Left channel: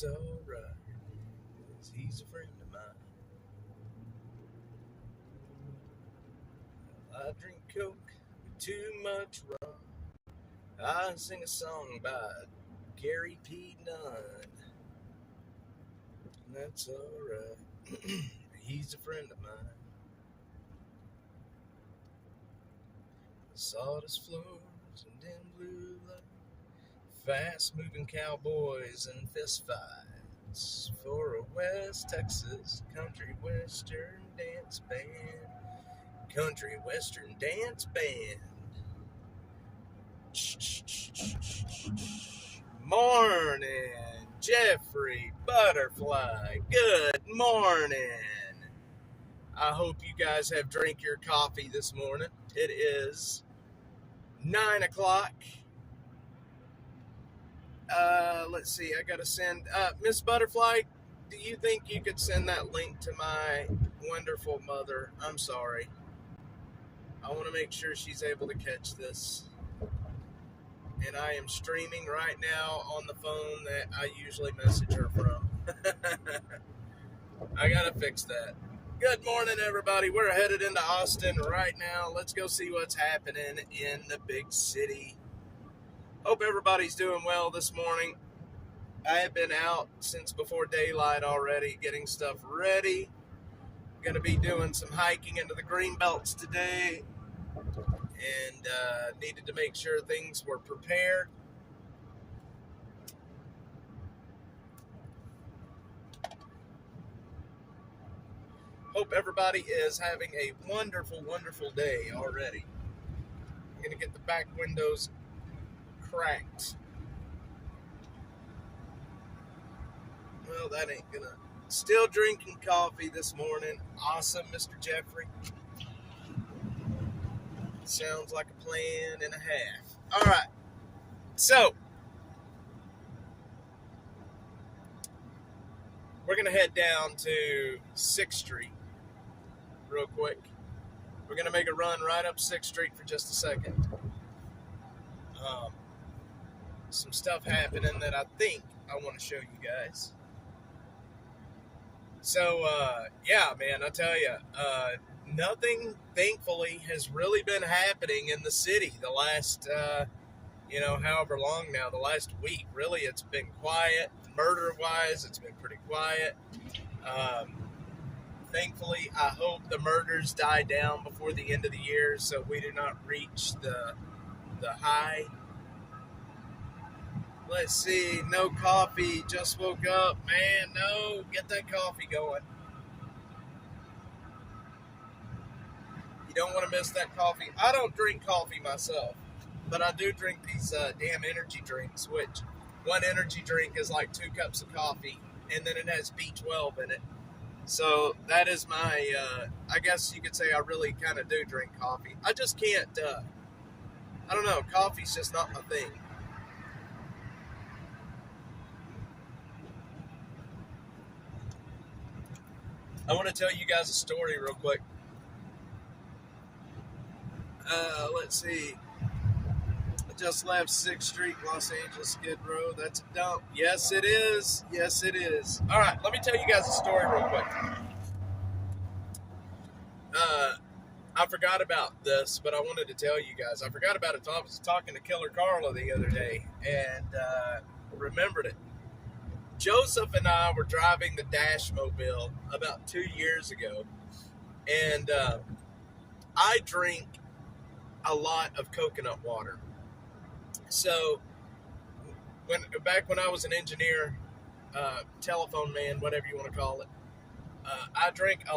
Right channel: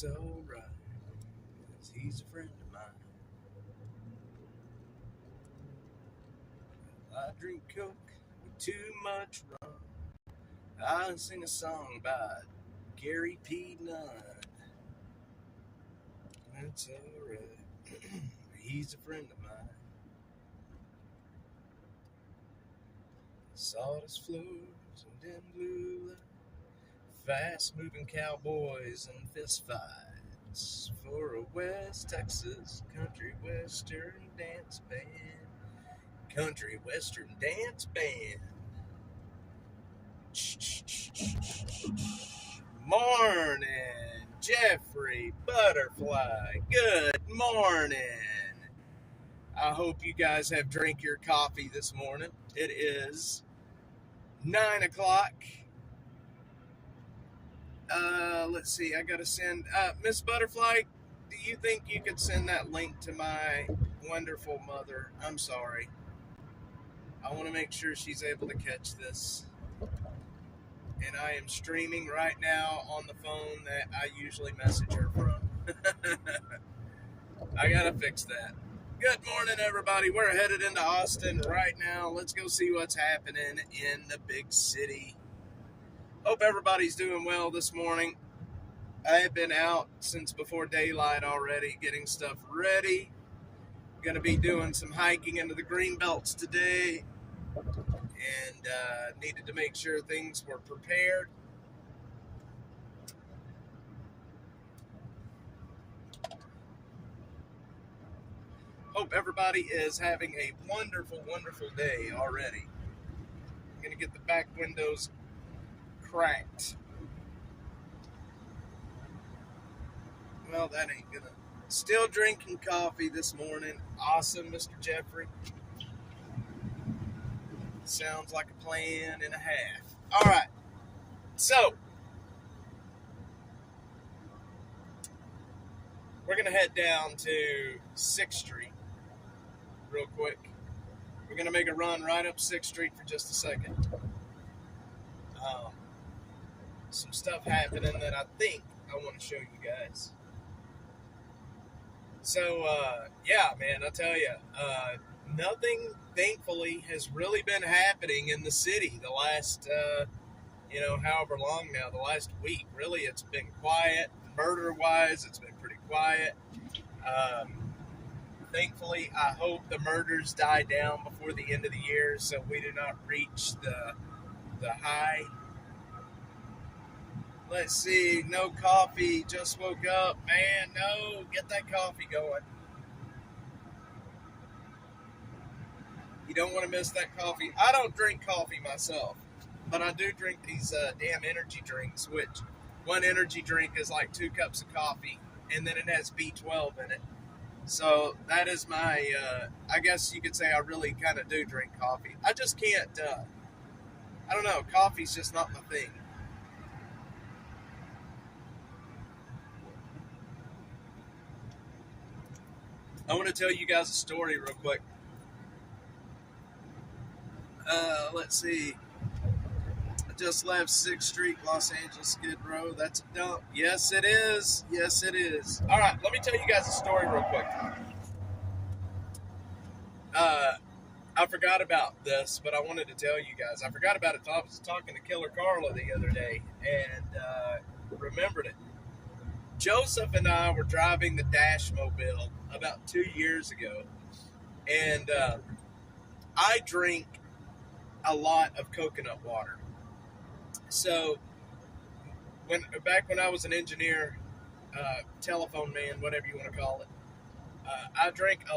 That's alright, 'cause he's a friend of mine. I drink Coke with too much rum. I sing a song by Gary P. Nunn. That's alright. He's a friend of mine. Sawdust floors and dim blue light, fast moving cowboys and fist fights for a West Texas country western dance band. Country western dance band. Morning, Jeffrey Butterfly. Good morning. I hope you guys have drank your coffee this morning. It is 9 o'clock. Let's see. I gotta send Miss Butterfly. Do you think you could send that link to my wonderful mother? I'm sorry. I want to make sure she's able to catch this. And I am streaming right now on the phone that I usually message her from. I gotta fix that. Good morning, everybody. We're headed into Austin right now. Let's go see what's happening in the big city. Hope everybody's doing well this morning. I have been out since before daylight already, getting stuff ready. Going to be doing some hiking into the green belts today, and needed to make sure things were prepared. Hope everybody is having a wonderful, wonderful day already. I'm going to get the back windows cracked. Well, that ain't gonna. Still drinking coffee this morning. Awesome, Mr. Jeffrey. Sounds like a plan and a half. All right. So, we're going to head down to 6th Street real quick. We're going to make a run right up 6th Street for just a second. Some stuff happening that I think I want to show you guys. So, yeah, man, I tell you, nothing, thankfully, has really been happening in the city the last, however long now, the last week. Really, it's been quiet. Murder-wise, it's been pretty quiet. Thankfully, I hope the murders die down before the end of the year so we do not reach the high. Let's see, no coffee, just woke up. Man, no, get that coffee going. You don't want to miss that coffee. I don't drink coffee myself, but I do drink these damn energy drinks, which one energy drink is like 2 cups of coffee, and then it has B12 in it. So that is my, I guess you could say I really kind of do drink coffee. I just can't, I don't know, coffee's just not my thing. I want to tell you guys a story real quick. Let's see. I just left 6th Street, Los Angeles, Skid Row. That's a dump. Yes, it is. Yes, it is. All right, let me tell you guys a story real quick. I forgot about this, but I wanted to tell you guys. I forgot about it. I was talking to Killer Carla the other day and remembered it. Joseph and I were driving the Dash Mobile about 2 years ago, and I drink a lot of coconut water. So, back when I was an engineer, telephone man, whatever you want to call it, I drink a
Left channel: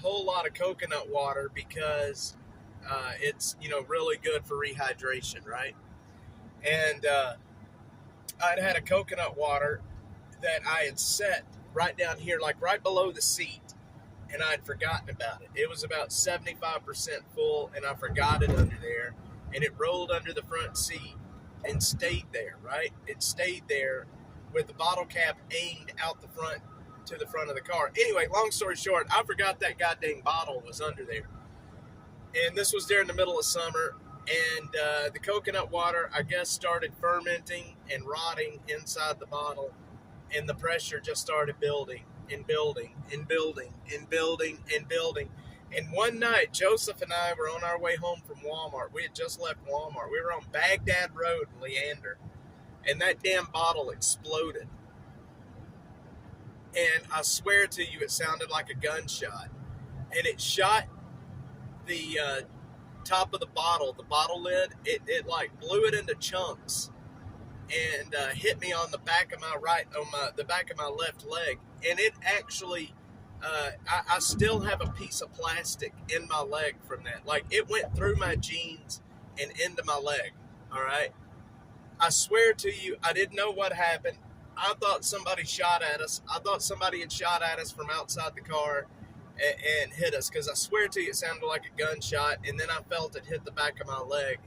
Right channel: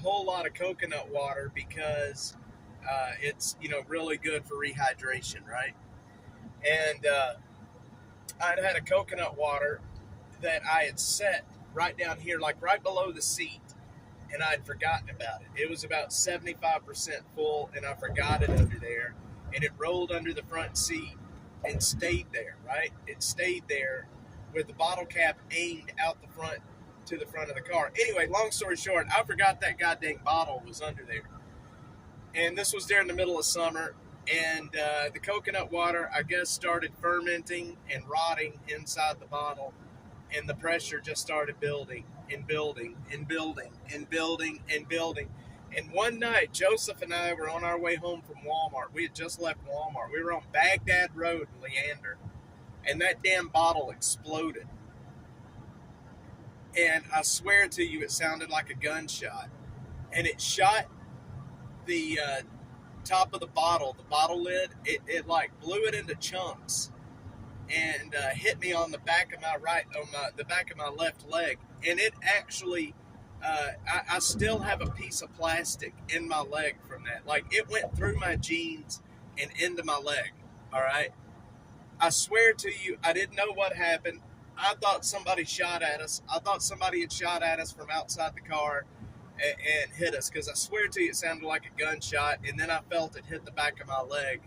whole lot of coconut water because it's really good for rehydration, right? And I'd had a coconut water that I had set right down here, like right below the seat, and I'd forgotten about it. It was about 75% full, and I forgot it under there, and it rolled under the front seat and stayed there, right? It stayed there with the bottle cap aimed out the front to the front of the car. Anyway, long story short, I forgot that goddamn bottle was under there. And this was during the middle of summer. And the coconut water, I guess, started fermenting and rotting inside the bottle, and the pressure just started building and building and building and building and building. And one night, Joseph and I were on our way home from Walmart. We had just left Walmart. We were on Baghdad Road in Leander, and that damn bottle exploded. And I swear to you, it sounded like a gunshot. And it shot the top of the bottle lid. It like blew it into chunks and hit me on the back of the back of my left leg. And it actually, I still have a piece of plastic in my leg from that. Like, it went through my jeans and into my leg. All right. I swear to you, I didn't know what happened. I thought somebody shot at us. I thought somebody had shot at us from outside the car and hit us, because I swear to you, it sounded like a gunshot. And then I felt it hit the back of my leg,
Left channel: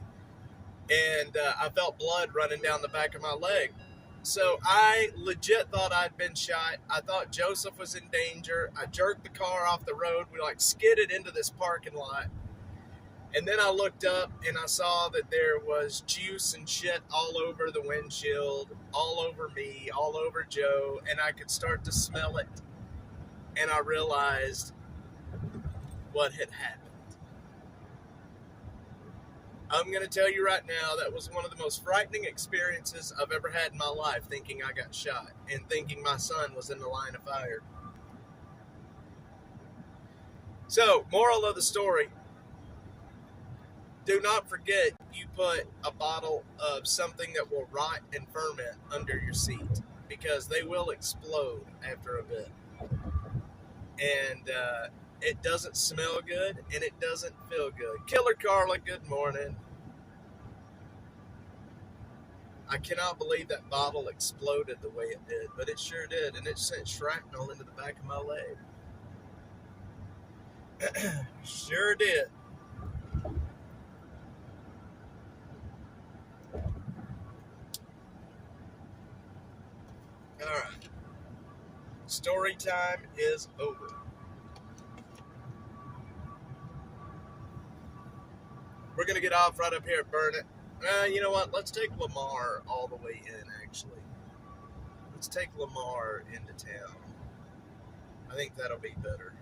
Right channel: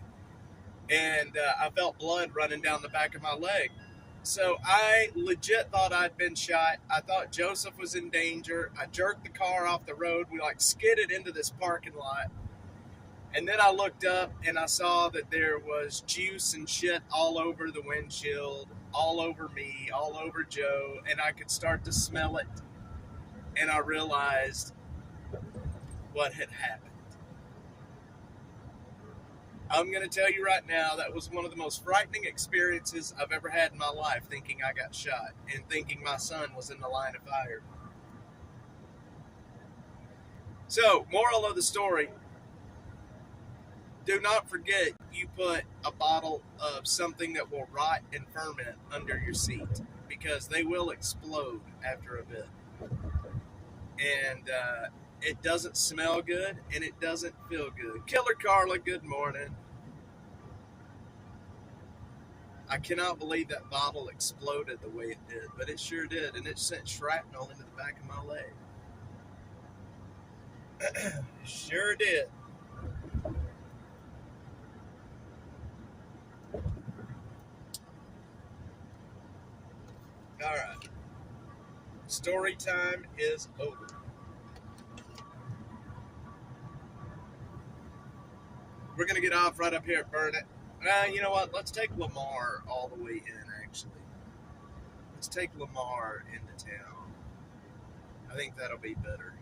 and I felt blood running down the back of my leg. So I legit thought I'd been shot. I thought Joseph was in danger. I jerked the car off the road. We like skidded into this parking lot. And then I looked up and I saw that there was juice and shit all over the windshield, all over me, all over Joe, and I could start to smell it. And I realized what had happened. I'm going to tell you right now, that was one of the most frightening experiences I've ever had in my life, thinking I got shot and thinking my son was in the line of fire. So, moral of the story, do not forget you put a bottle of something that will rot and ferment under your seat, because they will explode after a bit. And it doesn't smell good, and it doesn't feel good. Killer Carla, good morning. I cannot believe that bottle exploded the way it did, but it sure did, and it sent shrapnel into the back of my leg. Sure did. All right. Story time is over. We're going to get off right up here at Burnett. You know what? Let's take Lamar all the way in, actually. Let's take Lamar into town. I think that'll be better.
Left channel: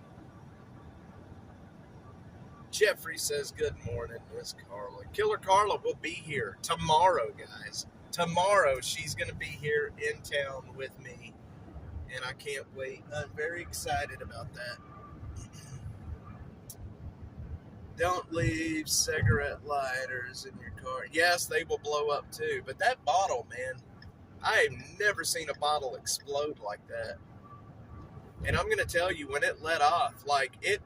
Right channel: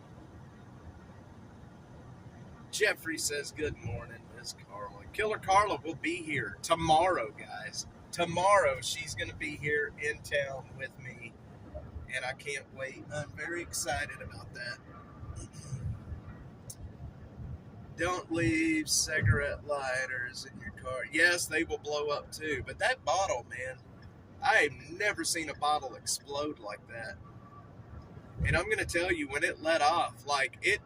Jeffrey says, good morning, Miss Carla. Killer Carla will be here tomorrow, guys. Tomorrow, she's going to be here in town with me, and I can't wait. I'm very excited about that. Don't leave cigarette lighters in your car. Yes, they will blow up too, but that bottle, man, I have never seen a bottle explode like that. And I'm going to tell you, when it let off, like it,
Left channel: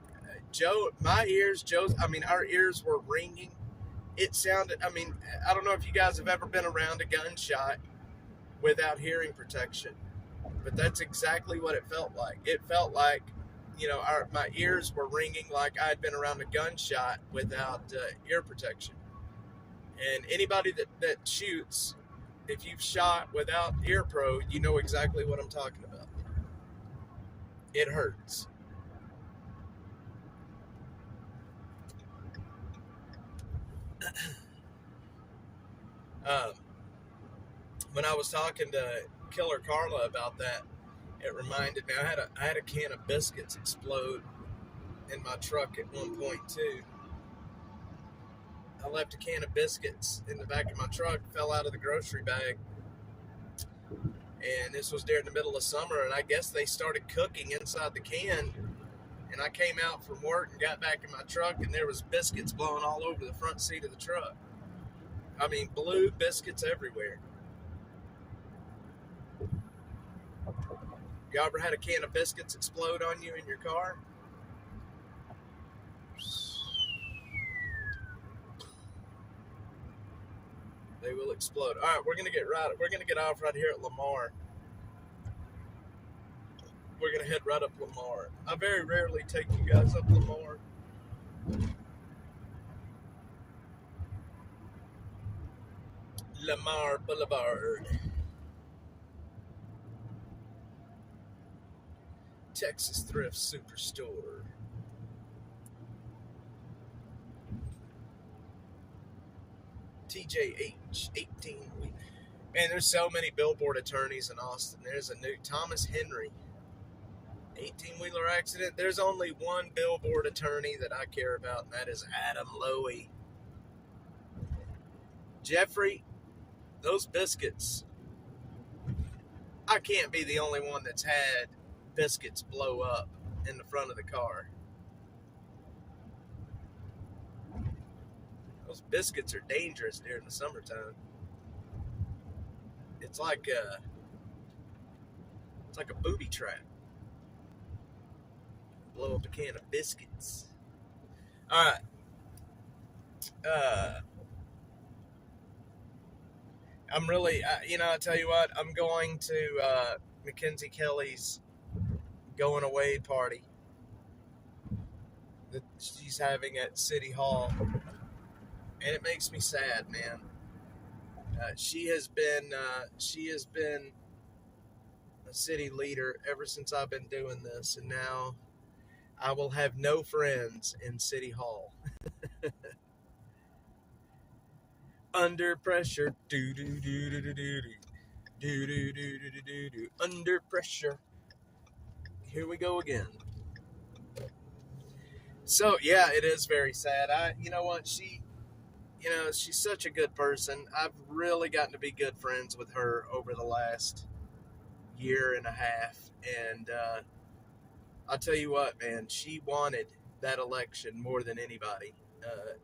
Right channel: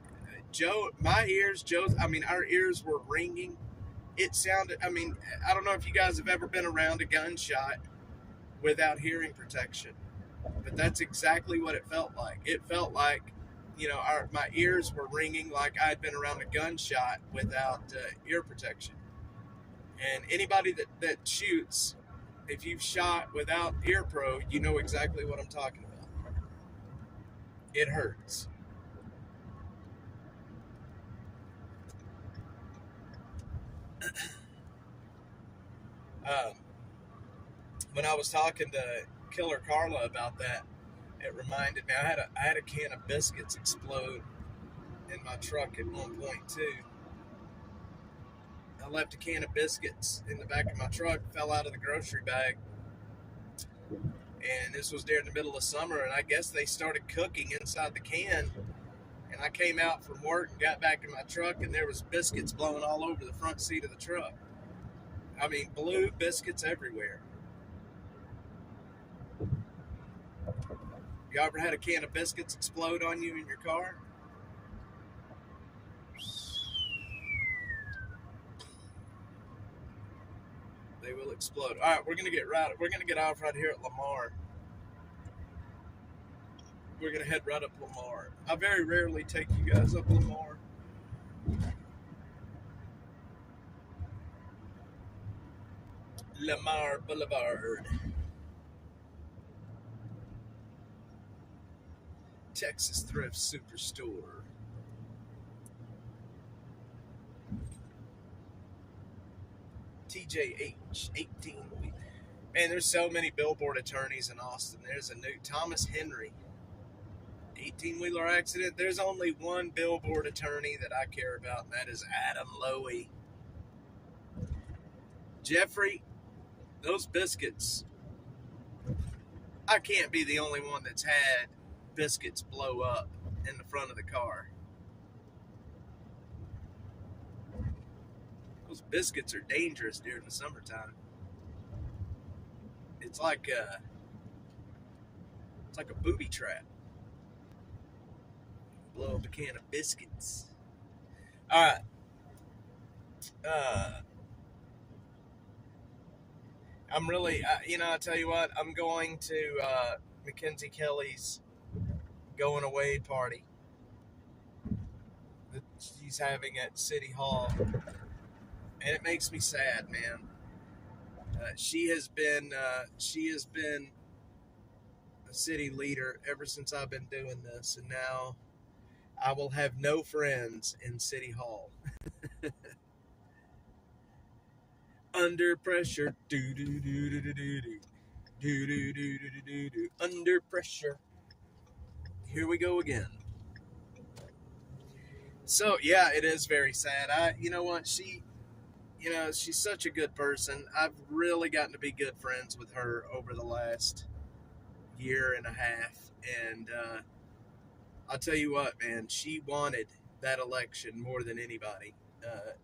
our ears were ringing. It sounded, I don't know if you guys have ever been around a gunshot without hearing protection, but that's exactly what it felt like. It felt like, my ears were ringing like I'd been around a gunshot without ear protection. And anybody that shoots, if you've shot without ear pro, you know exactly what I'm talking about. It hurts. When I was talking to Killer Carla about that, it reminded me, I had a can of biscuits explode in my truck at one point too. I left a can of biscuits in the back of my truck, fell out of the grocery bag, and this was during the middle of summer, and I guess they started cooking inside the can, and I came out from work and got back in my truck, and there was biscuits blowing all over the front seat of the truck. Blue biscuits everywhere. You ever had a can of biscuits explode on you in your car? They will explode. All right, we're gonna get off right here at Lamar. We're gonna head right up Lamar. I very rarely take you guys up Lamar. Lamar Boulevard. Texas Thrift Superstore. TJH 18. Man, there's so many billboard attorneys in Austin. There's a new Thomas Henry 18-wheeler accident. There's only one billboard attorney that I care about, and that is Adam Lowy. Jeffrey, those biscuits. I can't be the only one that's had biscuits blow up in the front of the car. Those biscuits are dangerous during the summertime. It's like a booby trap. Blow up a can of biscuits. All right. I'm really, I tell you what, I'm going to Mackenzie Kelly's going away party that she's having at City Hall, and it makes me sad, man. She has been a city leader ever since I've been doing this, and now I will have no friends in City Hall. Under pressure, do do do do do do do do do do do do. Under pressure. Here we go again. So yeah, it is very sad. You know what, she's such a good person. I've really gotten to be good friends with her over the last year and a half, and I'll tell you what, man, she wanted that election more than anybody.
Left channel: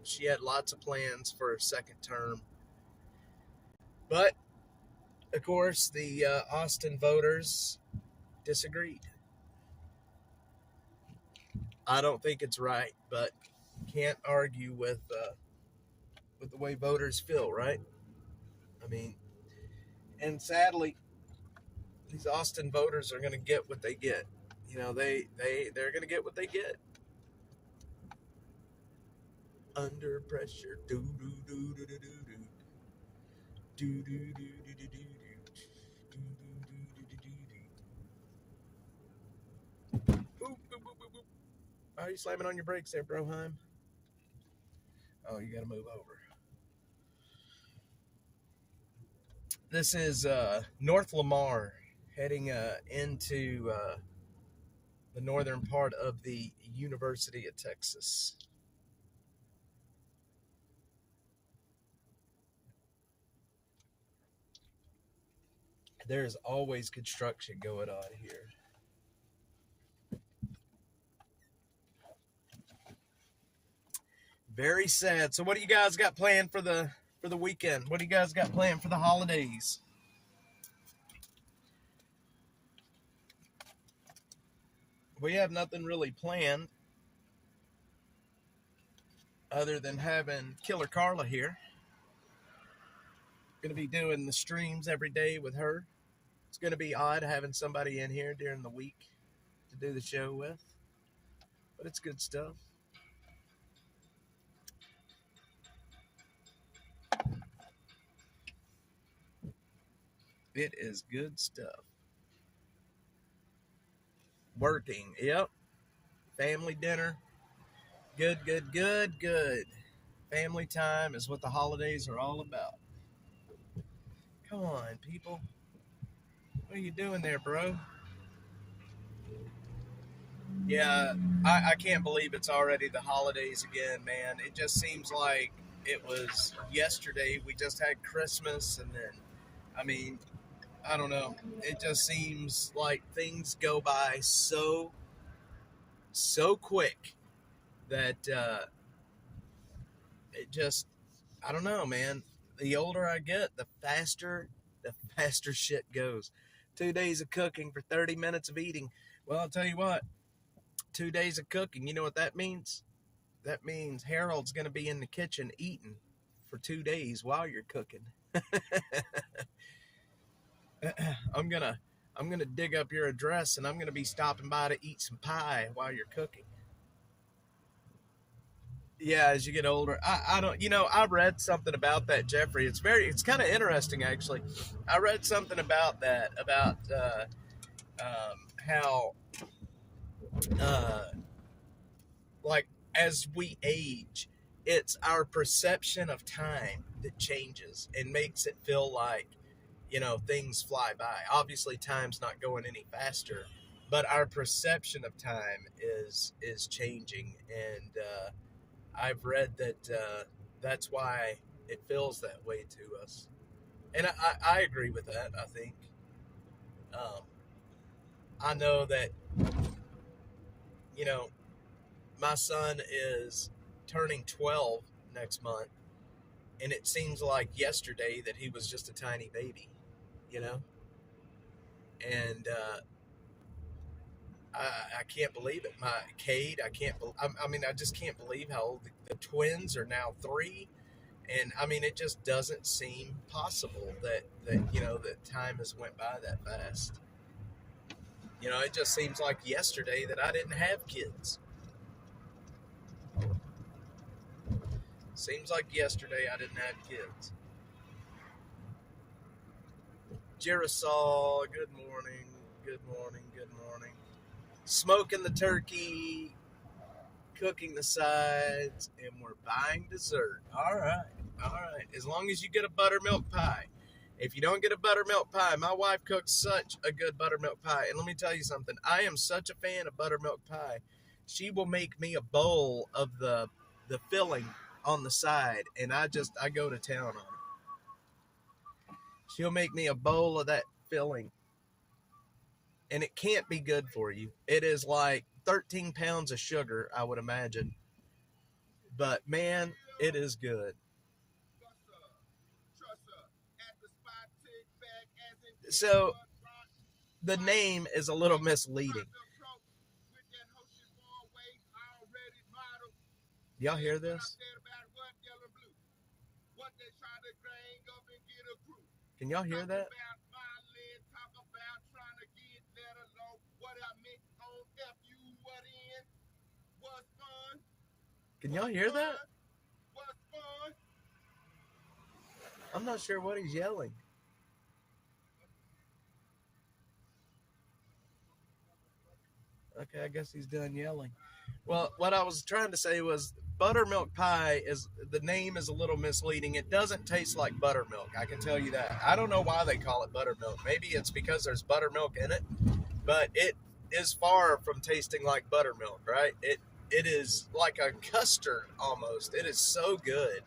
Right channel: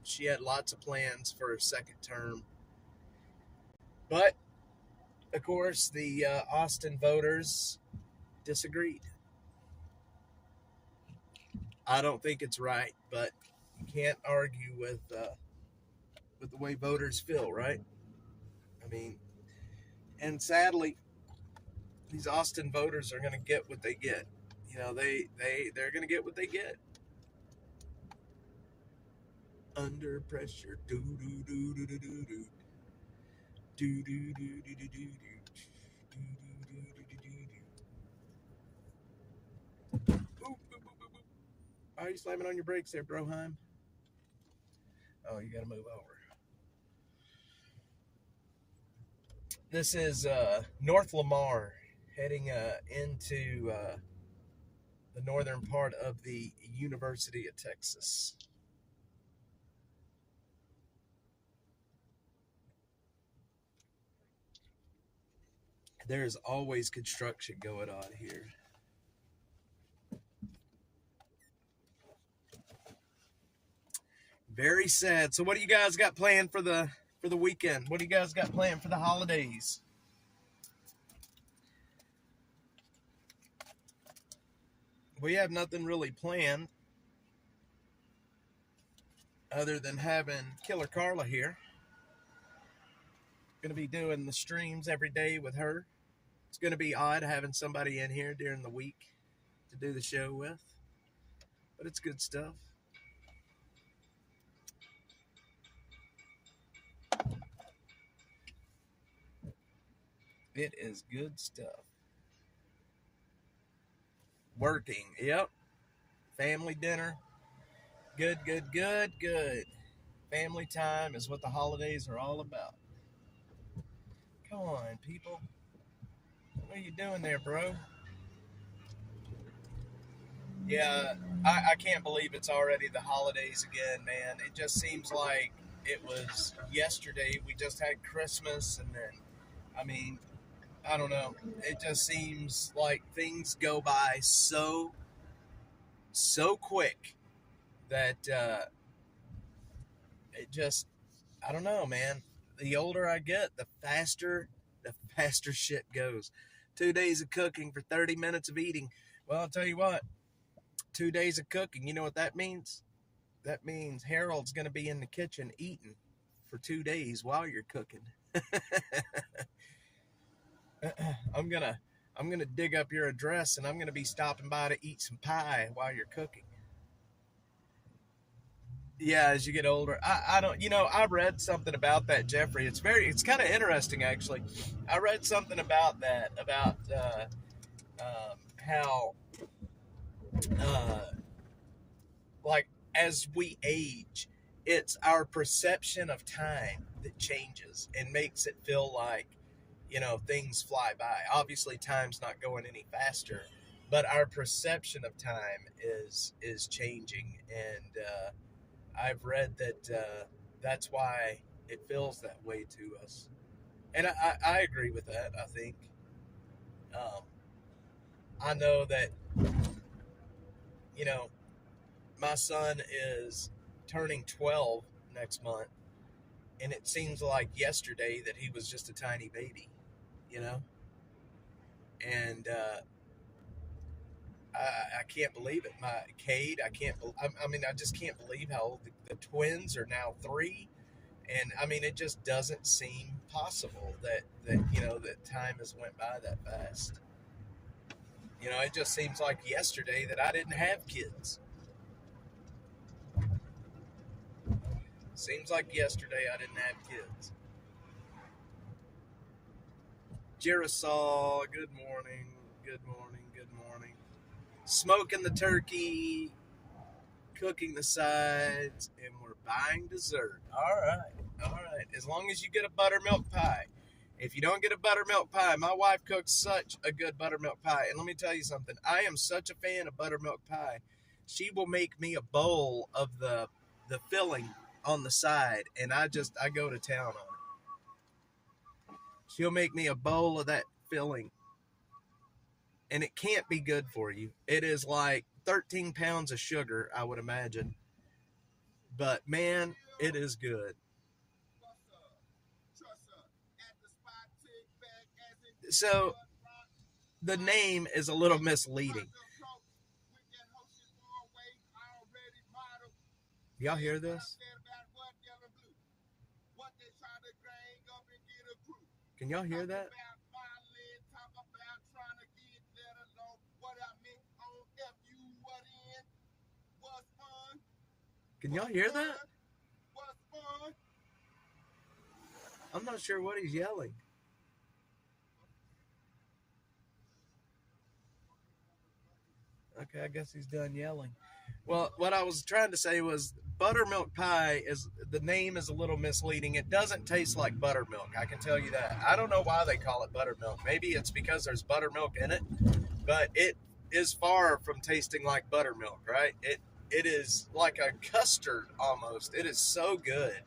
She had lots of plans for her second term, but of course the Austin voters disagreed. I don't think it's right, but you can't argue with the way voters feel, right? I mean, and sadly, these Austin voters are going to get what they get. You know, they're going to get what they get. Under pressure, do do do do do do do do do do do do do. Why are you slamming on your brakes there, Broheim? Oh, you got to move over. This is North Lamar, heading into the northern part of the University of Texas. There's always construction going on here. Very sad. So what do you guys got planned for the weekend? What do you guys got planned for the holidays? We have nothing really planned other than having Killer Carla here. Going to be doing the streams every day with her. It's going to be odd having somebody in here during the week to do the show with, but it's good stuff. It is good stuff. Working, yep. Family dinner. Good. Family time is what the holidays are all about. Come on, people. What are you doing there, bro? Yeah, I can't believe it's already the holidays again, man. It just seems like it was yesterday. We just had Christmas, and then, I mean, I don't know. It just seems like things go by so quick that it just, I don't know, man. The older I get, the faster shit goes. 2 days of cooking for 30 minutes of eating. Well, I'll tell you what, 2 days of cooking, you know what that means? That means Harold's going to be in the kitchen eating for 2 days while you're cooking. I'm gonna dig up your address, and I'm gonna be stopping by to eat some pie while you're cooking. Yeah, as you get older, I don't, I read something about that, Jeffrey. It's kind of interesting, actually. I read something about that, about how, like, as we age, it's our perception of time that changes and makes it feel like, things fly by. Obviously, time's not going any faster, but our perception of time is changing, and I've read that that's why it feels that way to us, and I agree with that. I think um, I know that you know my son is turning 12 next month, and it seems like yesterday that he was just a tiny baby, you know, and I can't believe it. My Cade, I can't. I mean, I just can't believe how old the twins are now 3, and I mean, it just doesn't seem possible that time has went by that fast. It just seems like yesterday that I didn't have kids. Seems like yesterday I didn't have kids. Girasol, good morning, good morning, good morning. Smoking the turkey, cooking the sides, and we're buying dessert. All right, all right. As long as you get a buttermilk pie. If you don't get a buttermilk pie, my wife cooks such a good buttermilk pie. And let me tell you something. I am such a fan of buttermilk pie. She will make me a bowl of the filling on the side, and I go to town on it. She'll make me a bowl of that filling, and it can't be good for you. It is like 13 pounds of sugar, I would imagine. But man, it is good. So the name is a little misleading. Y'all hear this? Can y'all hear that? Can y'all hear that? I'm not sure what he's yelling. Okay, I guess he's done yelling. Well, what I was trying to say was buttermilk pie is the name is a little misleading. It doesn't taste like buttermilk. I can tell you that. I don't know why they call it buttermilk. Maybe it's because there's buttermilk in it, but it is far from tasting like buttermilk, right? It is like a custard almost. It is so good.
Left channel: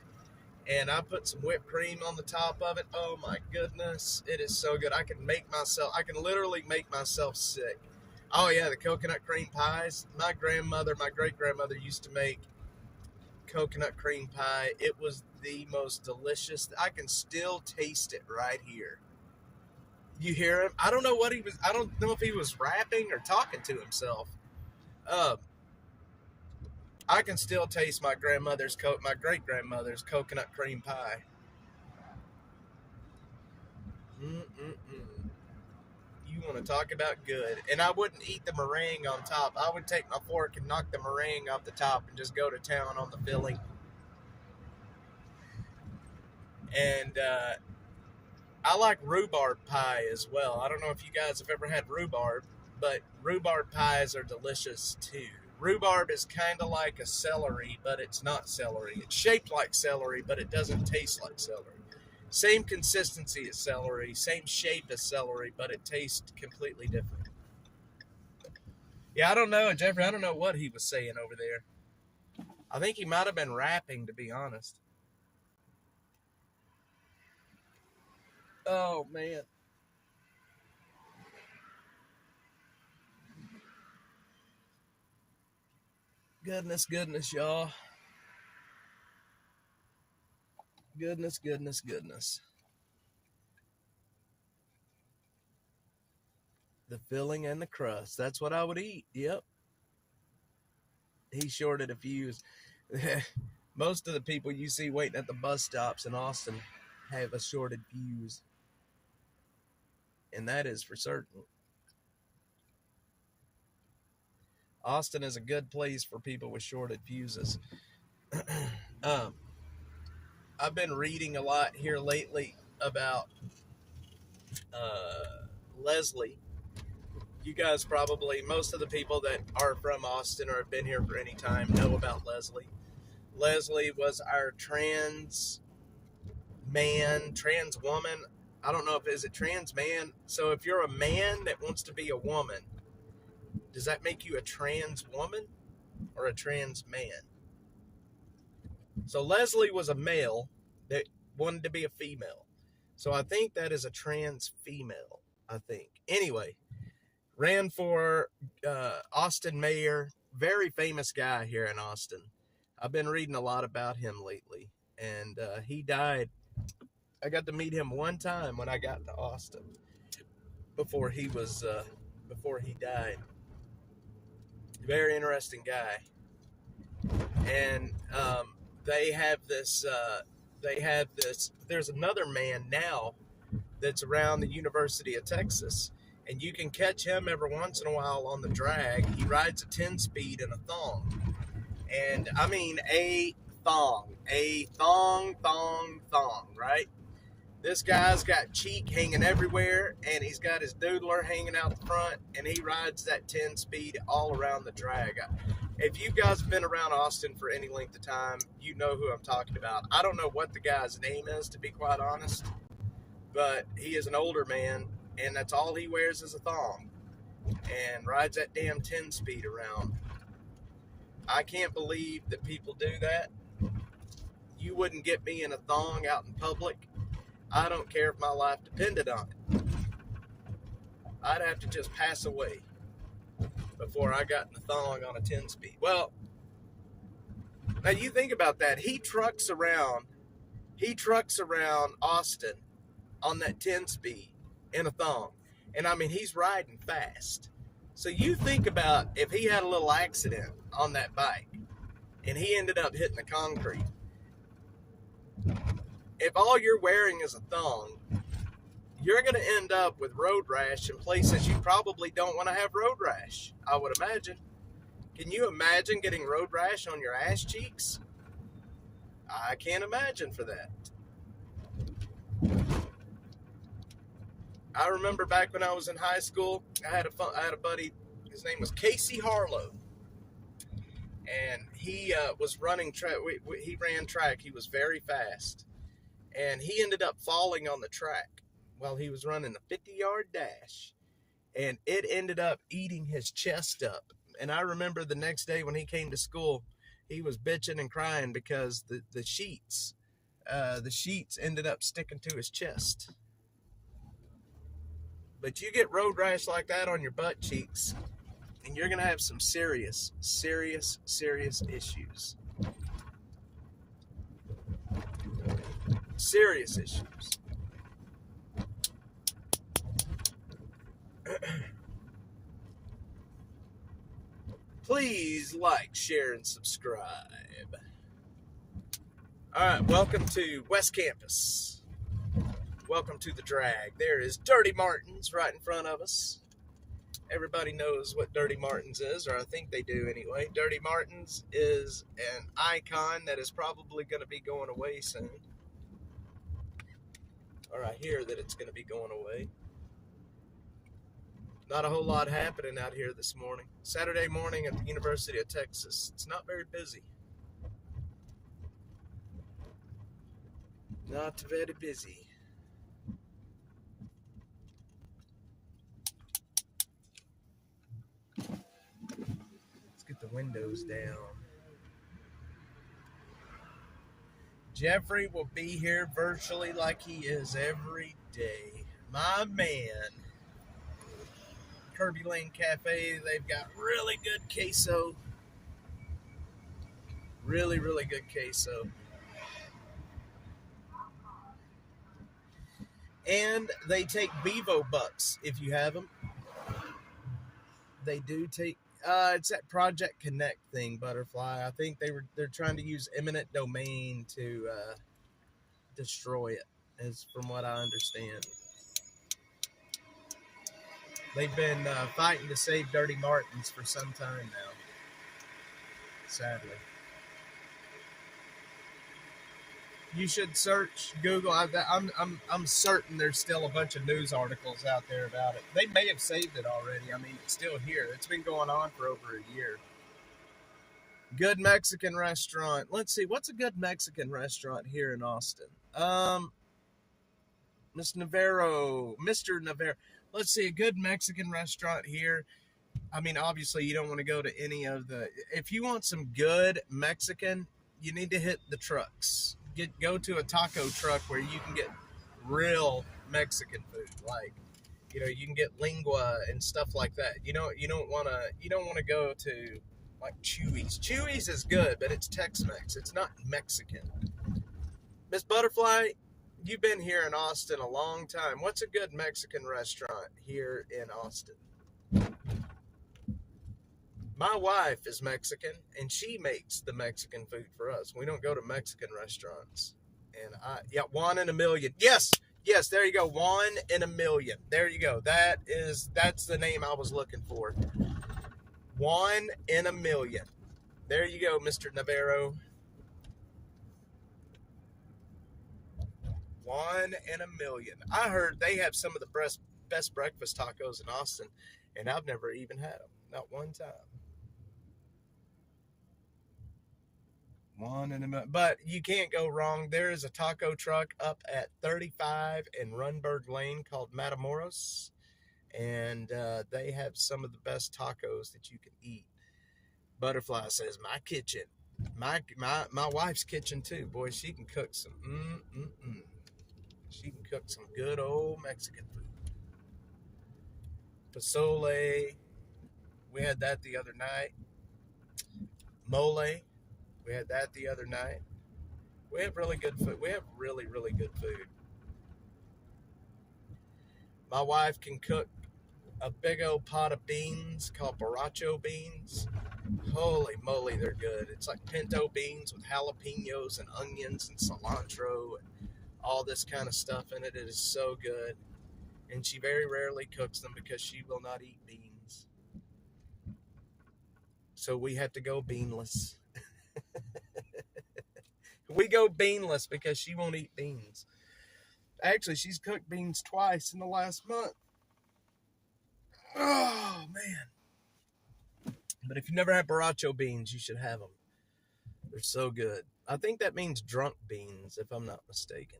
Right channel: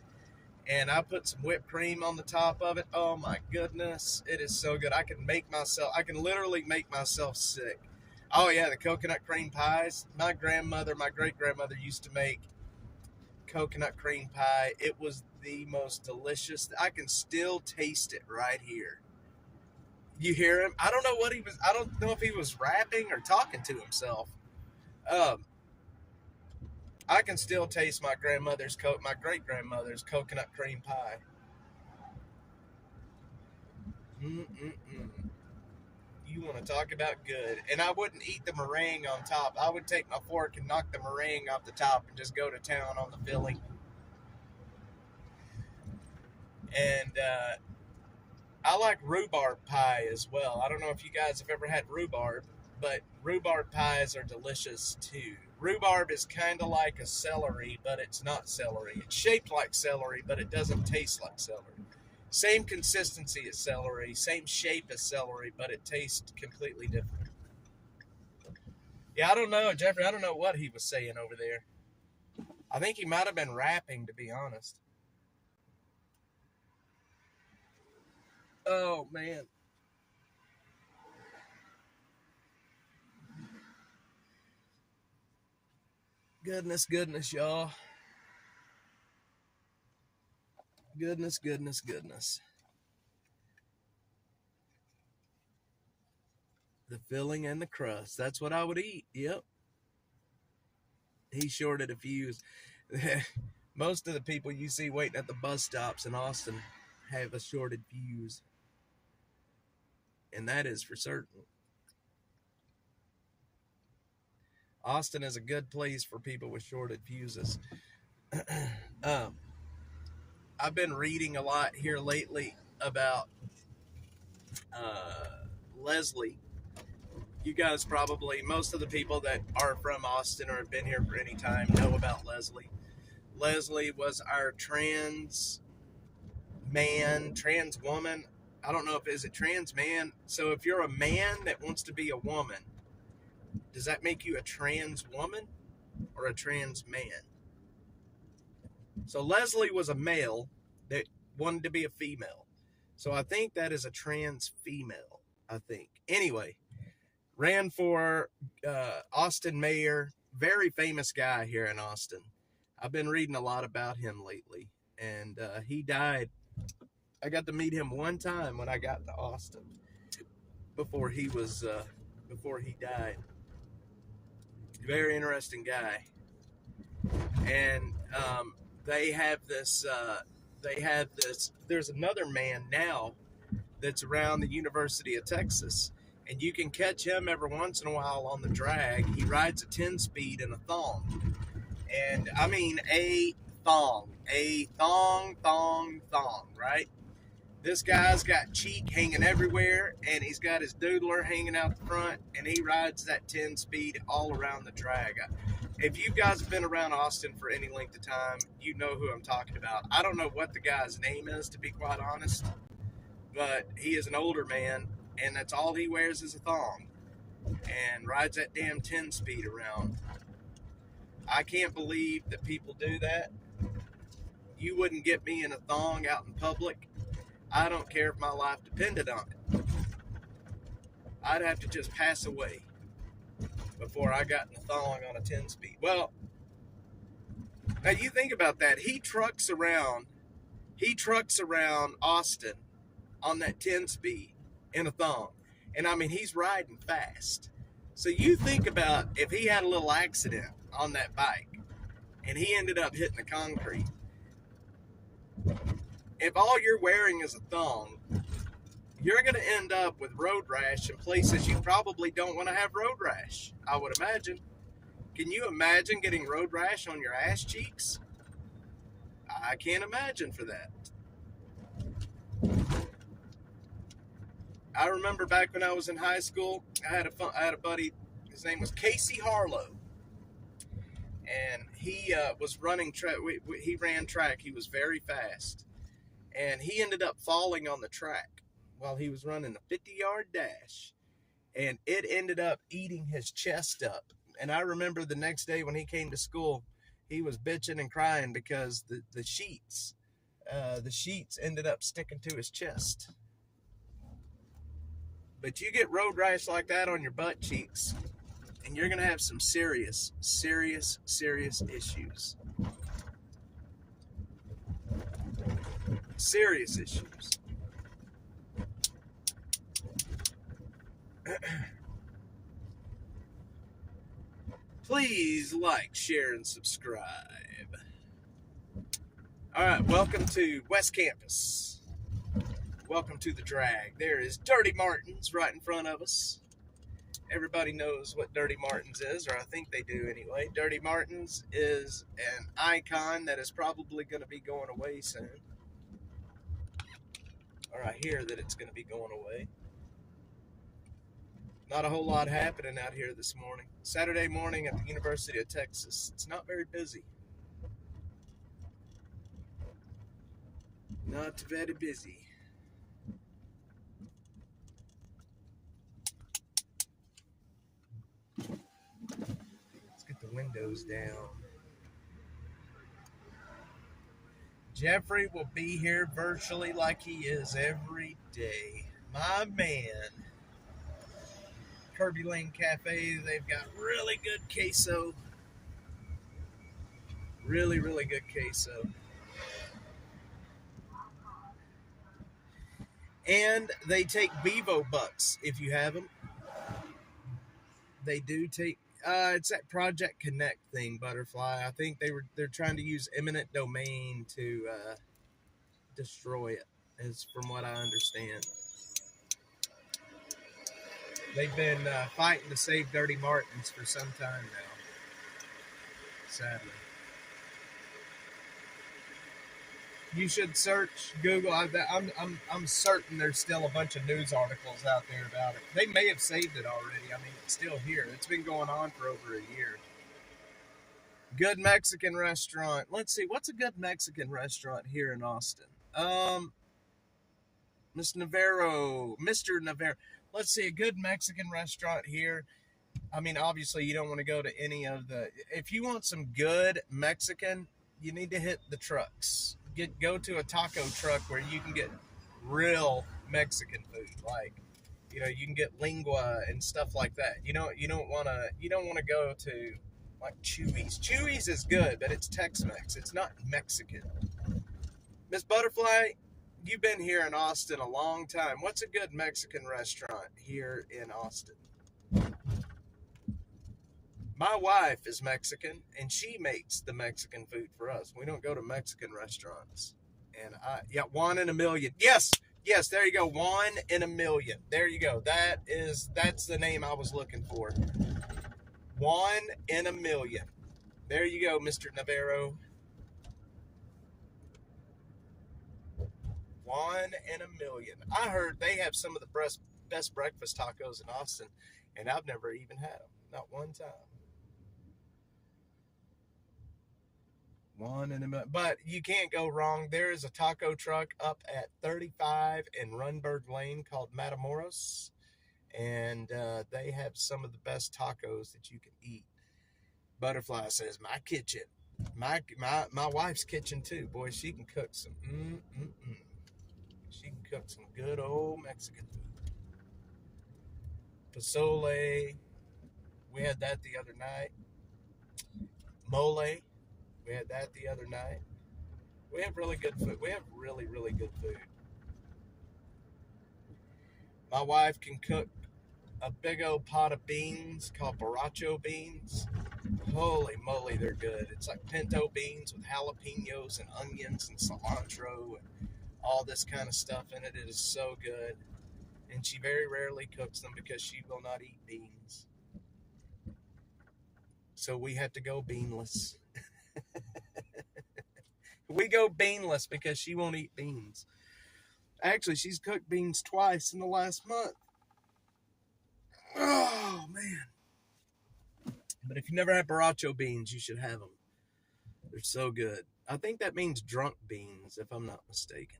And I put some whipped cream on the top of it. Oh my goodness, it is so good. I can literally make myself sick. Oh yeah, the coconut cream pies. My great grandmother used to make coconut cream pie. It was the most delicious. I can still taste it right here. You hear him? I don't know if he was rapping or talking to himself. Um, I can still taste my great grandmother's coconut cream pie. Mm-mm-mm. You want to talk about good. And I wouldn't eat the meringue on top. I would take my fork and knock the meringue off the top and just go to town on the filling. And I like rhubarb pie as well. I don't know if you guys have ever had rhubarb, but rhubarb pies are delicious too. Rhubarb is kind of like a celery, but it's not celery. It's shaped like celery, but it doesn't taste like celery. Same consistency as celery, same shape as celery, but it tastes completely different. Yeah, I don't know, Jeffrey. I don't know what he was saying over there. I think he might have been rapping, to be honest. Oh, man. Goodness, y'all. Goodness. The filling and the crust. That's what I would eat. Yep. He shorted a fuse. Most of the people you see waiting at the bus stops in Austin have a shorted fuse. And that is for certain. Austin is a good place for people with shorted fuses. I've been reading a lot here lately about Leslie. You guys probably, most of the people that are from Austin or have been here for any time know about Leslie. Leslie was our trans woman. I don't know if is it trans man. So if you're a man that wants to be a woman, does that make you a trans woman or a trans man? So Leslie was a male that wanted to be a female. So I think that is a trans female, I think. Anyway, ran for Austin mayor, very famous guy here in Austin. I've been reading a lot about him lately, and he died. I got to meet him one time when I got to Austin before he died. Very interesting guy, and they have this. There's another man now that's around the University of Texas, and you can catch him every once in a while on the drag. He rides a 10-speed in a thong, and I mean a thong, right? This guy's got cheek hanging everywhere, and he's got his doodler hanging out the front, and he rides that 10-speed all around the drag. If you guys have been around Austin for any length of time, you know who I'm talking about. I don't know what the guy's name is, to be quite honest, but he is an older man, and that's all he wears is a thong, and rides that damn 10-speed around. I can't believe that people do that. You wouldn't get me in a thong out in public. I don't care if my life depended on it. I'd have to just pass away before I got in a thong on a 10-speed. Well, now you think about that. He trucks around Austin on that 10-speed in a thong. And I mean, he's riding fast. So you think about if he had a little accident on that bike and he ended up hitting the concrete. If all you're wearing is a thong, you're going to end up with road rash in places you probably don't want to have road rash, I would imagine. Can you imagine getting road rash on your ass cheeks? I can't imagine for that. I remember back when I was in high school, I had a buddy, his name was Casey Harlow. And he was running track. He ran track. He was very fast. And he ended up falling on the track while he was running a 50-yard dash. And it ended up eating his chest up. And I remember the next day when he came to school, he was bitching and crying because the sheets ended up sticking to his chest. But you get road rash like that on your butt cheeks, and you're going to have some serious issues. Serious issues. Please like, share, and subscribe. All right, welcome to West Campus. Welcome to the drag. There is Dirty Martin's right in front of us. Everybody knows what Dirty Martin's is, or I think they do anyway. Dirty Martin's is an icon that is probably going to be going away soon. Or I hear that it's going to be going away. Not a whole lot happening out here this morning. Saturday morning at the University of Texas. It's not very busy. Not very busy. Let's get the windows down. Jeffrey will be here virtually like he is every day. My man. Kirby Lane Cafe, they've got really good queso. Really, really good queso. And they take Bevo bucks if you have them. They do take, it's that Project Connect thing, Butterfly. I think they're trying to use eminent domain to destroy it, as from what I understand. They've been fighting to save Dirty Martin's for some time now, sadly. You should search Google. I'm certain there's still a bunch of news articles out there about it. They may have saved it already. I mean, it's still here. It's been going on for over a year. Good Mexican restaurant. Let's see, what's a good Mexican restaurant here in Austin? Mr. Navarro. Let's see, a good Mexican restaurant here. I mean, obviously, you don't want to go to any of the. If you want some good Mexican, you need to hit the trucks. Go to a taco truck where you can get real Mexican food, like you can get lingua and stuff like that. You don't want to go to like Chewy's. Chewy's is good, but it's Tex-Mex. It's not Mexican. Miss Butterfly, you've been here in Austin a long time. What's a good Mexican restaurant here in Austin? My wife is Mexican, and she makes the Mexican food for us. We don't go to Mexican restaurants. And one in a million. Yes, there you go. 1 in a million. There you go. That's the name I was looking for. 1 in a million. There you go, Mr. Navarro. 1 in a million. I heard they have some of the best breakfast tacos in Austin, and I've never even had them. Not one time. 1 in a million. But you can't go wrong. There is a taco truck up at 35 in Runberg Lane called Matamoros, and they have some of the best tacos that you can eat. Butterfly says, my kitchen. My wife's kitchen too. Boy, she can cook some She can cook some good old Mexican food. Pozole. We had that the other night. Mole. We had that the other night. We have really good food. We have really, really good food. My wife can cook a big old pot of beans called borracho beans. Holy moly, they're good. It's like pinto beans with jalapenos and onions and cilantro and all this kind of stuff in it. It is so good. And she very rarely cooks them because she will not eat beans. So we have to go beanless. We go beanless because she won't eat beans. Actually, she's cooked beans twice in the last month. Oh, man. But if you never had borracho beans, you should have them. They're so good. I think that means drunk beans, if I'm not mistaken.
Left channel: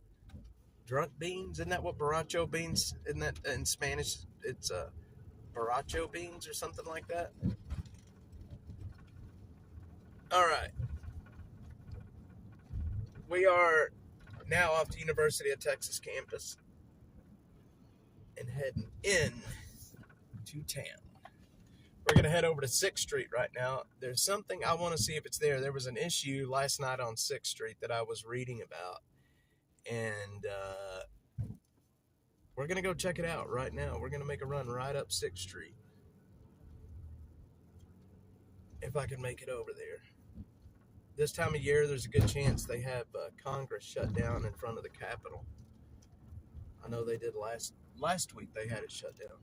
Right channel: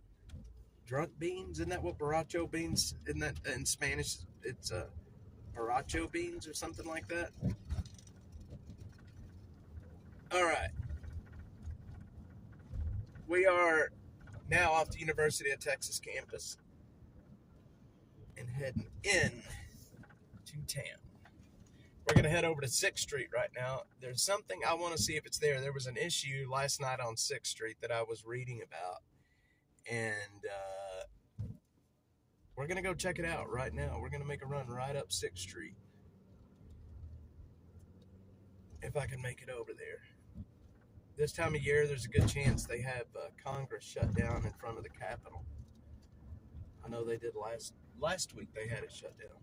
Drunk beans? Isn't that what borracho beans, isn't that in Spanish? It's borracho beans or something like that. All right. We are now off the University of Texas campus and heading in to town. We're going to head over to 6th Street right now. There's something I want to see if it's there. There was an issue last night on 6th Street that I was reading about. And we're going to go check it out right now. We're going to make a run right up 6th Street. If I can make it over there. This time of year, there's a good chance they have Congress shut down in front of the Capitol. I know they did last week. They had it shut down.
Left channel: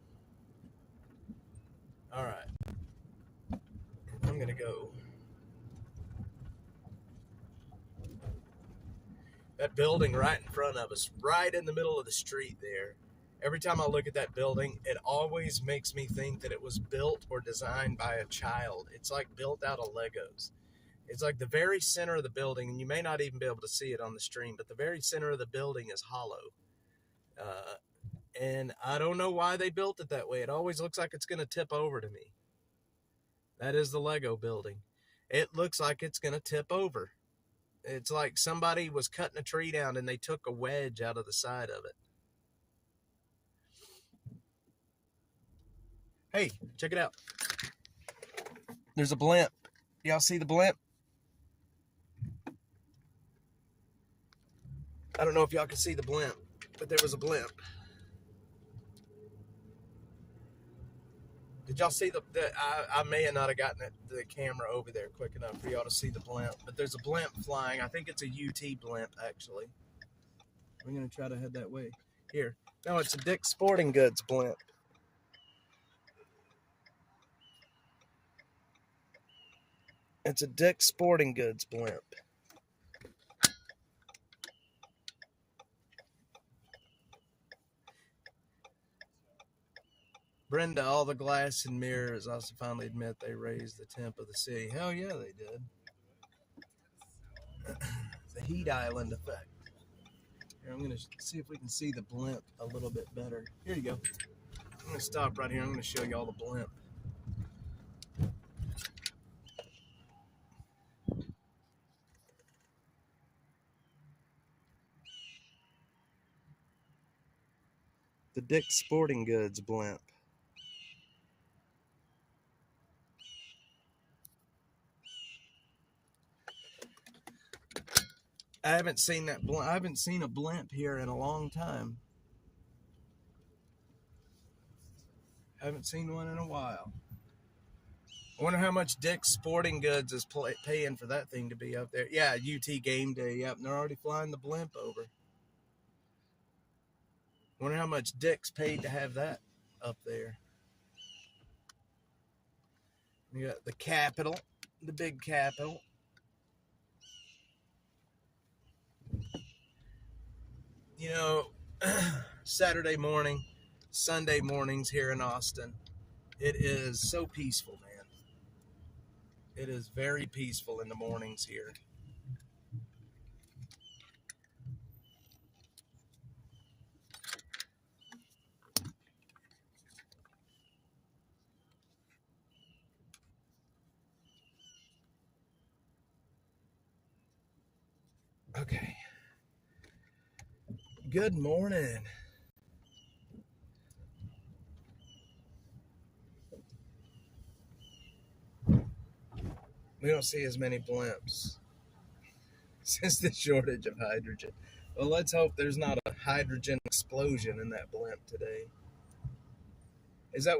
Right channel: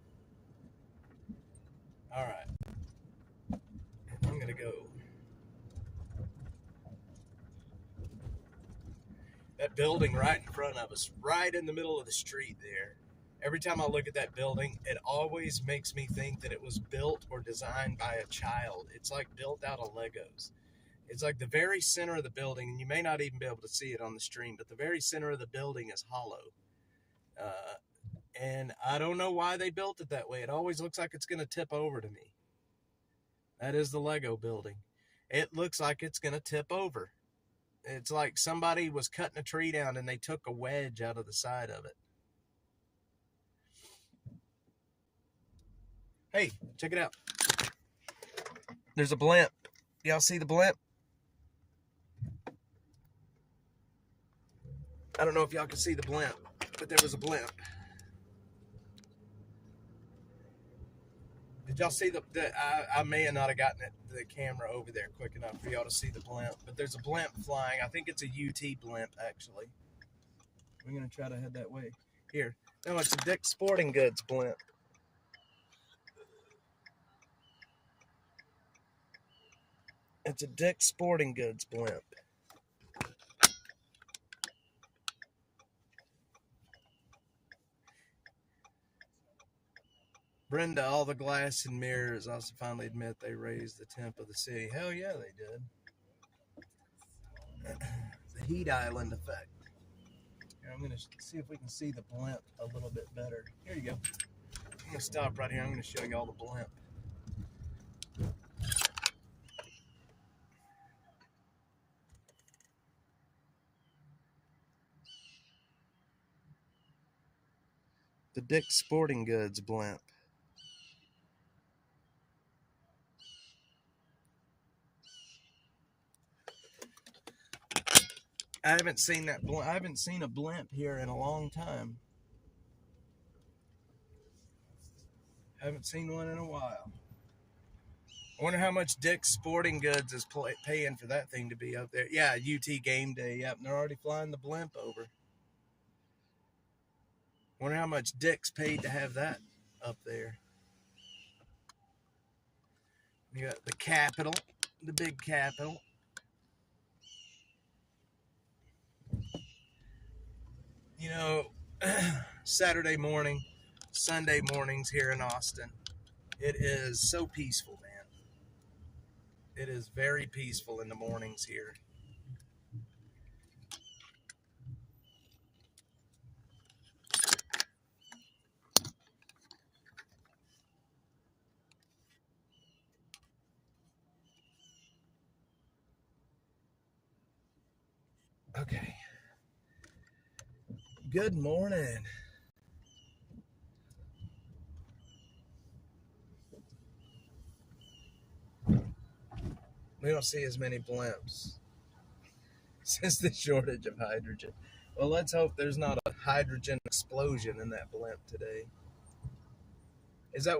All right. I'm going to go. That building right in front of us, right in the middle of the street there. Every time I look at that building, it always makes me think that it was built or designed by a child. It's like built out of Legos. It's like the very center of the building, and you may not even be able to see it on the stream, but the very center of the building is hollow. And I don't know why they built it that way. It always looks like it's going to tip over to me. That is the Lego building. It looks like it's going to tip over. It's like somebody was cutting a tree down and they took a wedge out of the side of it. Hey, check it out. There's a blimp. Y'all see the blimp? I don't know if y'all can see the blimp, but there was a blimp. Did y'all see I may have not have gotten the camera over there quick enough for y'all to see the blimp, but there's a blimp flying. I think it's a UT blimp, actually. We're going to try to head that way. Here. No, it's a Dick's Sporting Goods blimp. It's a Dick's Sporting Goods blimp. Brenda, all the glass and mirrors also finally admit they raised the temp of the city. Hell yeah, they did. heat island effect. Here, I'm going to see if we can see the blimp a little bit better. Here you go. I'm going to stop right here. I'm going to show you all the blimp. The Dick's Sporting Goods blimp. I haven't seen that blimp. I haven't seen a blimp here in a long time. I haven't seen one in a while. I wonder how much Dick's Sporting Goods is paying for that thing to be up there. Yeah, UT game day. Yep, and they're already flying the blimp over. I wonder how much Dick's paid to have that up there. You got the Capitol, the big Capitol. You know, Saturday morning, Sunday mornings here in Austin, it is so peaceful, man. It is very peaceful in the mornings here. Okay. Good morning. We don't see as many blimps since the shortage of hydrogen. Well, let's hope there's not a hydrogen explosion in that blimp today.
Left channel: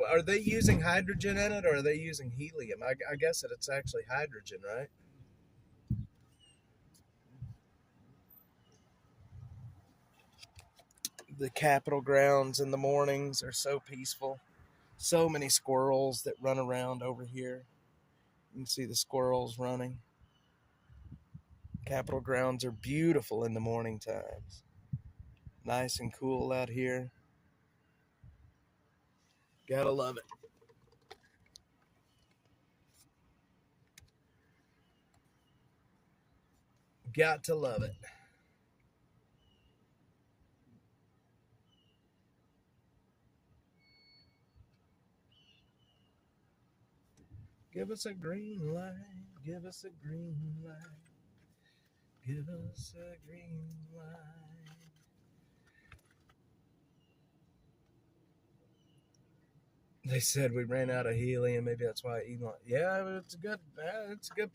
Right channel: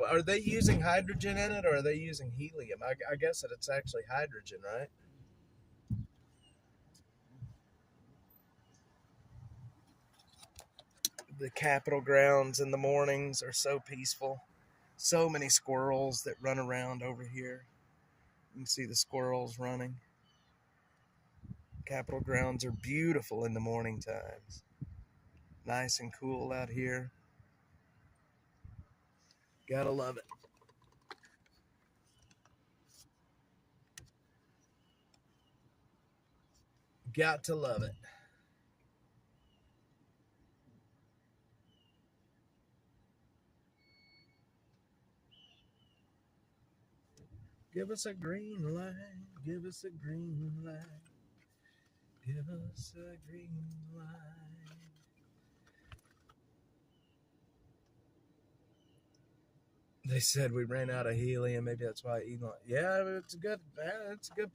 Are they using hydrogen in it, or are they using helium? I guess that it's actually hydrogen, right? The Capitol grounds in the mornings are so peaceful. So many squirrels that run around over here. You can see the squirrels running. Capitol grounds are beautiful in the morning times. Nice and cool out here. Gotta love it. Got to love it. Give us a green light. Give us a green light. Give us a green light. They said we ran out of helium. Maybe that's why Elon. Yeah, it's a good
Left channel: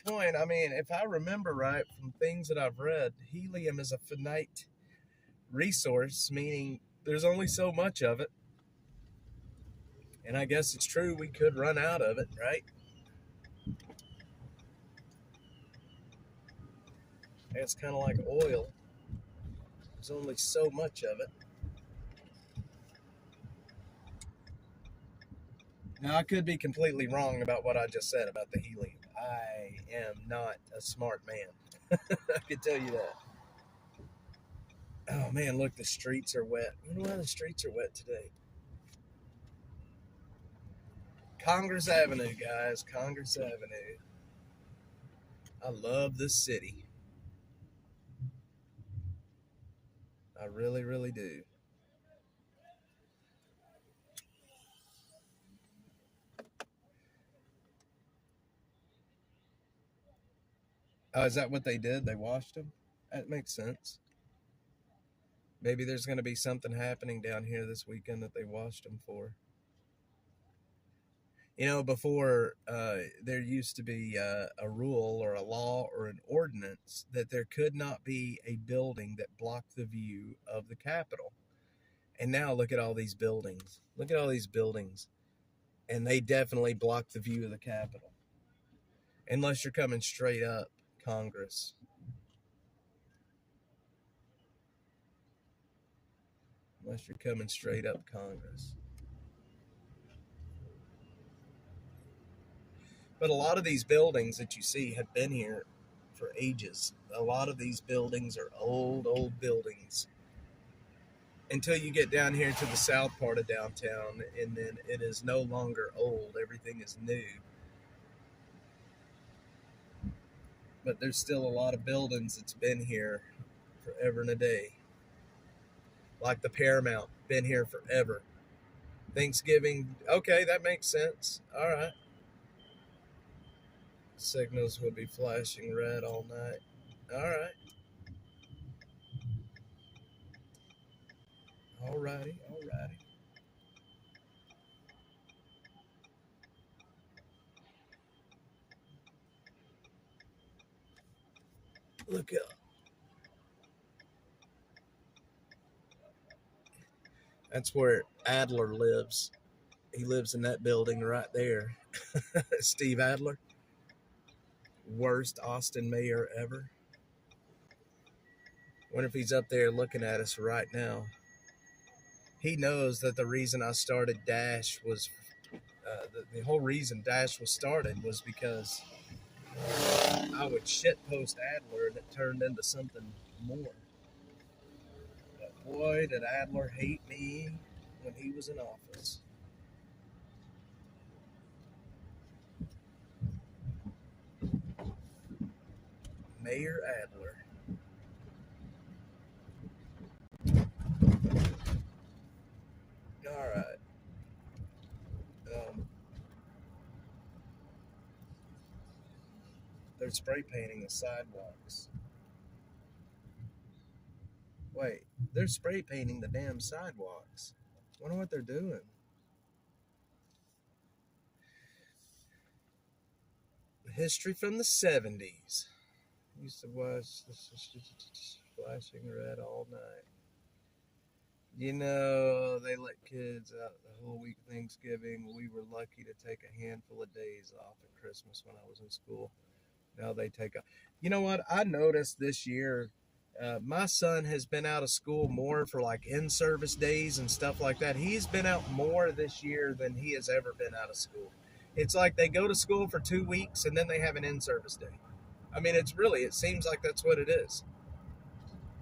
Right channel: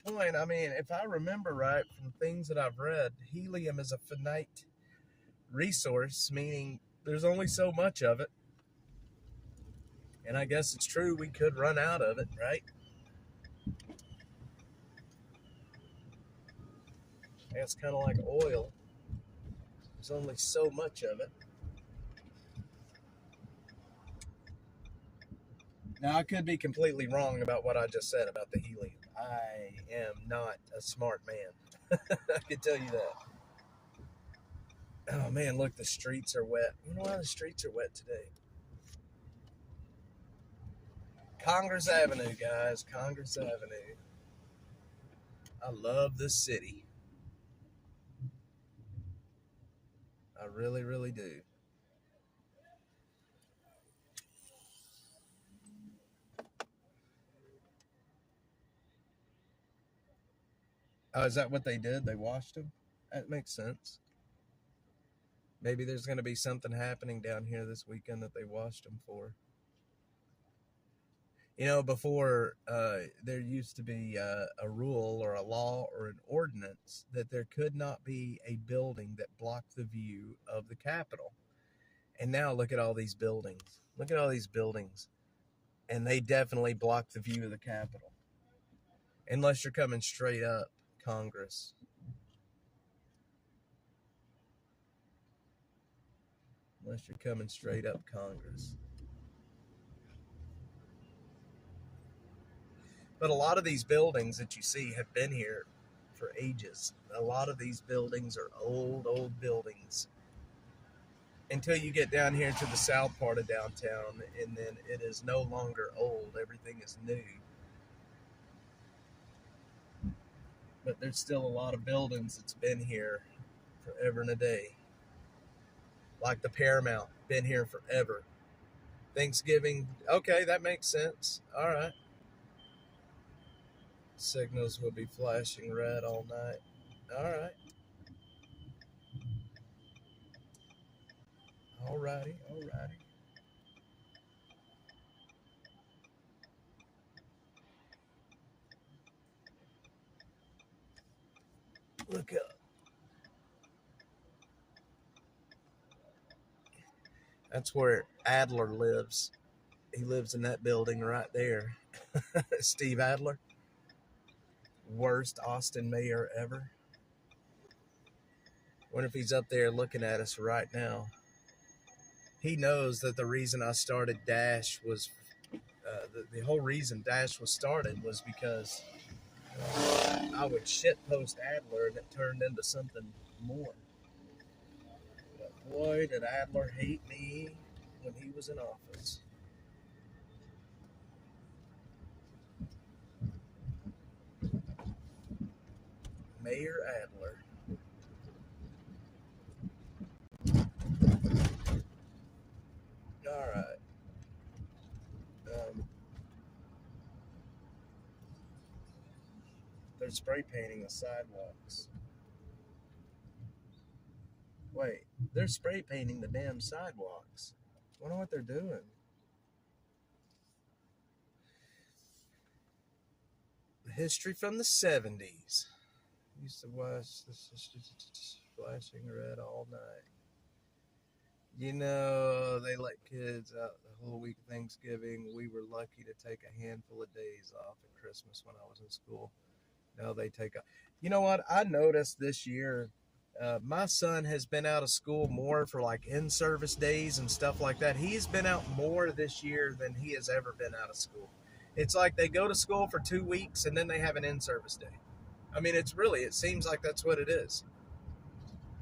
point. I mean, if I remember right from things that I've read, helium is a finite resource, meaning there's only so much of it. And I guess it's true we could run out of it, right? It's kind of like oil. There's only so much of it. Now, I could be completely wrong about what I just said about the helium. I am not a smart man. I can tell you that. Oh, man, look, the streets are wet. I wonder why the streets are wet today. Congress Avenue, guys. Congress Avenue. I love this city. I really, really do. Oh, is that what they did? They washed them? That makes sense. Maybe there's going to be something happening down here this weekend that they washed them for. You know, before there used to be a rule or a law or an ordinance that there could not be a building that blocked the view of the Capitol. And now look at all these buildings. Look at all these buildings. And they definitely block the view of the Capitol. Unless you're coming straight up Congress. Unless you're coming straight up Congress. But a lot of these buildings that you see have been here for ages. A lot of these buildings are old buildings. Until you get down here to the south part of downtown, and then it is no longer old. Everything is new. But there's still a lot of buildings that's been here forever and a day. Like the Paramount, been here forever. Thanksgiving, okay, that makes sense. All right. Signals will be flashing red all night. All right. All righty. All righty. Look up. That's where Adler lives. He lives in that building right there. Steve Adler, worst Austin mayor ever. Wonder if he's up there looking at us right now. He knows that the reason I started Dash was the whole reason Dash was started was because I would shit post Adler and it turned into something more. But boy, did Adler hate me when he was in office. Mayor Adler. All right. They're spray painting the sidewalks. Wait, they're spray painting the damn sidewalks. I wonder what they're doing. History from the 70s. Used to watch flashing red all night. You know, they let kids out the whole week of Thanksgiving. We were lucky to take a handful of days off at Christmas when I was in school. Now they take a. You know what? I noticed this year, my son has been out of school more for like in-service days and stuff like that. He's been out more this year than he has ever been out of school. It's like they go to school for 2 weeks and then they have an in-service day. I mean, it seems like that's what it is.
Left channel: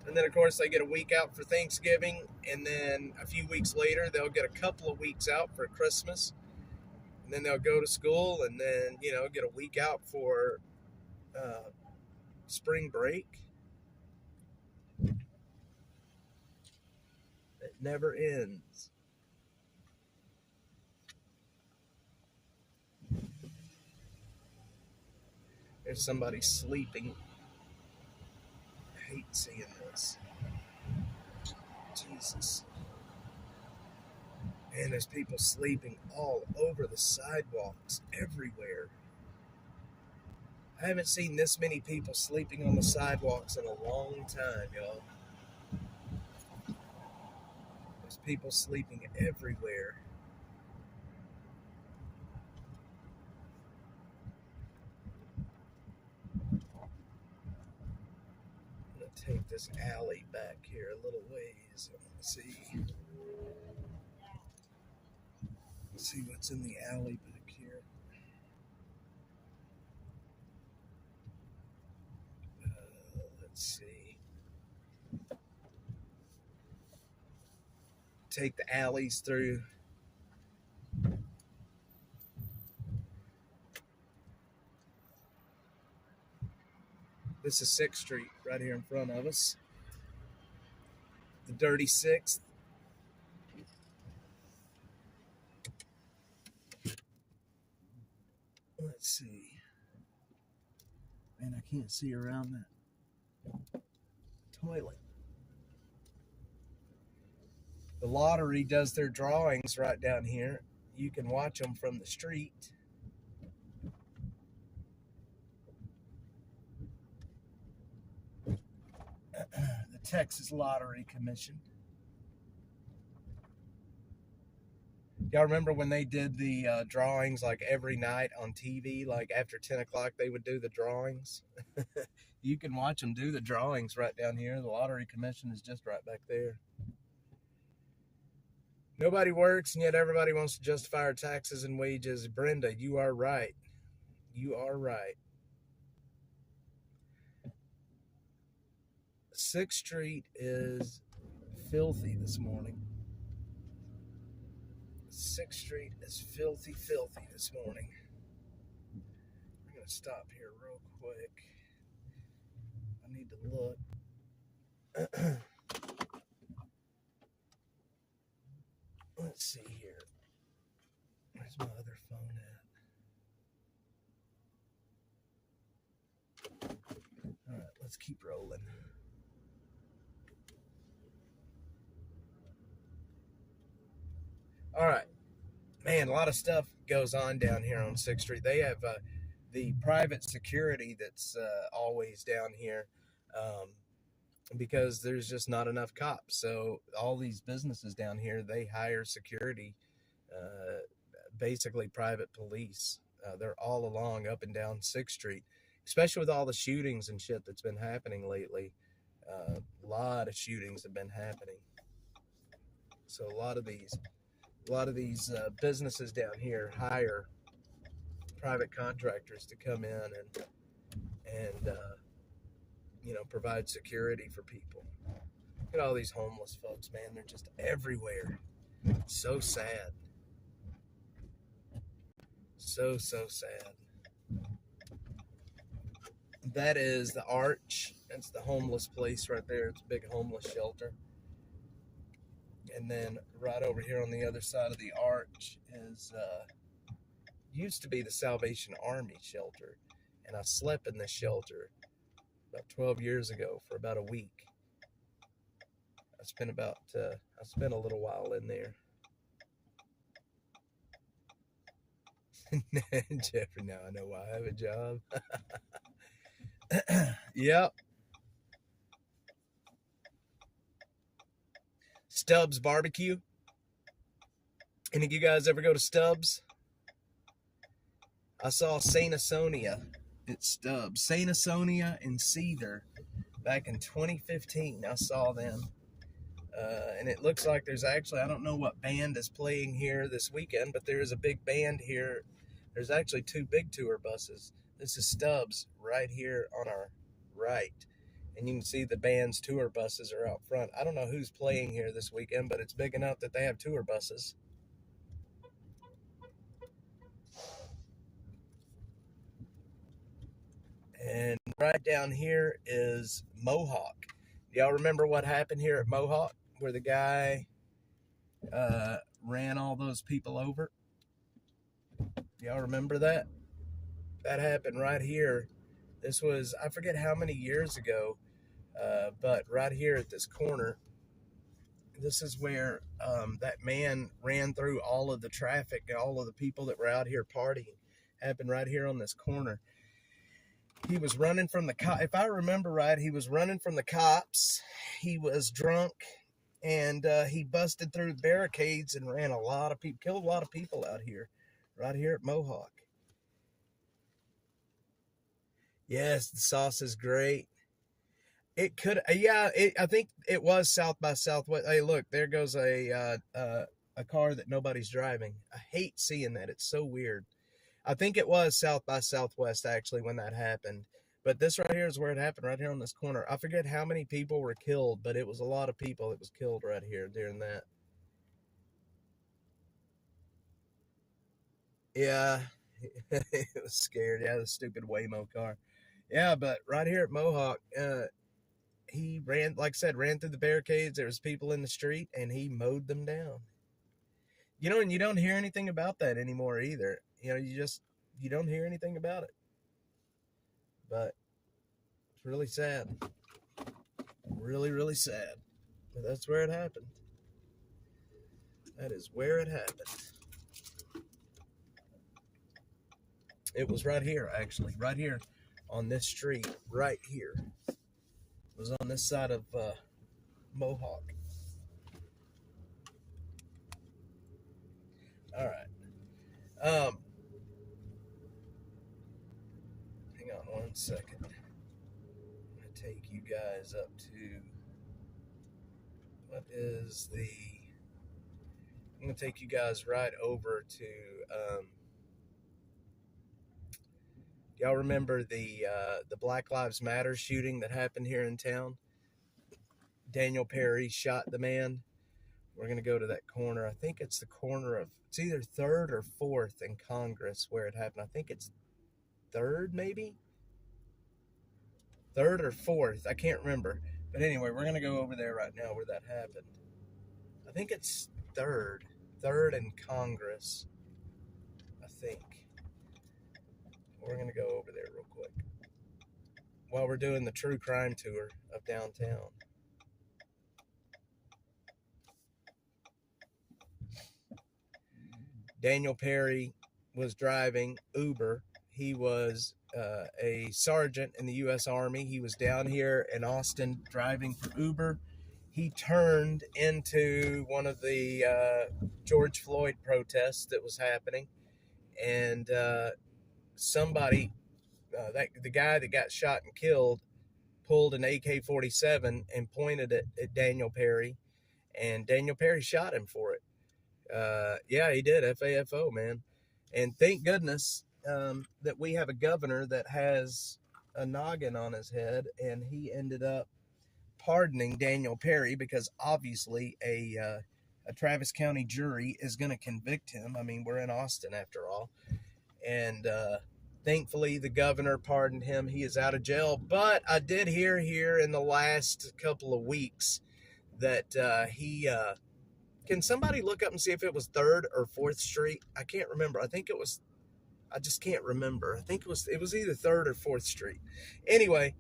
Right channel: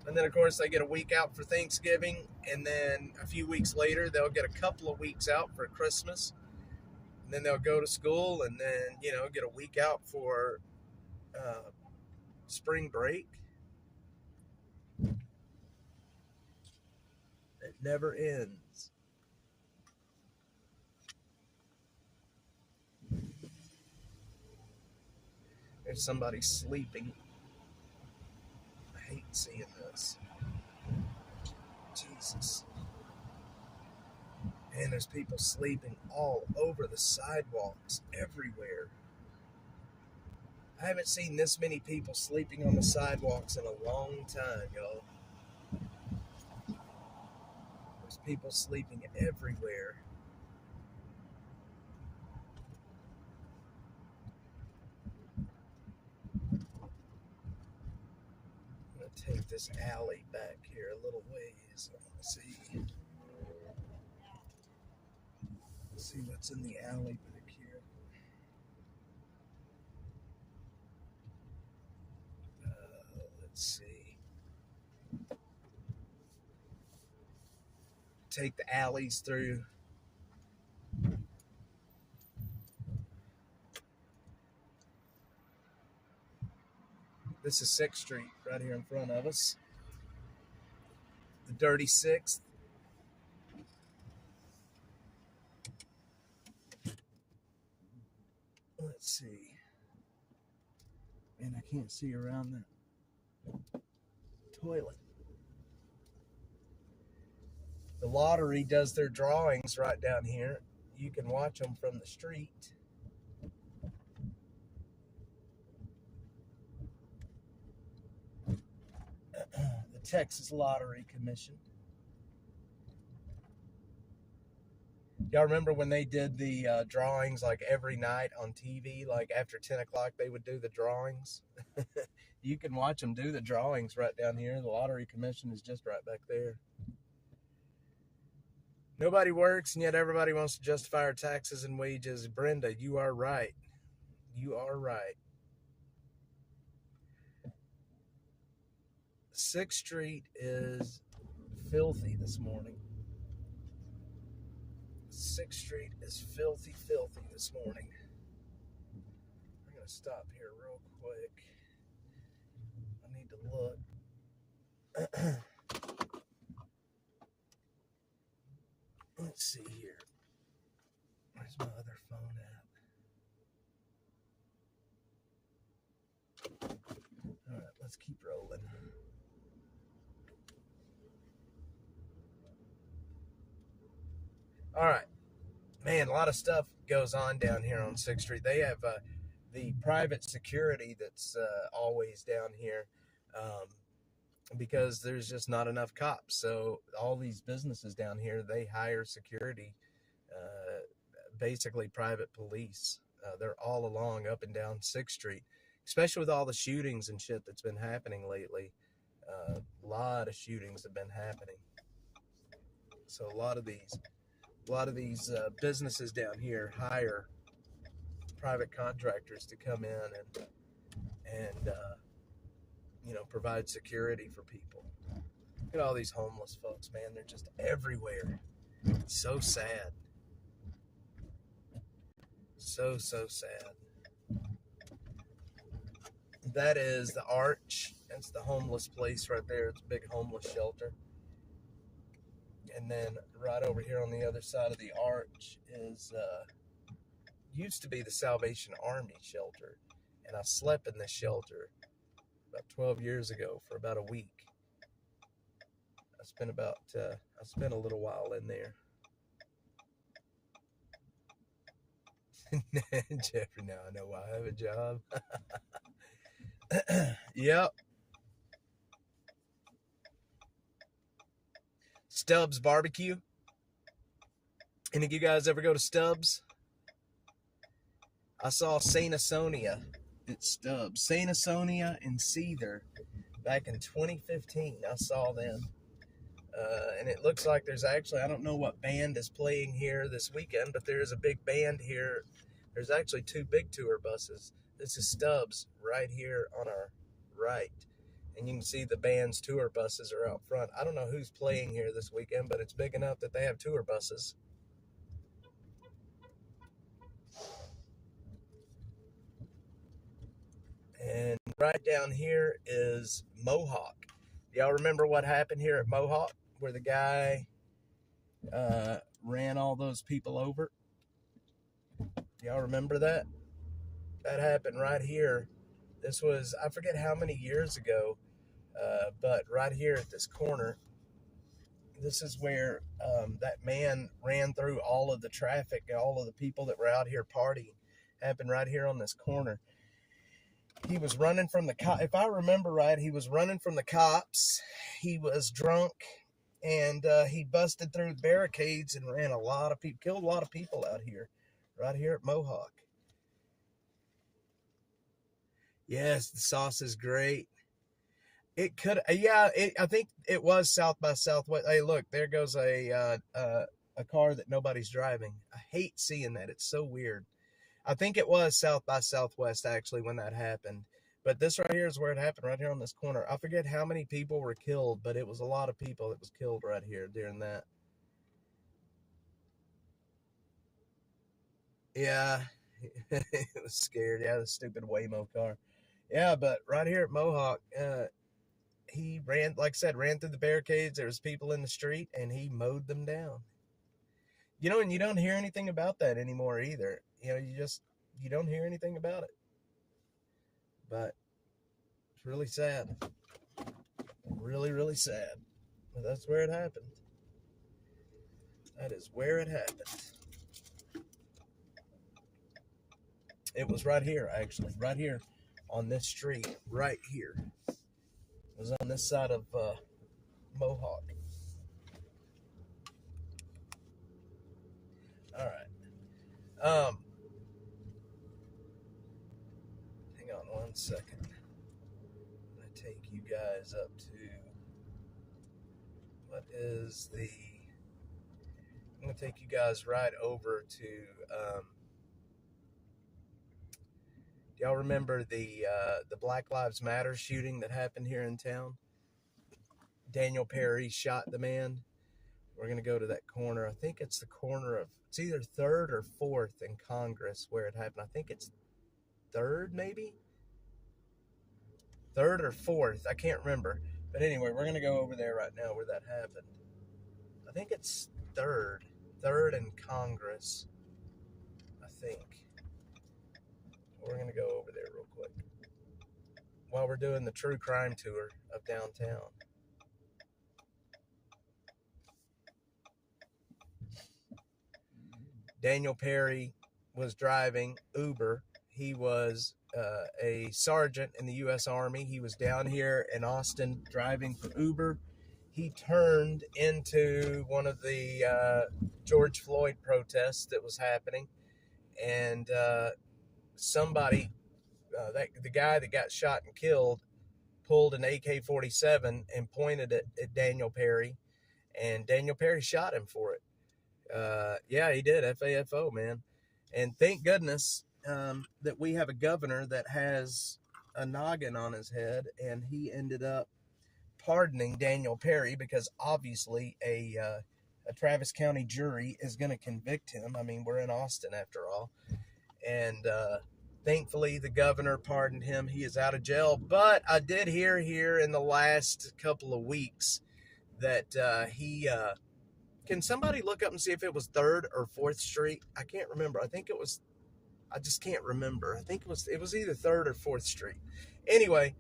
And then, of course, they get a week out for Thanksgiving, and then a few weeks later, they'll get a couple of weeks out for Christmas, and then they'll go to school, and then, get a week out for spring break. It never ends. There's somebody sleeping. I hate seeing this. Jesus. And there's people sleeping all over the sidewalks, everywhere. I haven't seen this many people sleeping on the sidewalks in a long time, y'all. There's people sleeping everywhere. I'm going to take this alley back here a little ways. I want to see what's in the alley back here. Let's see. Take the alleys through. This is 6th Street right here in front of us. The Dirty Sixth. Let's see. Man, I can't see around that toilet. The lottery does their drawings right down here. You can watch them from the street. The Texas Lottery Commission. Y'all remember when they did the drawings like every night on TV, like after 10 o'clock they would do the drawings? You can watch them do the drawings right down here. The Lottery Commission is just right back there. Nobody works, and yet everybody wants to justify our taxes and wages. Brenda, you are right. You are right. 6th Street is filthy this morning. 6th Street is filthy this morning. I'm going to stop here real quick. I need to look. let's keep rolling. All right, man, a lot of stuff goes on down here on 6th Street. They have the private security that's always down here because there's just not enough cops. So all these businesses down here, they hire security, basically private police. They're all along up and down 6th Street, especially with all the shootings and shit that's been happening lately. A lot of shootings have been happening. So a lot of these businesses down here hire private contractors to come in and provide security for people. Look at all these homeless folks, man. They're just everywhere. It's so sad. So sad. That is the Arch. That's the homeless place right there. It's a big homeless shelter. And then right over here on the other side of the Arch is used to be the Salvation Army shelter. And I slept in this shelter about 12 years ago for about a week. I spent a little while in there. Jeffrey, now I know why I have a job. Yep. Stubbs Barbecue. Any of you guys ever go to Stubbs? I saw Saint Asonia at Stubbs. Saint Asonia and Seether back in 2015. I saw them. And it looks like there's actually, I don't know what band is playing here this weekend, but there is a big band here. There's actually 2 big tour buses. This is Stubbs right here on our right. And you can see the band's tour buses are out front. I don't know who's playing here this weekend, but it's big enough that they have tour buses. And right down here is Mohawk. Y'all remember what happened here at Mohawk, where the guy ran all those people over? Y'all remember that? That happened right here. This was, I forget how many years ago, but right here at this corner, this is where that man ran through all of the traffic and all of the people that were out here partying. Happened right here on this corner. He was running from the cops. If I remember right, he was running from the cops. He was drunk, and he busted through barricades and ran a lot of people, killed a lot of people out here, right here at Mohawk. Yes, the sauce is great. It could, I think it was South by Southwest. Hey, look, there goes a car that nobody's driving. I hate seeing that. It's so weird. I think it was South by Southwest, actually, when that happened. But this right here is where it happened, right here on this corner. I forget how many people were killed, but it was a lot of people that was killed right here during that. Yeah, it was scared. Yeah, the stupid Waymo car. Yeah, but right here at Mohawk, he ran, like I said, ran through the barricades. There was people in the street, and he mowed them down. And you don't hear anything about that anymore either. You don't hear anything about it. But it's really sad. Really, really sad. But that's where it happened. That is where it happened. It was right here, actually. Right here on this street. Right here. It was on this side of Mohawk. All right. Hang on one second. I'm going to take you guys up to, I'm going to take you guys right over to, y'all remember the Black Lives Matter shooting that happened here in town? Daniel Perry shot the man. We're going to go to that corner. I think it's the corner of, it's either 3rd or 4th in Congress where it happened. I think it's 3rd, maybe? 3rd or 4th. I can't remember. But anyway, we're going to go over there right now where that happened. I think it's 3rd. 3rd in Congress, I think. We're going to go over there real quick. while we're doing the true crime tour of downtown. Daniel Perry was driving Uber. He was a sergeant in the U.S. Army. He was down here in Austin driving for Uber. He turned into one of the George Floyd protests that was happening, and somebody, the guy that got shot and killed, pulled an AK-47 and pointed it at Daniel Perry, and Daniel Perry shot him for it. Yeah, he did. FAFO, man. And thank goodness that we have a governor that has a noggin on his head, and he ended up pardoning Daniel Perry, because obviously a Travis County jury is going to convict him. I mean, we're in Austin after all. And thankfully, the governor pardoned him. He is out of jail. But I did hear here in the last couple of weeks that he... can somebody look up and see if it was 3rd or 4th Street? I can't remember. I think it was... I just can't remember. I think it was either 3rd or 4th Street. Anyway,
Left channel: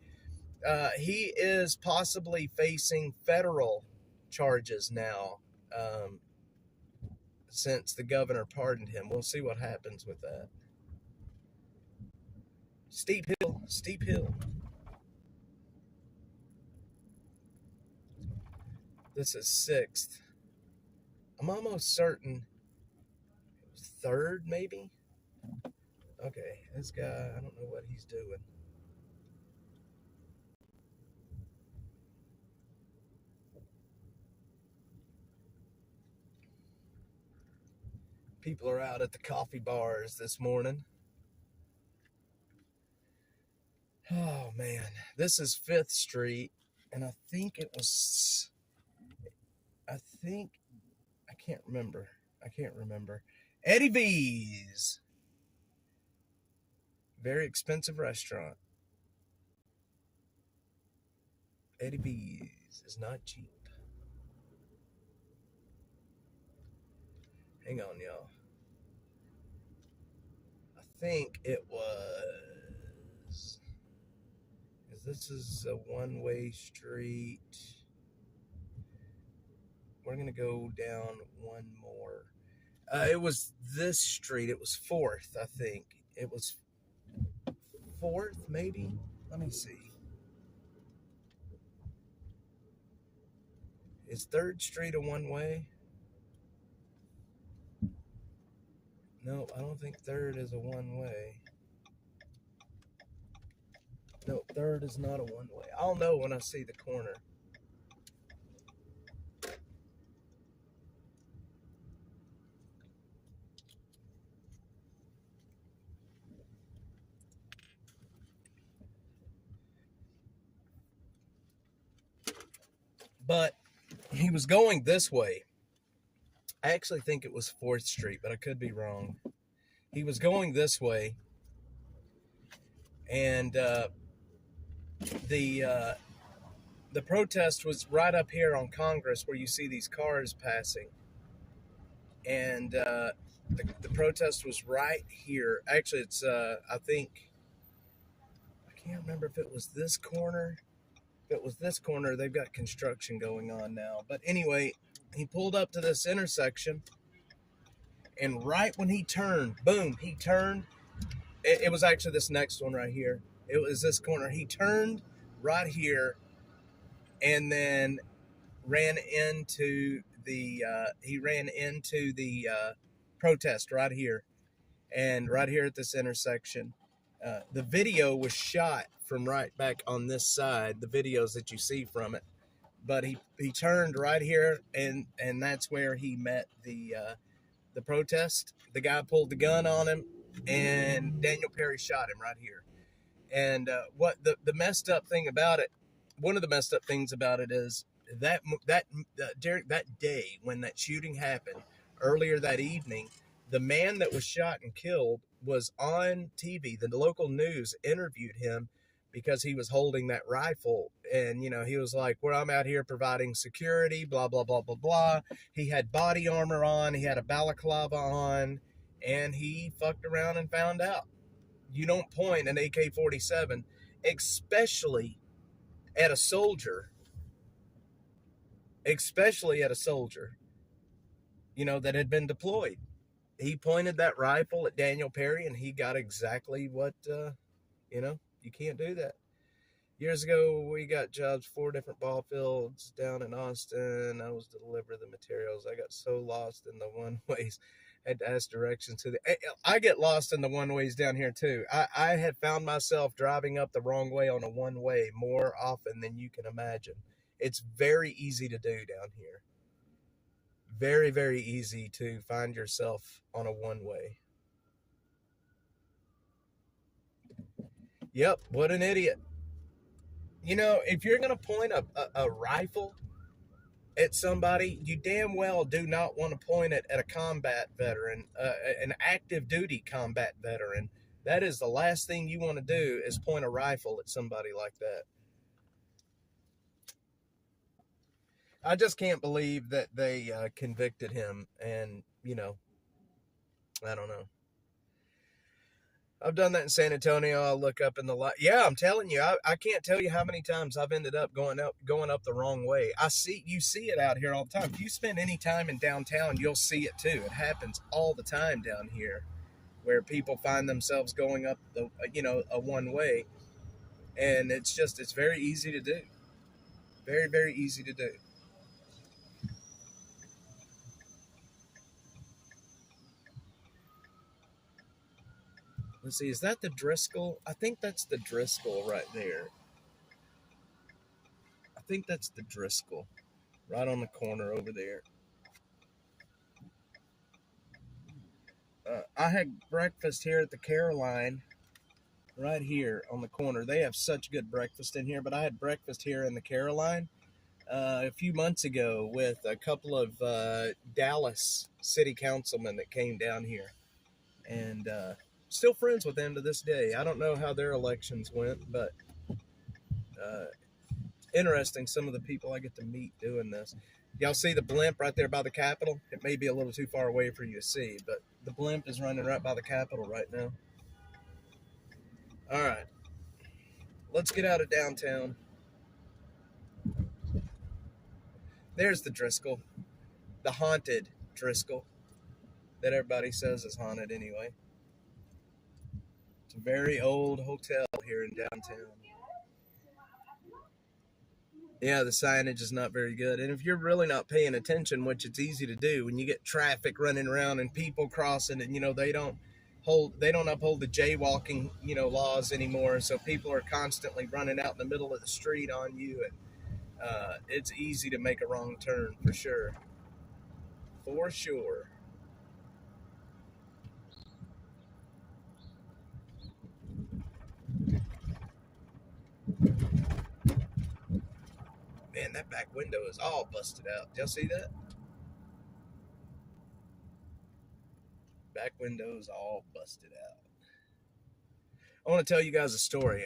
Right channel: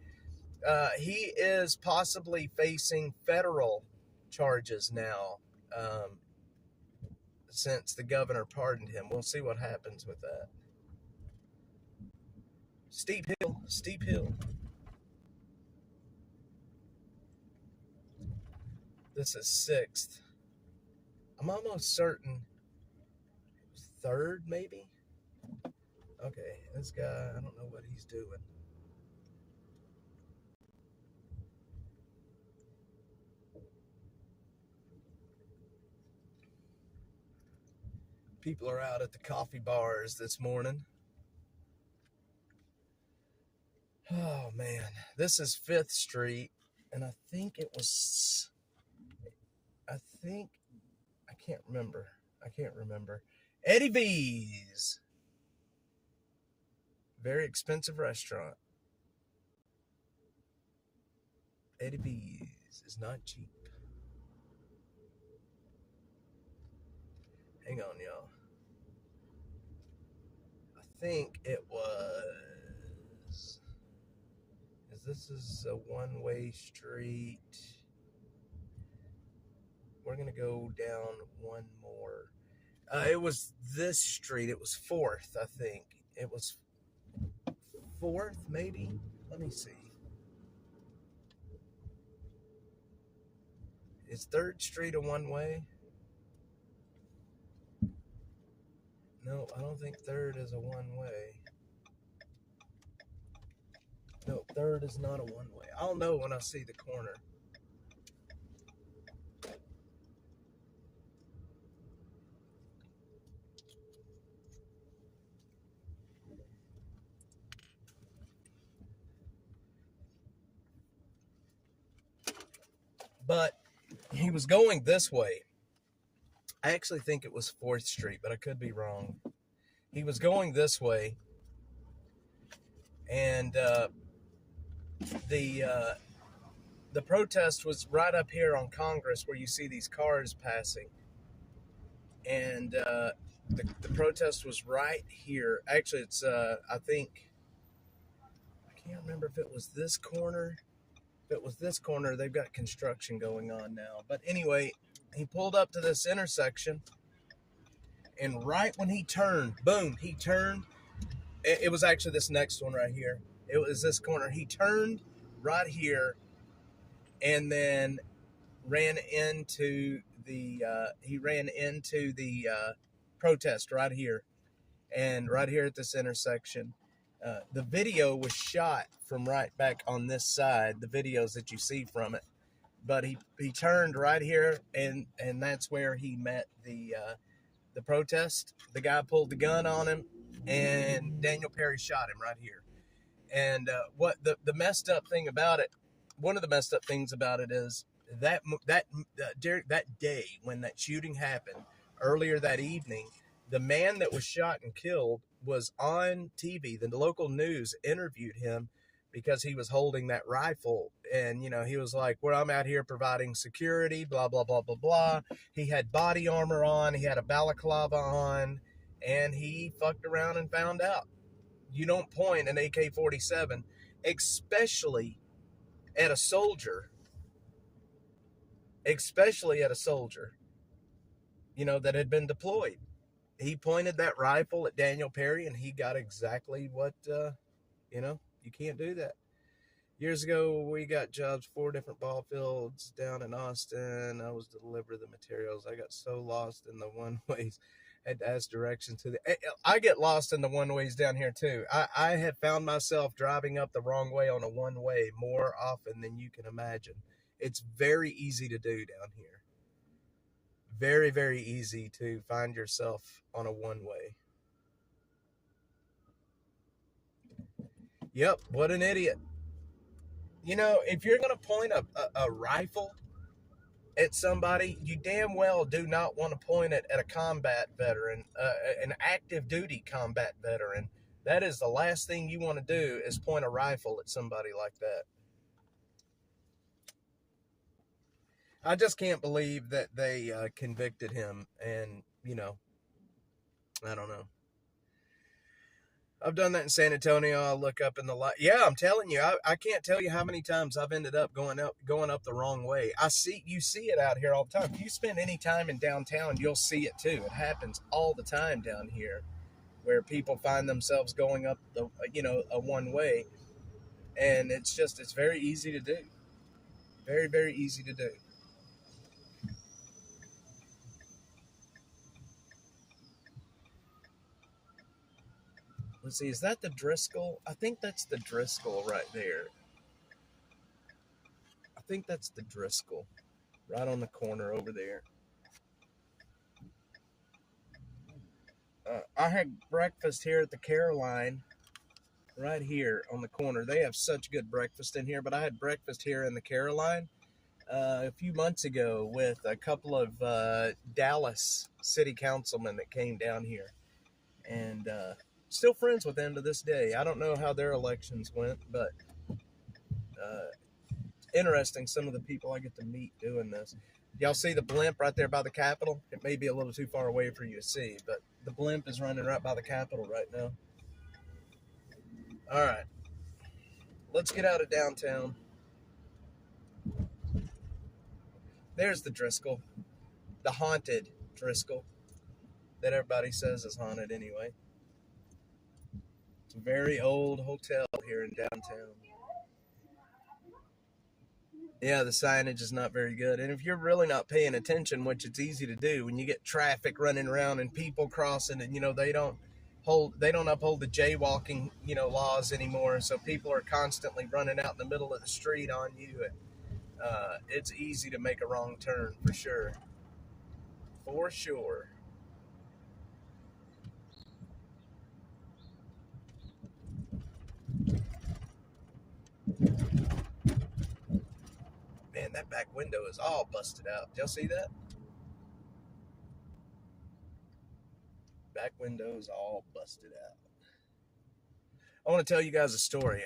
he is possibly facing federal charges now, since the governor pardoned him. We'll see what happens with that. Steep hill, steep hill. This is 6th. I'm almost certain 3rd, maybe? Okay, this guy, I don't know what he's doing. People are out at the coffee bars this morning. Oh, man. This is 5th Street, and I think it was... I can't remember. Eddie V's. Very expensive restaurant. Eddie V's is not cheap. Hang on, y'all. I think it was... This is a one-way street. We're going to go down one more. It was this street. It was 4th, I think. It was 4th, maybe? Let me see. Is 3rd Street a one-way? No, I don't think 3rd is a one-way. No, 3rd is not a one-way. I'll know when I see the corner. But he was going this way. I actually think it was 4th Street, but I could be wrong. He was going this way, and the protest was right up here on Congress, where you see these cars passing. And the protest was right here. Actually, it's I can't remember if it was this corner. If it was this corner, they've got construction going on now. But anyway, he pulled up to this intersection, and right when he turned, boom, he turned. It was actually this next one right here. It was this corner. He turned right here, and then ran into the protest right here, and right here at this intersection. The video was shot from right back on this side, the videos that you see from it. But he turned right here, and that's where he met the protest. The guy pulled the gun on him, and Daniel Perry shot him right here. And what the messed up thing about it, one of the messed up things about it is that day when that shooting happened, earlier that evening, the man that was shot and killed was on TV. The local news interviewed him because he was holding that rifle. And, he was like, well, I'm out here providing security, blah, blah, blah, blah, blah. He had body armor on. He had a balaclava on. And he fucked around and found out. You don't point an AK-47 especially at a soldier, especially at a soldier, that had been deployed. He pointed that rifle at Daniel Perry, and he got exactly what, you can't do that. Years ago, we got jobs, 4 different ball fields down in Austin. I was to deliver the materials. I got so lost in the one-ways, had to ask directions to the... I get lost in the one-ways down here, too. I have found myself driving up the wrong way on a one-way more often than you can imagine. It's very easy to do down here. Very, very easy to find yourself on a one-way. Yep, what an idiot. If you're going to point a rifle at somebody, you damn well do not want to point it at a combat veteran, an active duty combat veteran. That is the last thing you want to do, is point a rifle at somebody like that. I just can't believe that they convicted him, and, I don't know. I've done that in San Antonio. I'll look up in the light. Yeah, I'm telling you, I can't tell you how many times I've ended up going up the wrong way. You see it out here all the time. If you spend any time in downtown, you'll see it too. It happens all the time down here, where people find themselves going up a one way, and it's very easy to do. Very, very easy to do. Let's see, is that the Driscoll? I think that's the Driscoll right there. I think that's the Driscoll right on the corner over there. I had breakfast here at the Caroline, right here on the corner. They have such good breakfast in here, but I had breakfast here in the Caroline a few months ago with a couple of Dallas city councilmen that came down here, and still friends with them to this day. I don't know how their elections went, but interesting, some of the people I get to meet doing this. Y'all see the blimp right there by the Capitol? It may be a little too far away for you to see, but the blimp is running right by the Capitol right now. All right. Let's get out of downtown. There's the Driscoll. The haunted Driscoll. That everybody says is haunted anyway. It's a very old hotel here in downtown. Yeah, the signage is not very good. And if you're really not paying attention, which it's easy to do when you get traffic running around and people crossing, and they don't uphold the jaywalking, laws anymore. So people are constantly running out in the middle of the street on you, and it's easy to make a wrong turn for sure. For sure. Man, that back window is all busted out. Did y'all see that? Back window is all busted out. I want to tell you guys a story.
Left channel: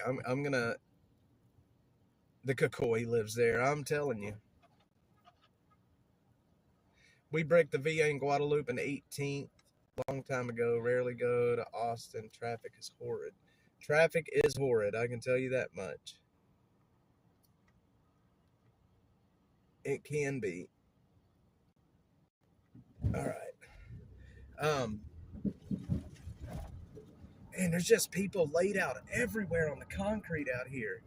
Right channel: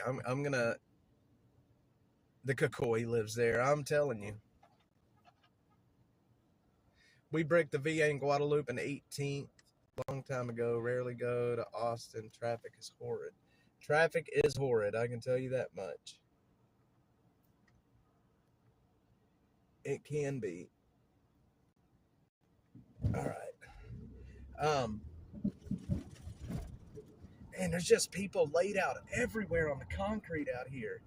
The Kukui lives there. I'm telling you. We bricked the VA in Guadalupe in 18th, long time ago. Rarely go to Austin. Traffic is horrid. Traffic is horrid. I can tell you that much. It can be. All right. And there's just people laid out everywhere on the concrete out here.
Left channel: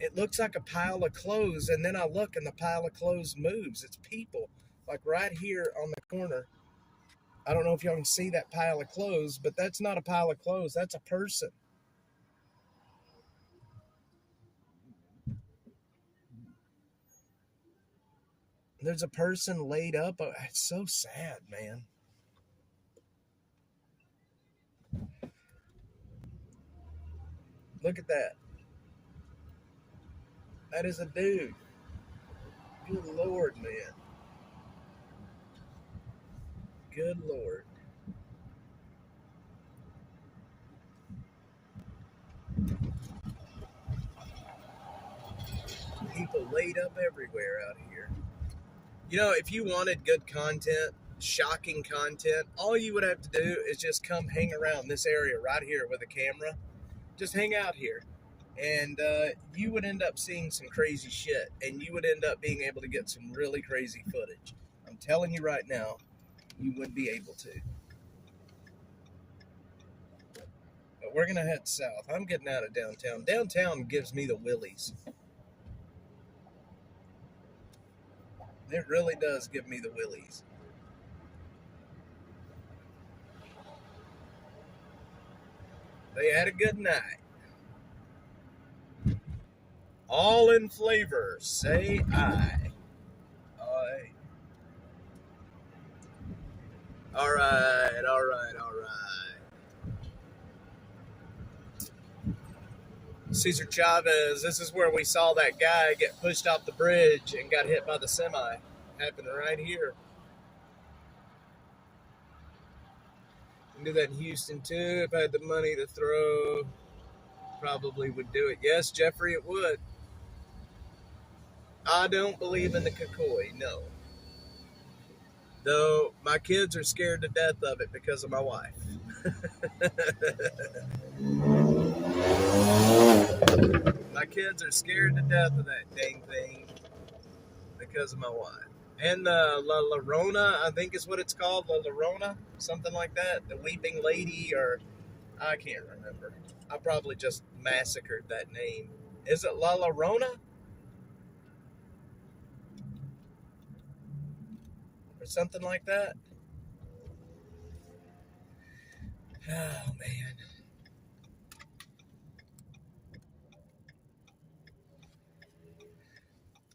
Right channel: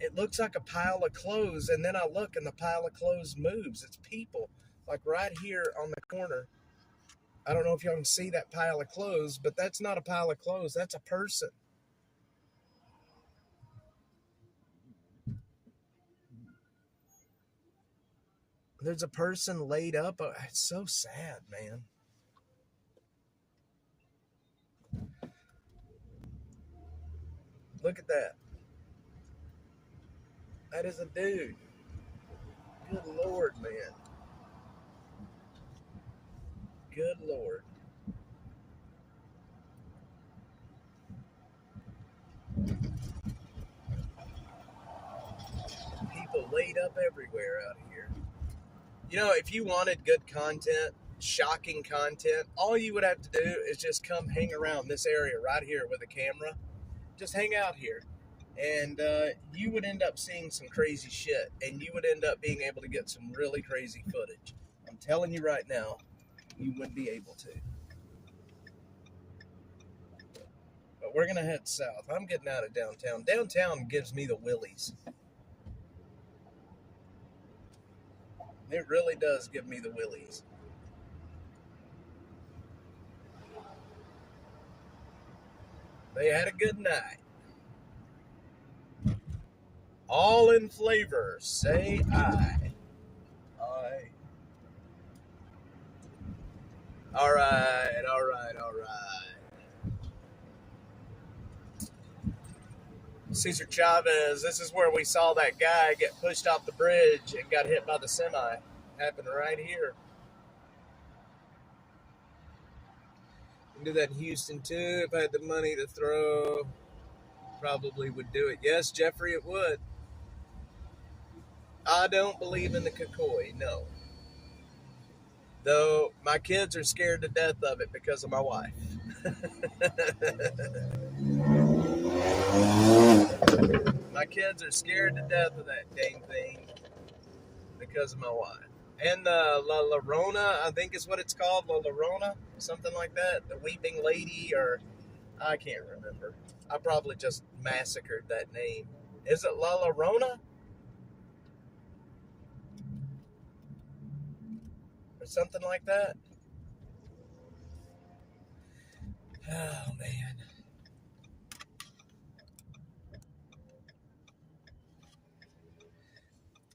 It looks like a pile of clothes, and then I look and the pile of clothes moves. It's people, like right here on the corner. I don't know if y'all can see that pile of clothes, but that's not a pile of clothes. That's a person. There's a person laid up. It's so sad, man. Look at that. That is a dude. Good Lord, man. Good Lord. People laid up everywhere out here. If you wanted good content, shocking content, all you would have to do is just come hang around this area right here with a camera, just hang out here. And you would end up seeing some crazy shit. And you would end up being able to get some really crazy footage. I'm telling you right now, you would be able to. But we're going to head south. I'm getting out of downtown. Downtown gives me the willies. It really does give me the willies. They had a good night. All in flavor, say I. Aye. All right. Cesar Chavez, this is where we saw that guy get pushed off the bridge and got hit by the semi. Happened right here. You can do that in Houston too. If I had the money to throw, probably would do it. Yes, Jeffrey, it would. I don't believe in the Kukui, no. Though my kids are scared to death of it because of my wife. My kids are scared to death of that dang thing because of my wife. And La Llorona, I think is what it's called, La Llorona, something like that. The Weeping Lady, or I can't remember. I probably just massacred that name. Is it La Llorona? Or something like that? Oh, man.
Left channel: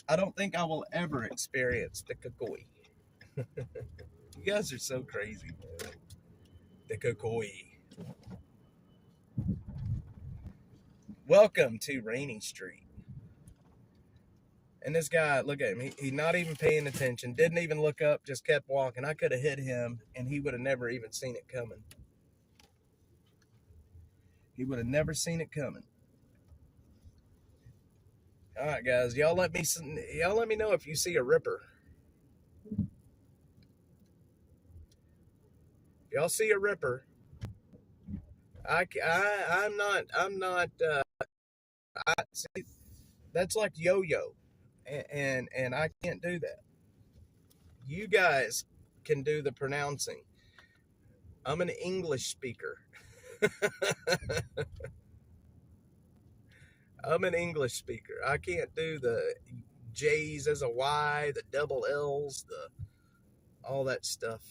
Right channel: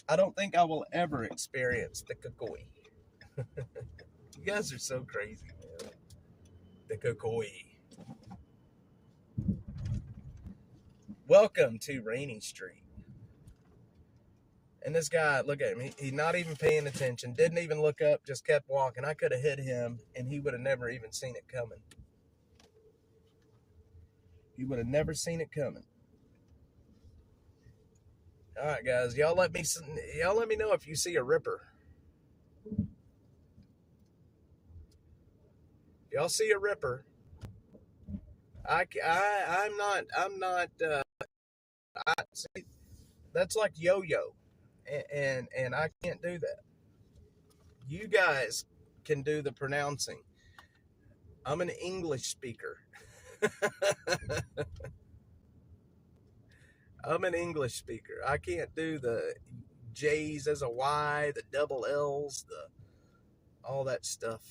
I don't think I will ever experience the Kukui. You guys are so crazy, man. The Kukui. Welcome to Rainy Street. And this guy, look at him. He's not even paying attention. Didn't even look up. Just kept walking. I could have hit him, and he would have never even seen it coming. He would have never seen it coming. All right, guys. Y'all let me know if you see a ripper. Y'all see a ripper? I'm not. See, that's like yo-yo, and I can't do that. You guys can do the pronouncing. I'm an English speaker. I'm an English speaker. I can't do the J's as a Y, the double L's, all that stuff.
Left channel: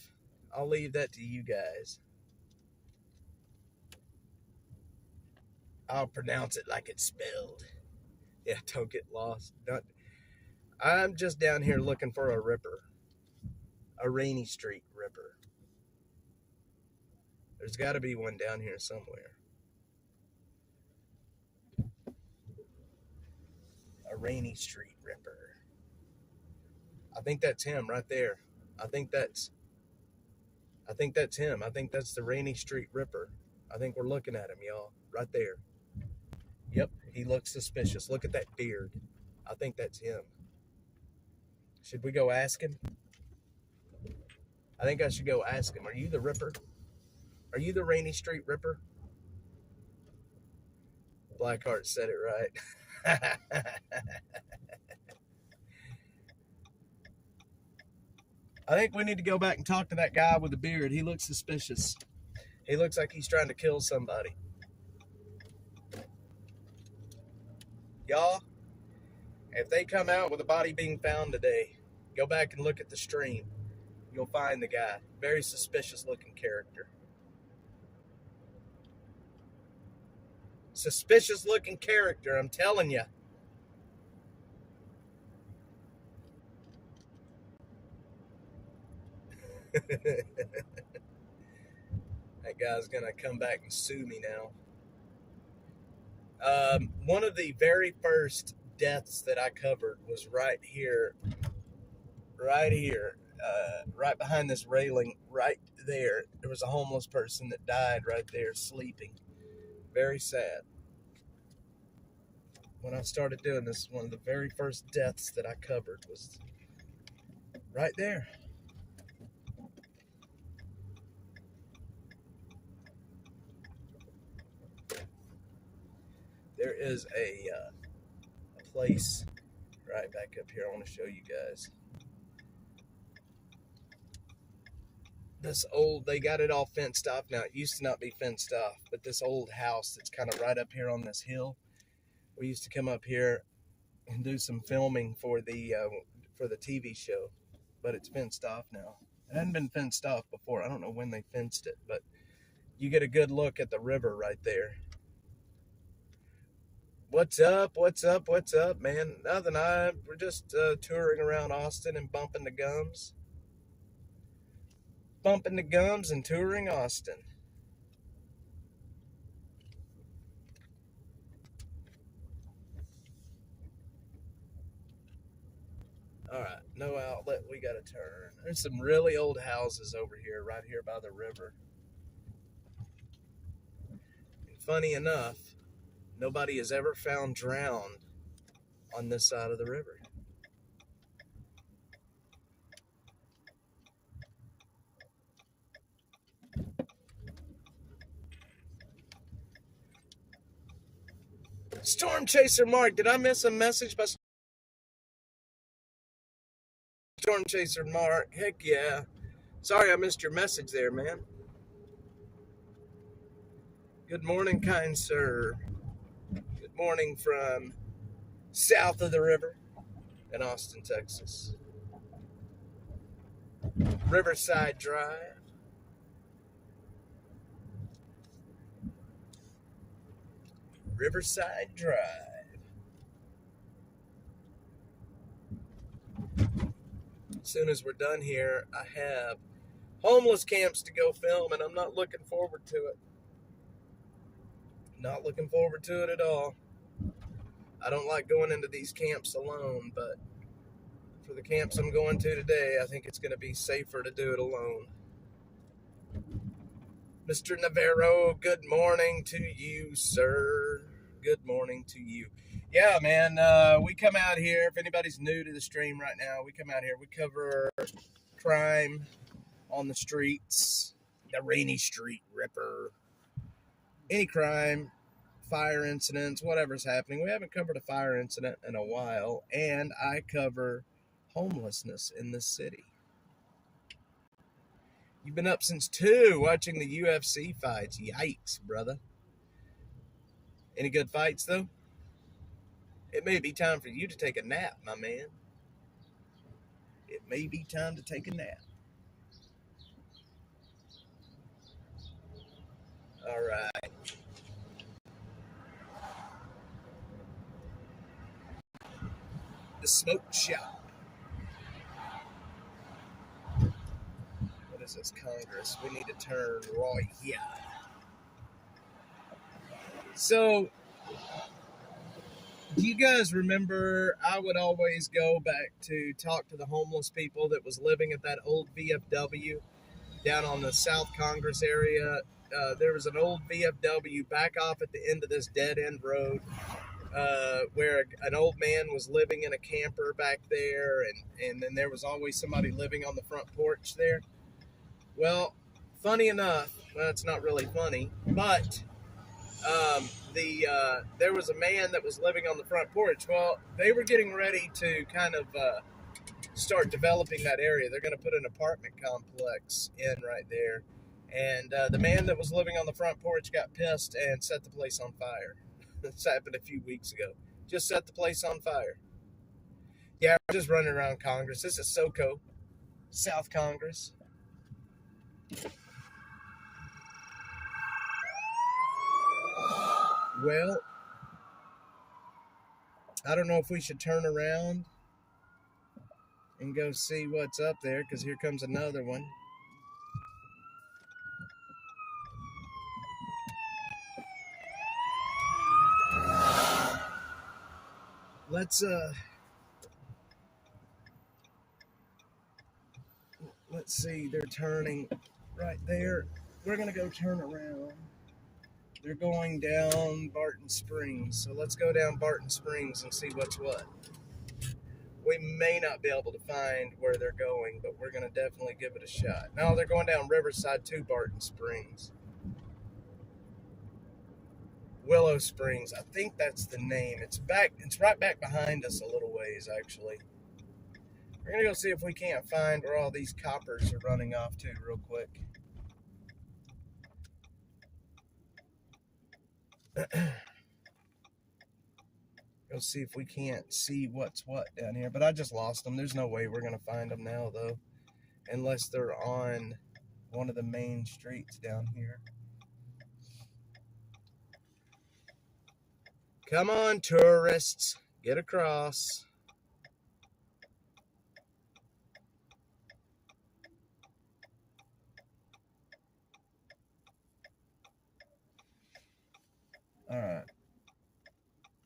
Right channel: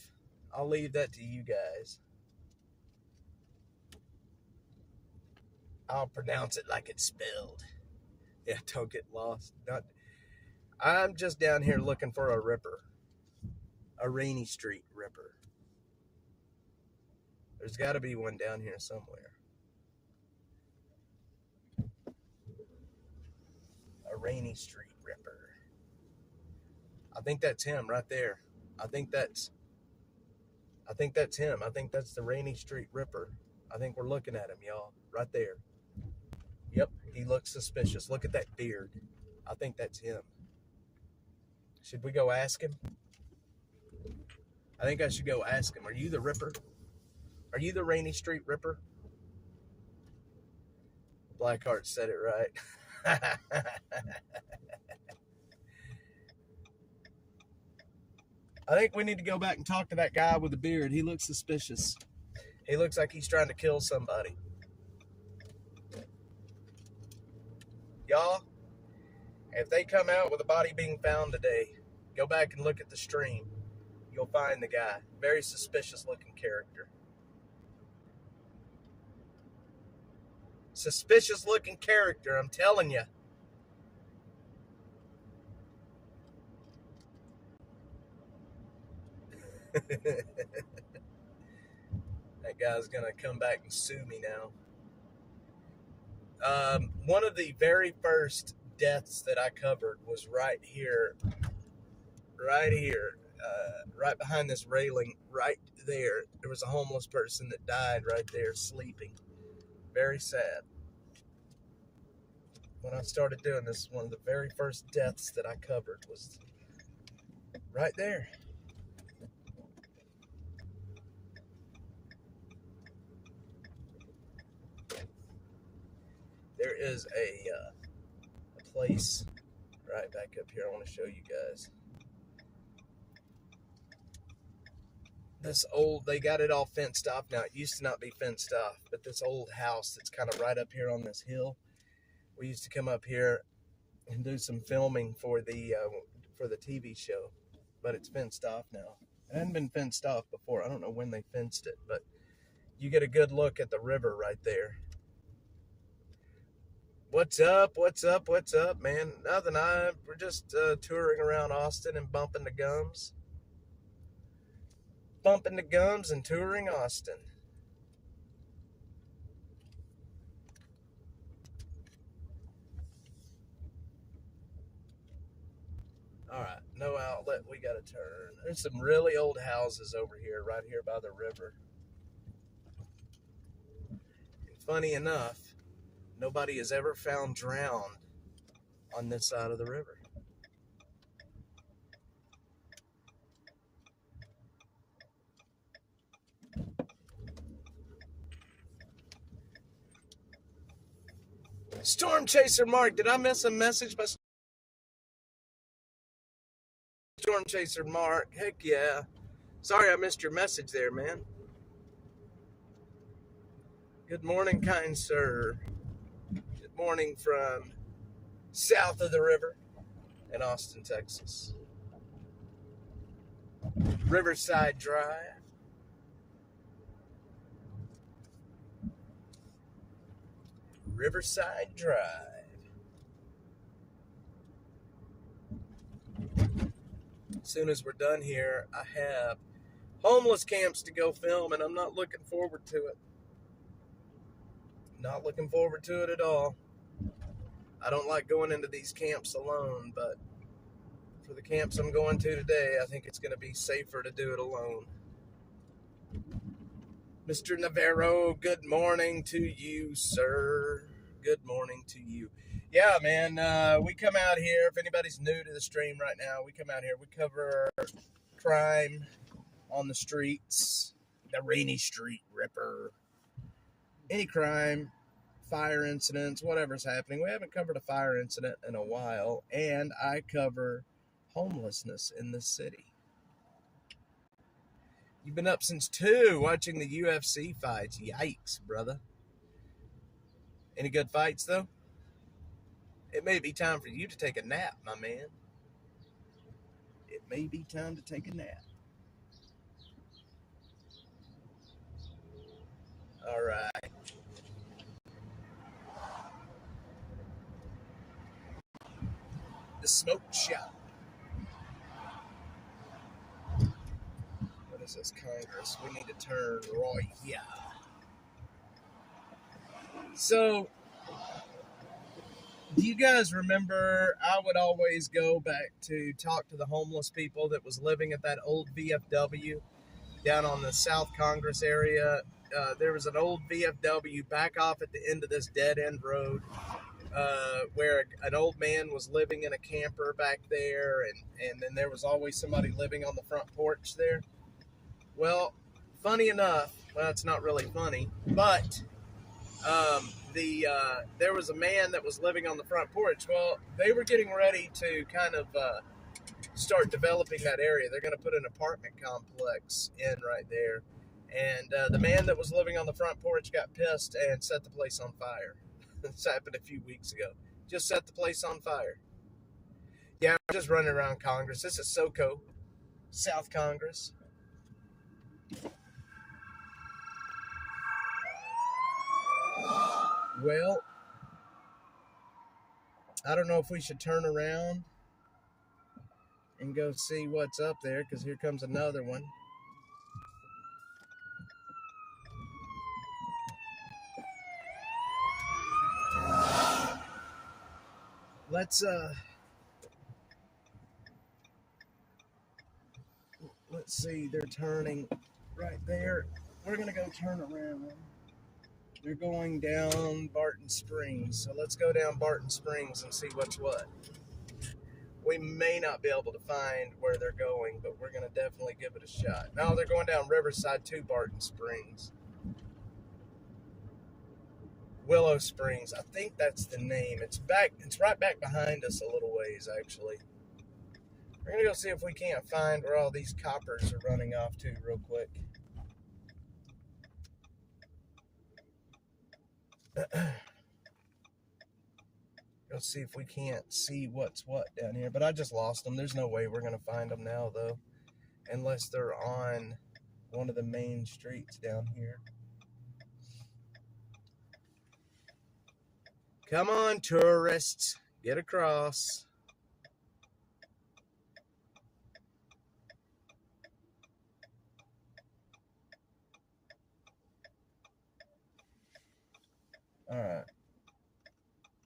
I'll leave that to you guys. I'll pronounce it like it's spelled. Yeah, don't get lost. I'm just down here looking for a ripper. A Rainy Street ripper. There's got to be one down here somewhere. A Rainy Street ripper. I think that's him right there. I think that's him. I think that's the Rainy Street ripper. I think we're looking at him, y'all. Right there. Yep, he looks suspicious. Look at that beard. I think that's him. Should we go ask him? I think I should go ask him. Are you the ripper? Are you the Rainy Street ripper? Blackheart said it right. I think we need to go back and talk to that guy with the beard. He looks suspicious. He looks like he's trying to kill somebody. Y'all, if they come out with a body being found today, go back and look at the stream. You'll find the guy. Very suspicious looking character. Suspicious looking character, I'm telling you. That guy's gonna come back and sue me now. One of the very first deaths that I covered was right here, right behind this railing, right there. There was a homeless person that died right there sleeping. Very sad. When I started doing this, one of the very first deaths that I covered was right there. is a place right back up here. I want to show you guys. This old, they got it all fenced off now. It used to not be fenced off, but this old house that's kind of right up here on this hill. We used to come up here and do some filming for the TV show, but it's fenced off now. It hadn't been fenced off before. I don't know when they fenced it, but you get a good look at the river right there. What's up? What's up? What's up, man? Nothing. We're just touring around Austin and bumping the gums. Bumping the gums and touring Austin. All right, no outlet. We got to turn. There's some really old houses over here, right here by the river. And funny enough, nobody has ever found drowned on this side of the river. Storm Chaser Mark, did I miss a message by Storm Chaser Mark? Heck yeah. Sorry I missed your message there, man. Good morning, kind sir. Good morning from south of the river in Austin, Texas. Riverside Drive. Riverside Drive. As soon as we're done here, I have homeless camps to go film, and I'm not looking forward to it. Not looking forward to it at all. I don't like going into these camps alone, but for the camps I'm going to today, I think it's going to be safer to do it alone. Mr. Navarro, good morning to you, sir. Good morning to you. Yeah, man, we come out here. If anybody's new to the stream right now, we come out here. We cover crime on the streets, the Rainy Street Ripper, any crime, fire incidents, whatever's happening. We haven't covered a fire incident in a while, and I cover homelessness in the city. You've been up since 2 watching the UFC fights. Yikes, brother. Any good fights, though? It may be time for you to take a nap, my man. It may be time to take a nap. All right. The smoke shop. What is this, Congress? We need to turn right here. So, do you guys remember I would always go back to talk to the homeless people that was living at that old VFW down on the South Congress area? There was an old VFW back off at the end of this dead-end road where an old man was living in a camper back there, and then there was always somebody living on the front porch there. Well, funny enough, well, it's not really funny, but there was a man that was living on the front porch. Well, they were getting ready to kind of start developing that area. They're going to put an apartment complex in right there. And the man that was living on the front porch got pissed and set the place on fire. This happened a few weeks ago. Just set the place on fire. Yeah, we're just running around Congress. This is SoCo, South Congress. Well, I don't know if we should turn around and go see what's up there, because here comes another one. Let's see, they're turning right there. We're going to go turn around. They're going down Barton Springs. So let's go down Barton Springs and see what's what. We may not be able to find where they're going, but we're going to definitely give it a shot. No, they're going down Riverside to Barton Springs. Willow Springs. I think that's the name. It's right back behind us a little ways, actually. We're gonna go see if we can't find where all these coppers are running off to real quick. Go see if we can't see what's what down here. But I just lost them. There's no way we're gonna find them now, though, unless they're on one of the main streets down here. Come on, tourists, get across. All right.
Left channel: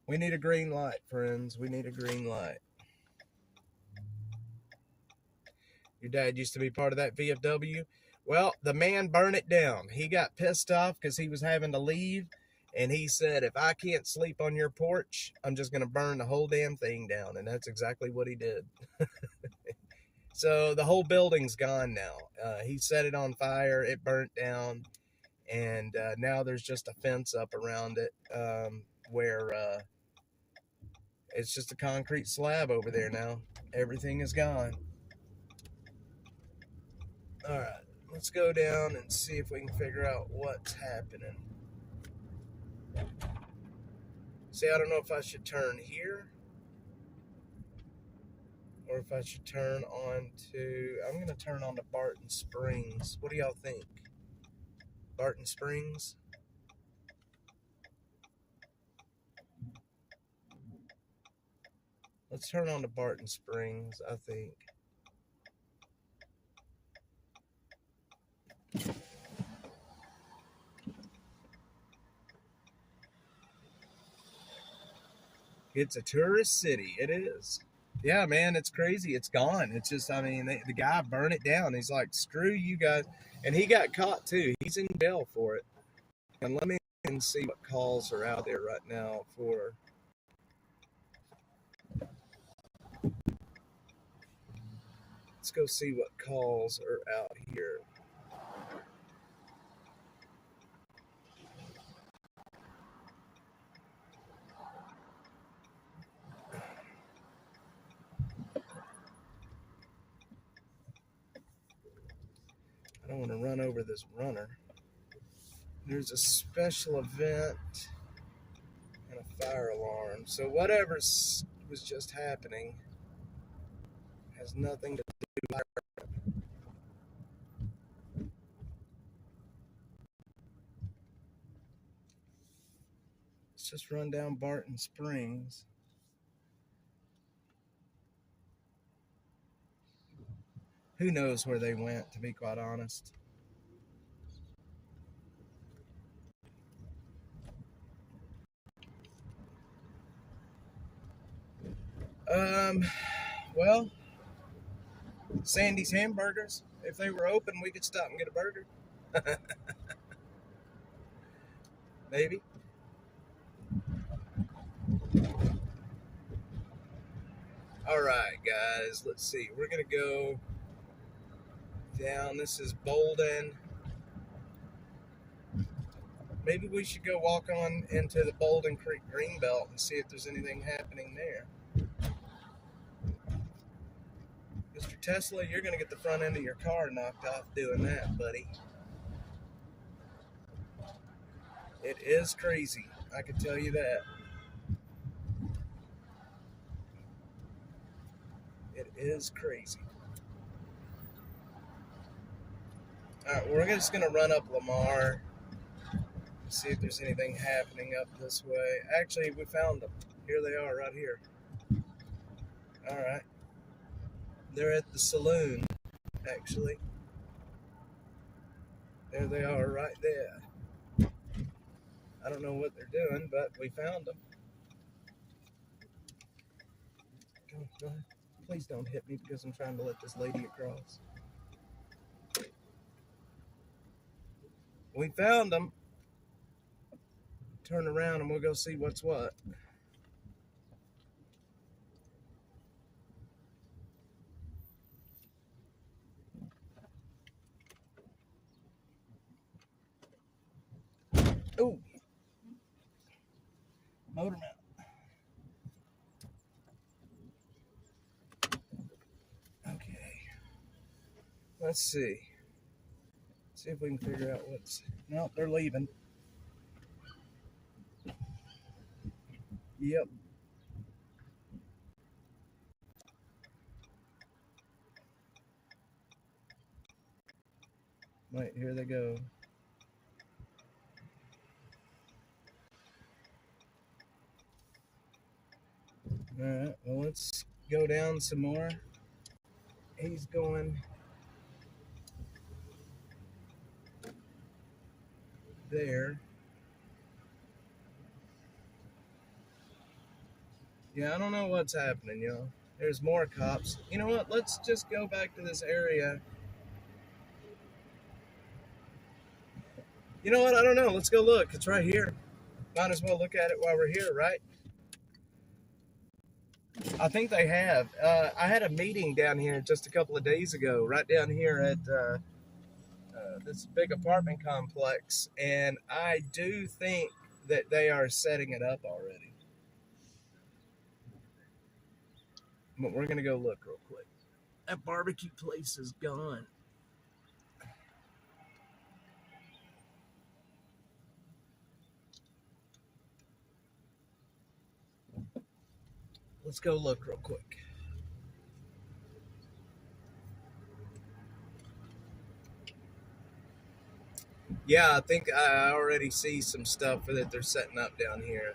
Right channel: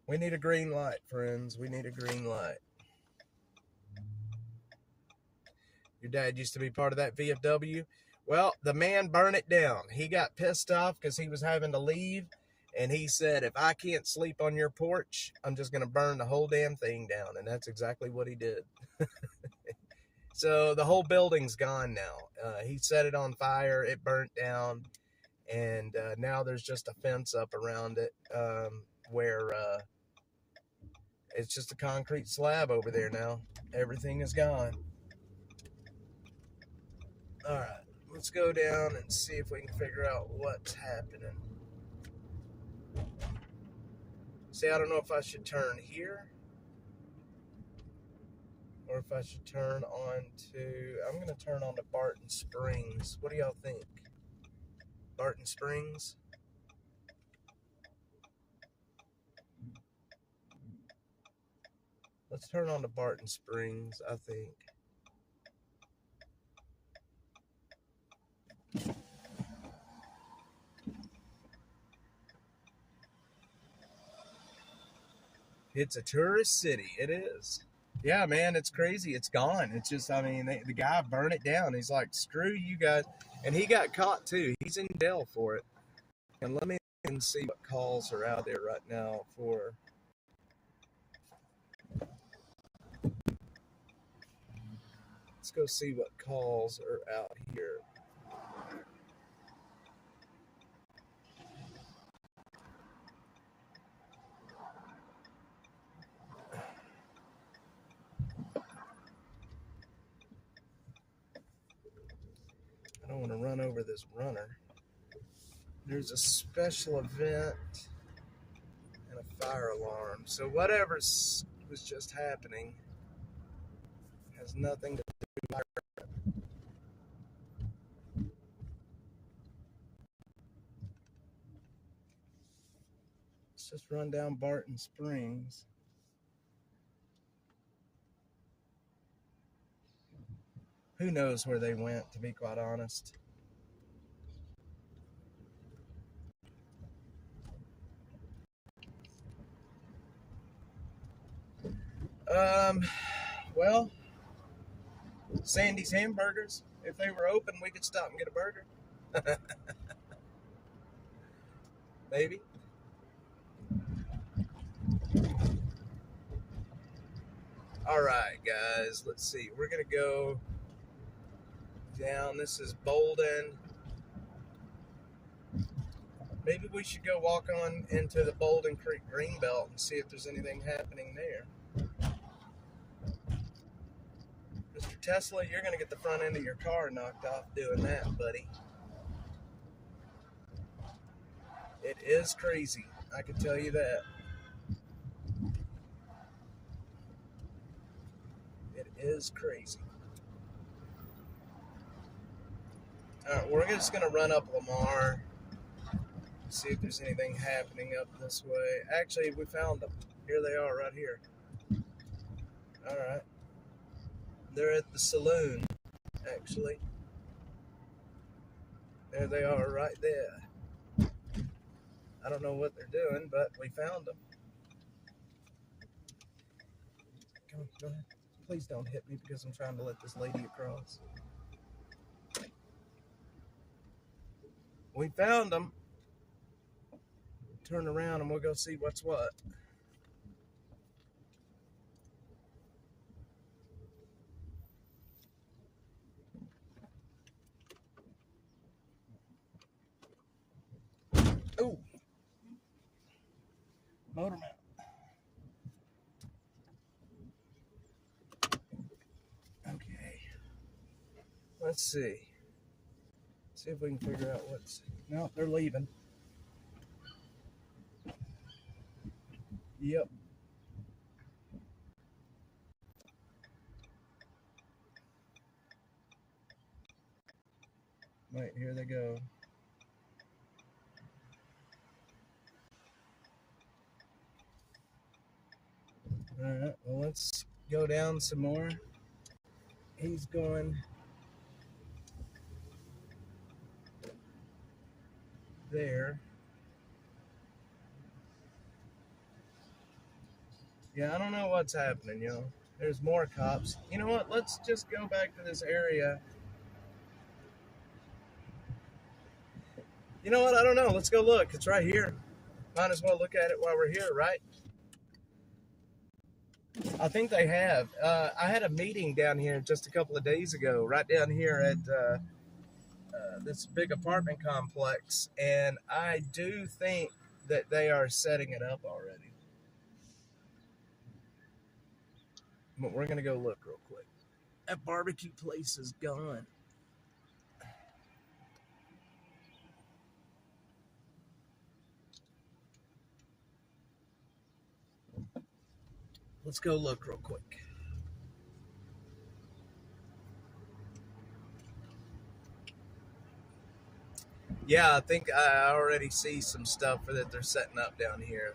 We need a green light, friends. We need a green light. Your dad used to be part of that VFW. Well, the man burned it down. He got pissed off because he was having to leave. And he said, if I can't sleep on your porch, I'm just going to burn the whole damn thing down. And that's exactly what he did. So the whole building's gone now. He set it on fire. It burnt down. And now there's just a fence up around it where it's just a concrete slab over there now. Everything is gone. All right. Let's go down and see if we can figure out what's happening. See, I don't know if I should turn here or if I should turn on to... I'm going to turn on to Barton Springs. What do y'all think? Barton Springs? Let's turn on to Barton Springs, I think. It's a tourist city. It is. Yeah, man, it's crazy. It's gone. It's just, I mean, the guy burned it down. He's like, screw you guys. And he got caught, too. He's in jail for it. And let me see what calls are out there right now for... Let's go see what calls are out here. I don't want to run over this runner. There's a special event and a fire alarm. So whatever was just happening has nothing to do with it. Let's just run down Barton Springs. Who knows where they went, to be quite honest. Well, Sandy's Hamburgers. If they were open, we could stop and get a burger. Maybe. All right, guys. Let's see. We're going to go down. This is Bolden. Maybe we should go walk on into the Bolden Creek Greenbelt and see if there's anything happening there. Mr. Tesla, you're going to get the front end of your car knocked off doing that, buddy. It is crazy. I can tell you that. It is crazy. All right, we're just going to run up Lamar. See if there's anything happening up this way. Actually, we found them. Here they are right here. All right. They're at the saloon, actually. There they are right there. I don't know what they're doing, but we found them. Go ahead. Please don't hit me because I'm trying to let this lady across. We found them. Turn around and we'll go see what's what. Oh, Let's see. See if we can figure out what's... No, they're leaving. Yep. Wait, here they go. Alright, well, let's go down some more. He's going there. Yeah, I don't know what's happening, y'all. There's more cops. You know what? Let's just go back to this area. You know what? I don't know. Let's go look. It's right here. Might as well look at it while we're here, right? I think they have. I had a meeting down here just a couple of days ago, right down here at this big apartment complex, and I do think that they are setting it up already. But we're going to go look real quick. That barbecue place is gone. Let's go look real quick. Yeah, I think I already see some stuff that they're setting up down here.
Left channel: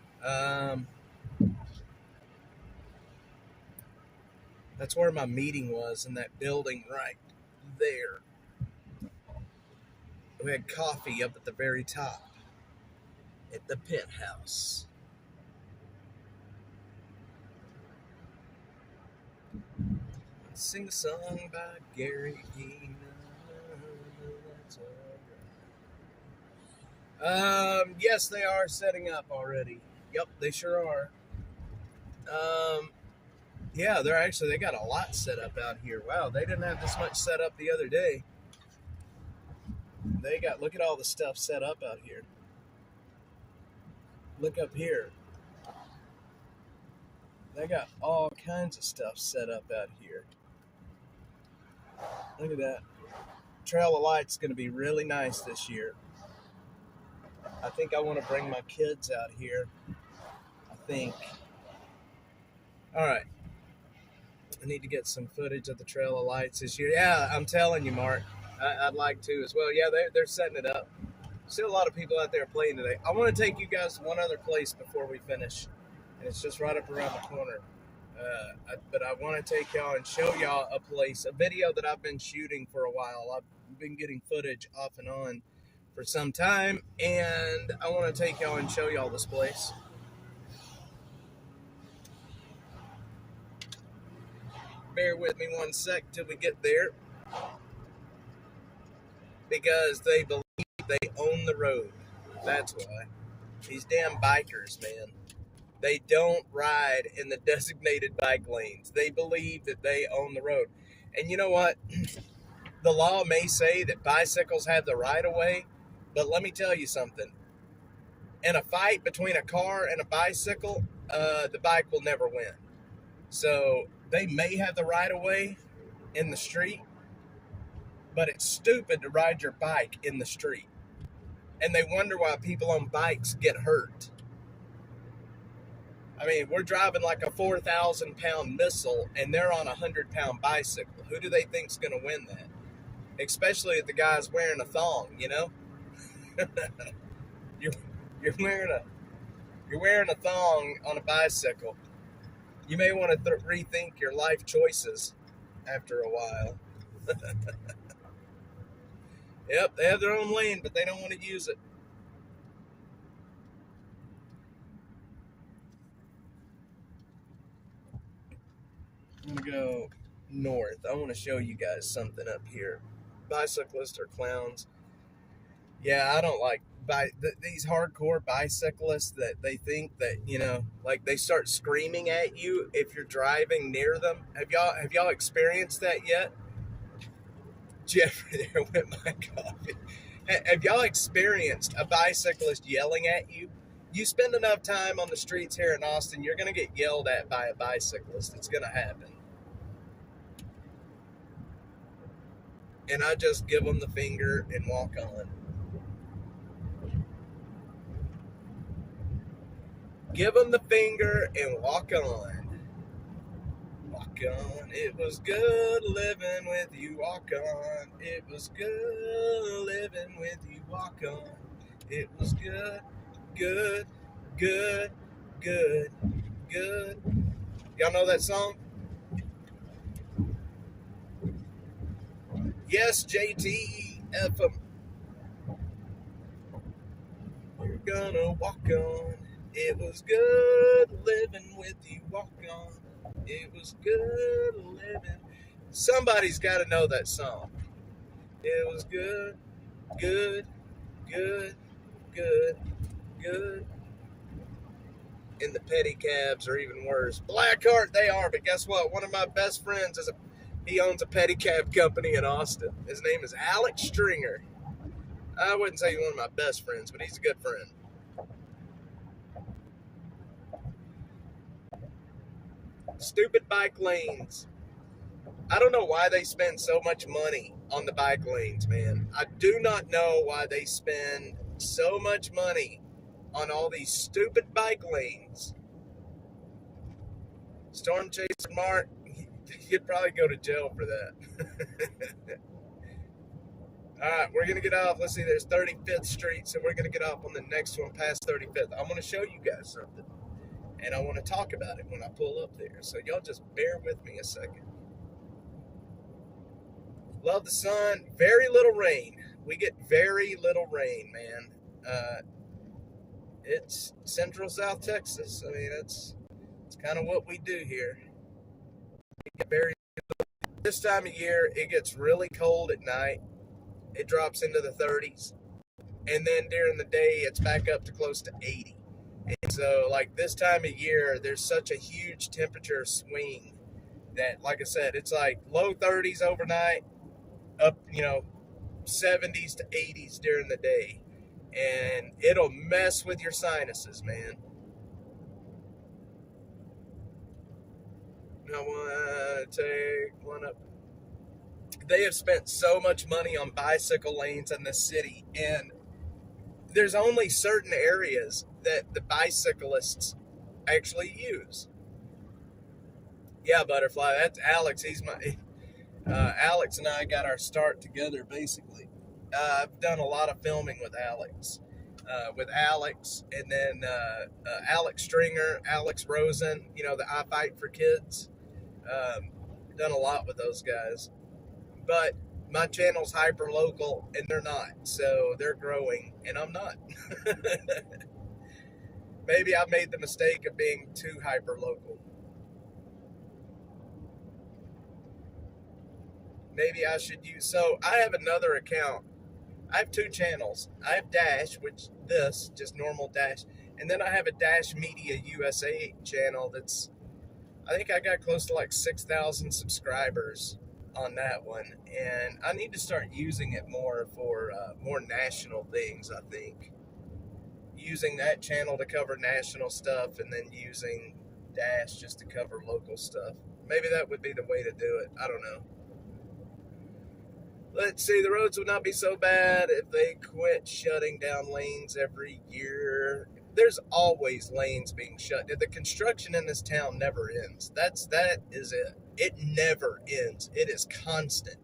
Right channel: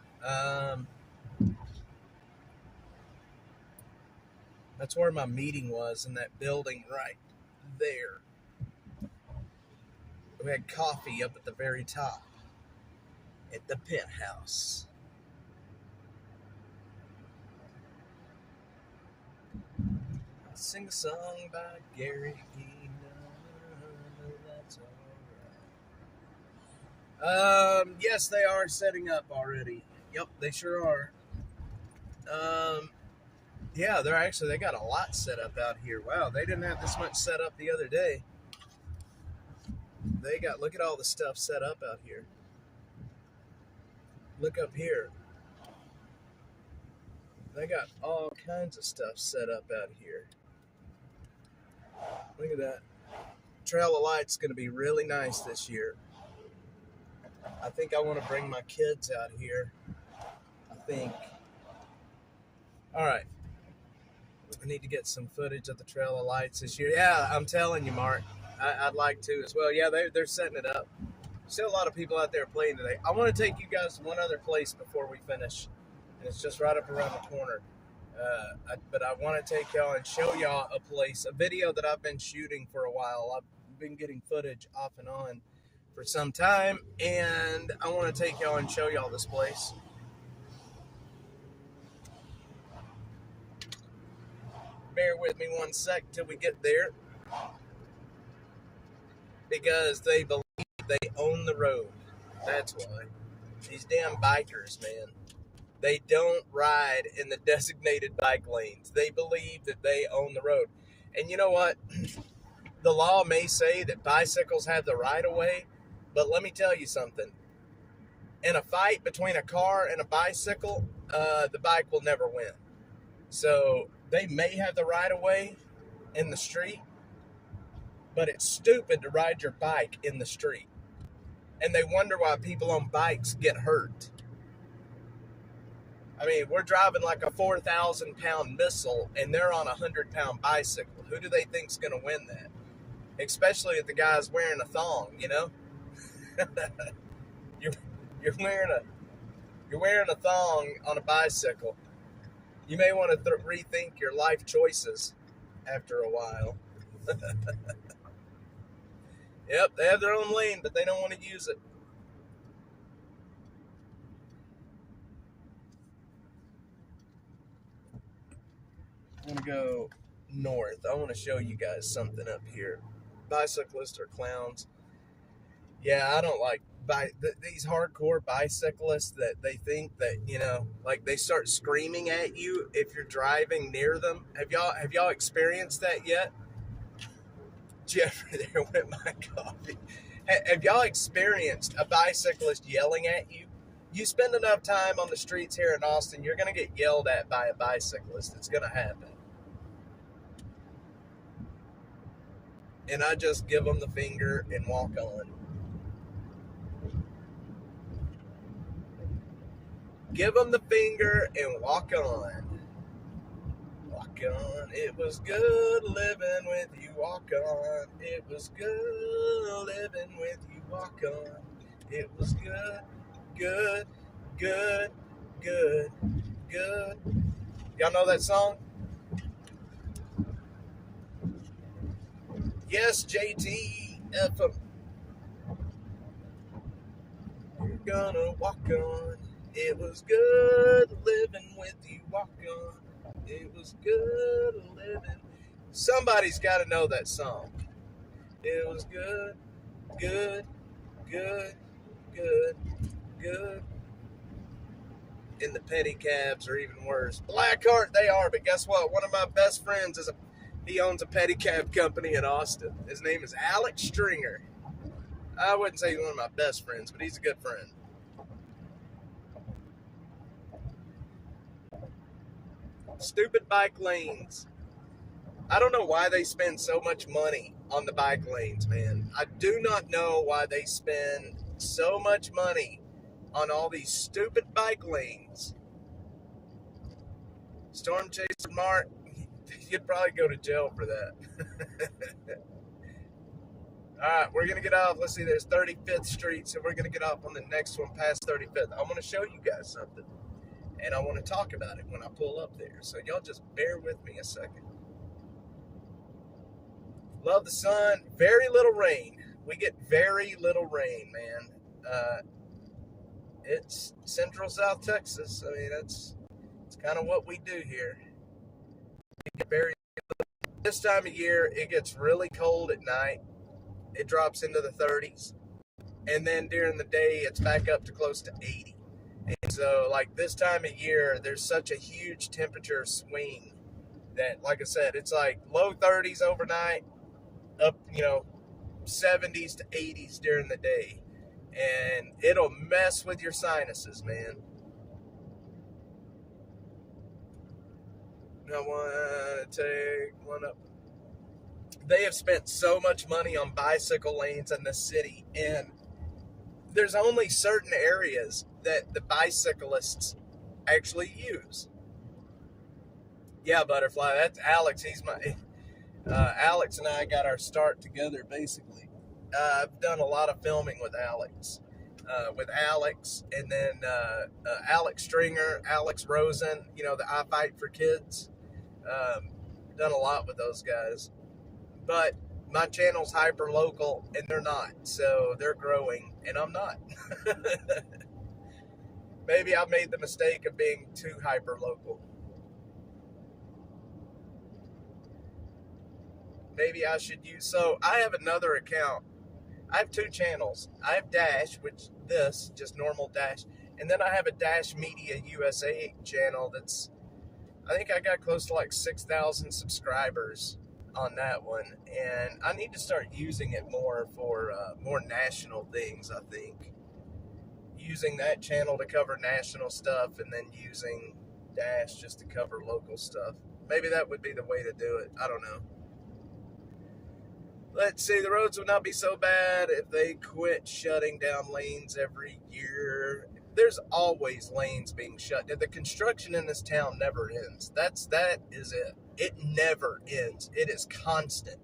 That's where my meeting was, in that building right there. We had coffee up at the very top at the penthouse. Sing a song by Gary E. That's all right. Yes, they are setting up already. Yep, they sure are. Yeah, they got a lot set up out here. Wow, they didn't have this much set up the other day. Look at all the stuff set up out here. Look up here. They got all kinds of stuff set up out here. Look at that. Trail of Light's going to be really nice this year. I think I want to bring my kids out here. I think. All right. I need to get some footage of the Trail of Lights this year. Yeah, I'm telling you, Mark. I'd like to as well. Yeah, they're setting it up. Still a lot of people out there playing today. I want to take you guys to one other place before we finish. It's just right up around the corner. But I want to take y'all and show y'all a place, a video that I've been shooting for a while. I've been getting footage off and on for some time, and I want to take y'all and show y'all this place. Bear with me one sec till we get there, because they believe they own the road. That's why. These damn bikers, man. They don't ride in the designated bike lanes. They believe that they own the road. And you know what? The law may say that bicycles have the right of way, but let me tell you something. In a fight between a car and a bicycle, the bike will never win. So they may have the right of way in the street, but it's stupid to ride your bike in the street. And they wonder why people on bikes get hurt. I mean, we're driving like a 4,000-pound missile, and they're on a 100-pound bicycle. Who do they think's going to win that? Especially if the guy's wearing a thong, you know? you're wearing a thong on a bicycle. You may want to rethink your life choices after a while. Yep, they have their own lane, but they don't want to use it. I'm going to go north. I want to show you guys something up here. Bicyclists are clowns. Yeah, I don't like these hardcore bicyclists that they think that, you know, like they start screaming at you if you're driving near them. Have y'all experienced that yet? Jeffrey, there went my coffee. Have y'all experienced a bicyclist yelling at you? You spend enough time on the streets here in Austin, you're going to get yelled at by a bicyclist. It's going to happen. and I just give them the finger and walk on. Give them the finger and walk on. Walk on. It was good living with you. Walk on. It was good living with you. Walk on. It was good, good, good, good, good. Y'all know that song? Yes, JT FM. You're gonna walk on. It was good living with you. Walk on. It was good living. Somebody's got to know that song. It was good, good, good, good, good. And the pedicabs are even worse. Blackheart they are, but guess what? One of my best friends he owns a pedicab company in Austin. His name is Alex Stringer. I wouldn't say he's one of my best friends, but he's a good friend. Stupid bike lanes. I don't know why they spend so much money on the bike lanes, man. I do not know why they spend so much money on all these stupid bike lanes. Storm Chaser Mark, you'd probably go to jail for that. All right, we're going to get off. Let's see, there's 35th Street, so we're going to get off on the next one past 35th. I'm going to show you guys something, and I want to talk about it when I pull up there. So y'all just bear with me a second. Love the sun. Very little rain. We get very little rain, man. It's central South Texas. I mean, it's kind of what we do here. We get very this time of year, it gets really cold at night. It drops into the 30s. And then during the day, it's back up to close to 80. And so, like, this time of year, there's such a huge temperature swing that, like I said, it's like low 30s overnight, up, 70s to 80s during the day. And it'll mess with your sinuses, man. I want to take one up. They have spent so much money on bicycle lanes in this city, and there's only certain areas that the bicyclists actually use. Yeah, Butterfly, that's Alex. He's my Alex and I got our start together, basically. I've done a lot of filming with Alex, and then Alex Stringer, Alex Rosen, the I Fight for Kids. Done a lot with those guys. But my channel's hyper local, and they're not. So they're growing, and I'm not. Maybe I made the mistake of being too hyper local. Maybe I should use. So I have another account. I have two channels. I have Dash, just normal Dash. And then I have a Dash Media USA channel I think I got close to like 6,000 subscribers on that one. And I need to start using it more for more national things, I think. Using that channel to cover national stuff and then using Dash just to cover local stuff. Maybe that would be the way to do it. I don't know. Let's see, the roads would not be so bad if they quit shutting down lanes every year. There's always lanes being shut. The construction in this town never ends. That is it. It never ends. It is constant.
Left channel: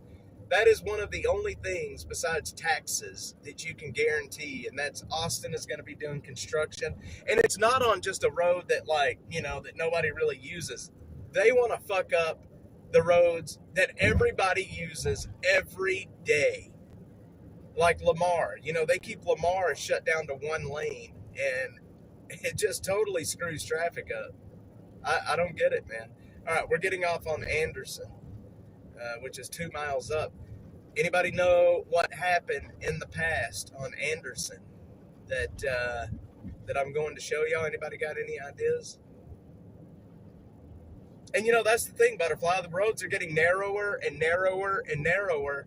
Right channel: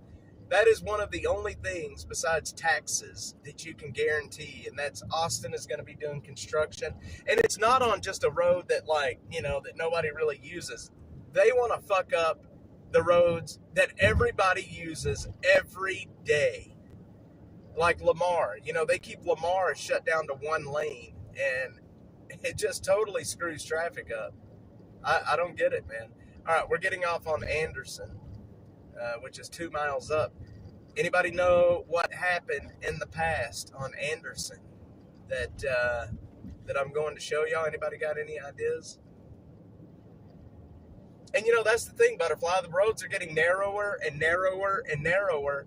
That is one of the only things besides taxes that you can guarantee, and that's Austin is going to be doing construction. And it's not on just a road that that nobody really uses. They want to fuck up the roads that everybody uses every day. Like Lamar, they keep Lamar shut down to one lane, and it just totally screws traffic up. I don't get it, man. All right, we're getting off on Anderson, which is 2 miles up. Anybody know what happened in the past on Anderson that I'm going to show y'all? Anybody got any ideas? And that's the thing, Butterfly. The roads are getting narrower and narrower and narrower,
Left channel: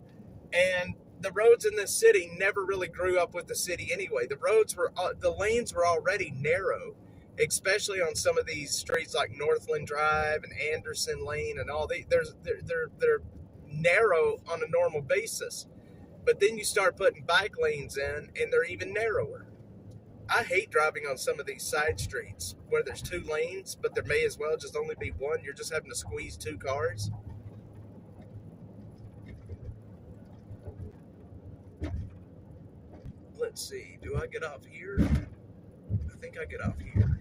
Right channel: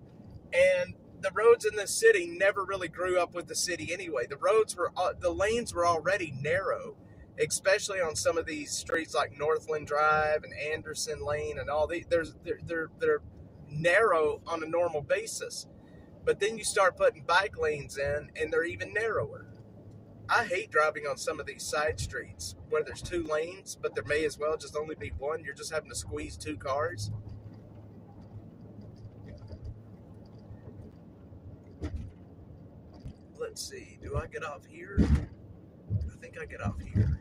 and the roads in this city never really grew up with the city anyway. The lanes were already narrow, especially on some of these streets like Northland Drive and Anderson Lane and all these. They're narrow on a normal basis. But then you start putting bike lanes in, and they're even narrower. I hate driving on some of these side streets where there's 2 lanes, but there may as well just only be one. You're just having to squeeze 2 cars. Let's see. Do I get off here? I think I get off here.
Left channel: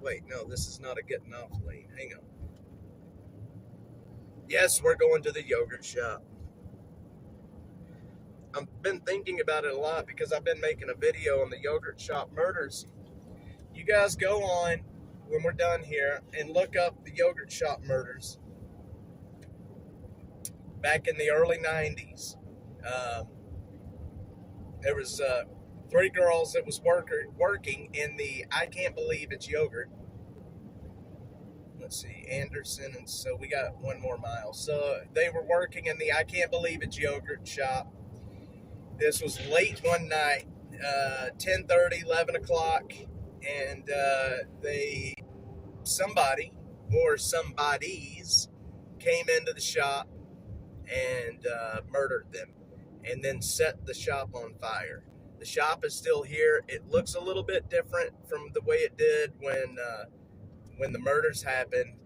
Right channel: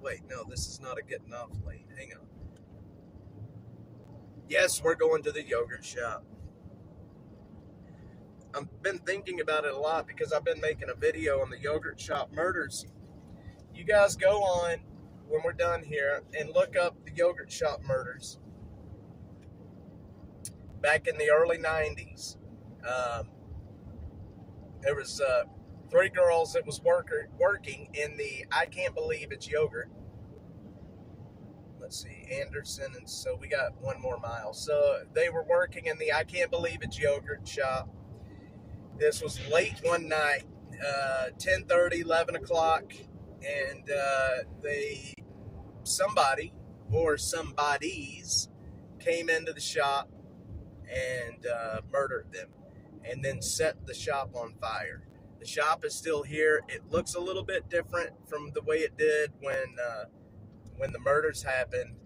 Wait, no, this is not a getting off lane. Hang on. Yes, we're going to the yogurt shop. I've been thinking about it a lot because I've been making a video on the yogurt shop murders. You guys go on when we're done here and look up the yogurt shop murders back in the early 90s. There was 3 girls that was working in the I Can't Believe It's Yogurt. Let's see, Anderson, and so we got 1 more mile. So they were working in the I Can't Believe It's Yogurt shop. This was late one night, 10:30, 11 o'clock, and somebody or somebodies came into the shop and murdered them, and then set the shop on fire. The shop is still here. It looks a little bit different from the way it did when the murders happened.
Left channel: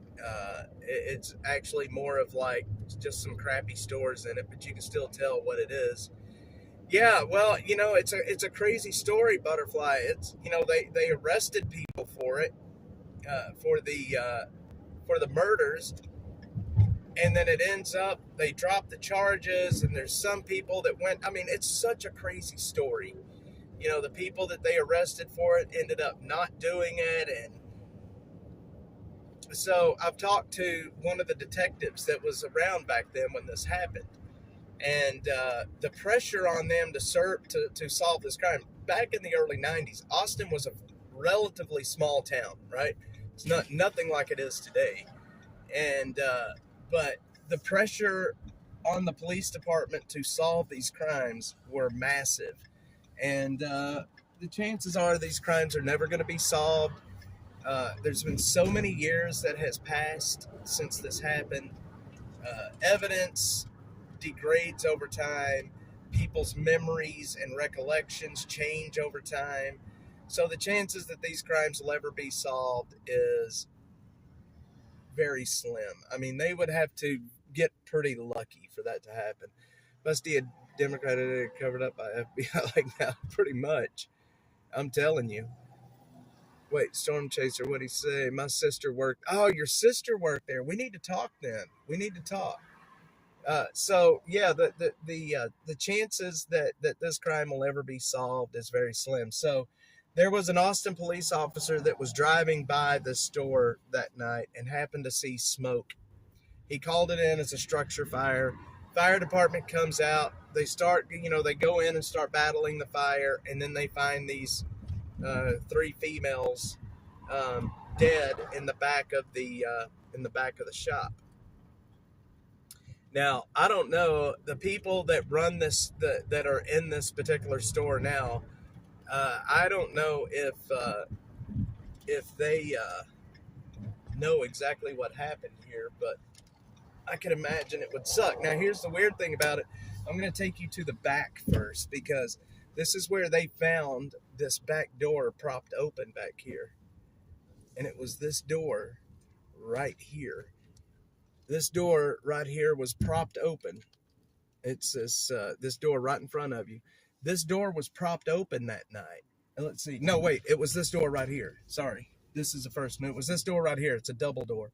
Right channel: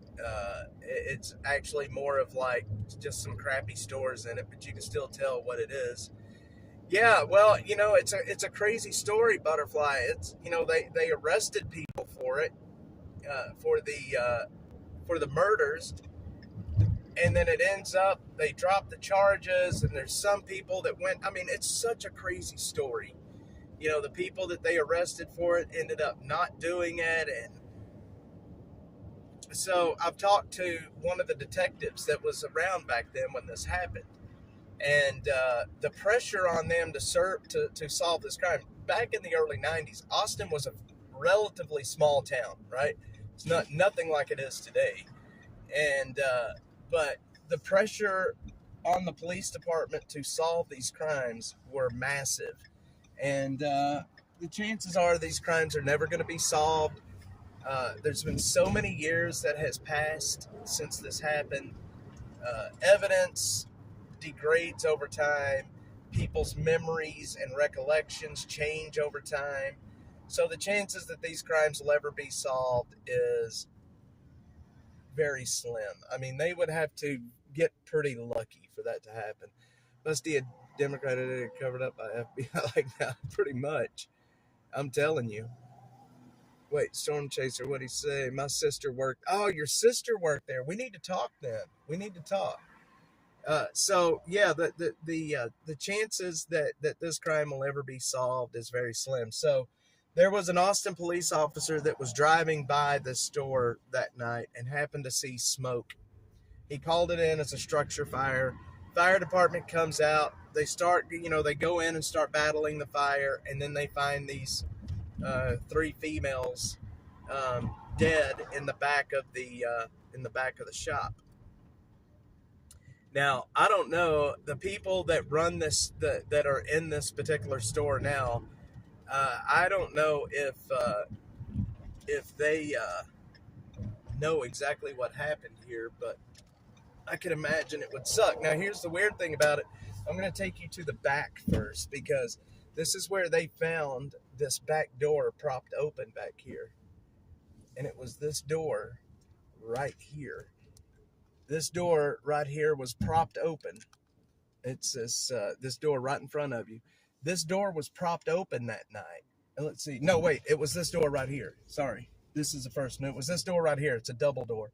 It's actually more of like just some crappy stores in it, but you can still tell what it is. Yeah, well, you know, it's a crazy story, Butterfly. It's, you know, they arrested people for it, for the murders, and then it ends up they drop the charges, and there's some people that went. I mean, it's such a crazy story. You know, the people that they arrested for it ended up not doing it, and so I've talked to one of the detectives that was around back then when this happened. And the pressure on them to solve this crime. Back in the early 90s, Austin was a relatively small town, right? It's nothing like it is today. And but the pressure on the police department to solve these crimes were massive. And the chances are these crimes are never going to be solved. There's been so many years that has passed since this happened. Evidence degrades over time. People's memories and recollections change over time. So the chances that these crimes will ever be solved is very slim. I mean, they would have to get pretty lucky for that to happen. Must be a Democrat covered up by FBI like now, pretty much. I'm telling you. Wait, Storm Chaser, what'd he say? My sister worked. Oh, your sister worked there. We need to talk then. We need to talk. So yeah, the chances that this crime will ever be solved is very slim. So there was an Austin police officer that was driving by the store that night and happened to see smoke. He called it in as a structure fire. Fire department comes out. They start, they go in and start battling the fire, and then they find these 3 females dead in the back of the shop. Now, I don't know, the people that run this, that are in this particular store now, I don't know if they know exactly what happened here, but I can imagine it would suck. Now, here's the weird thing about it. I'm going to take you to the back first, because this is where they found this back door propped open back here. And it was this door right here. This door right here was propped open. It's this door right in front of you. This door was propped open that night. And let's see. No, wait. It was this door right here. Sorry. This is the first one. It was this door right here. It's a double door.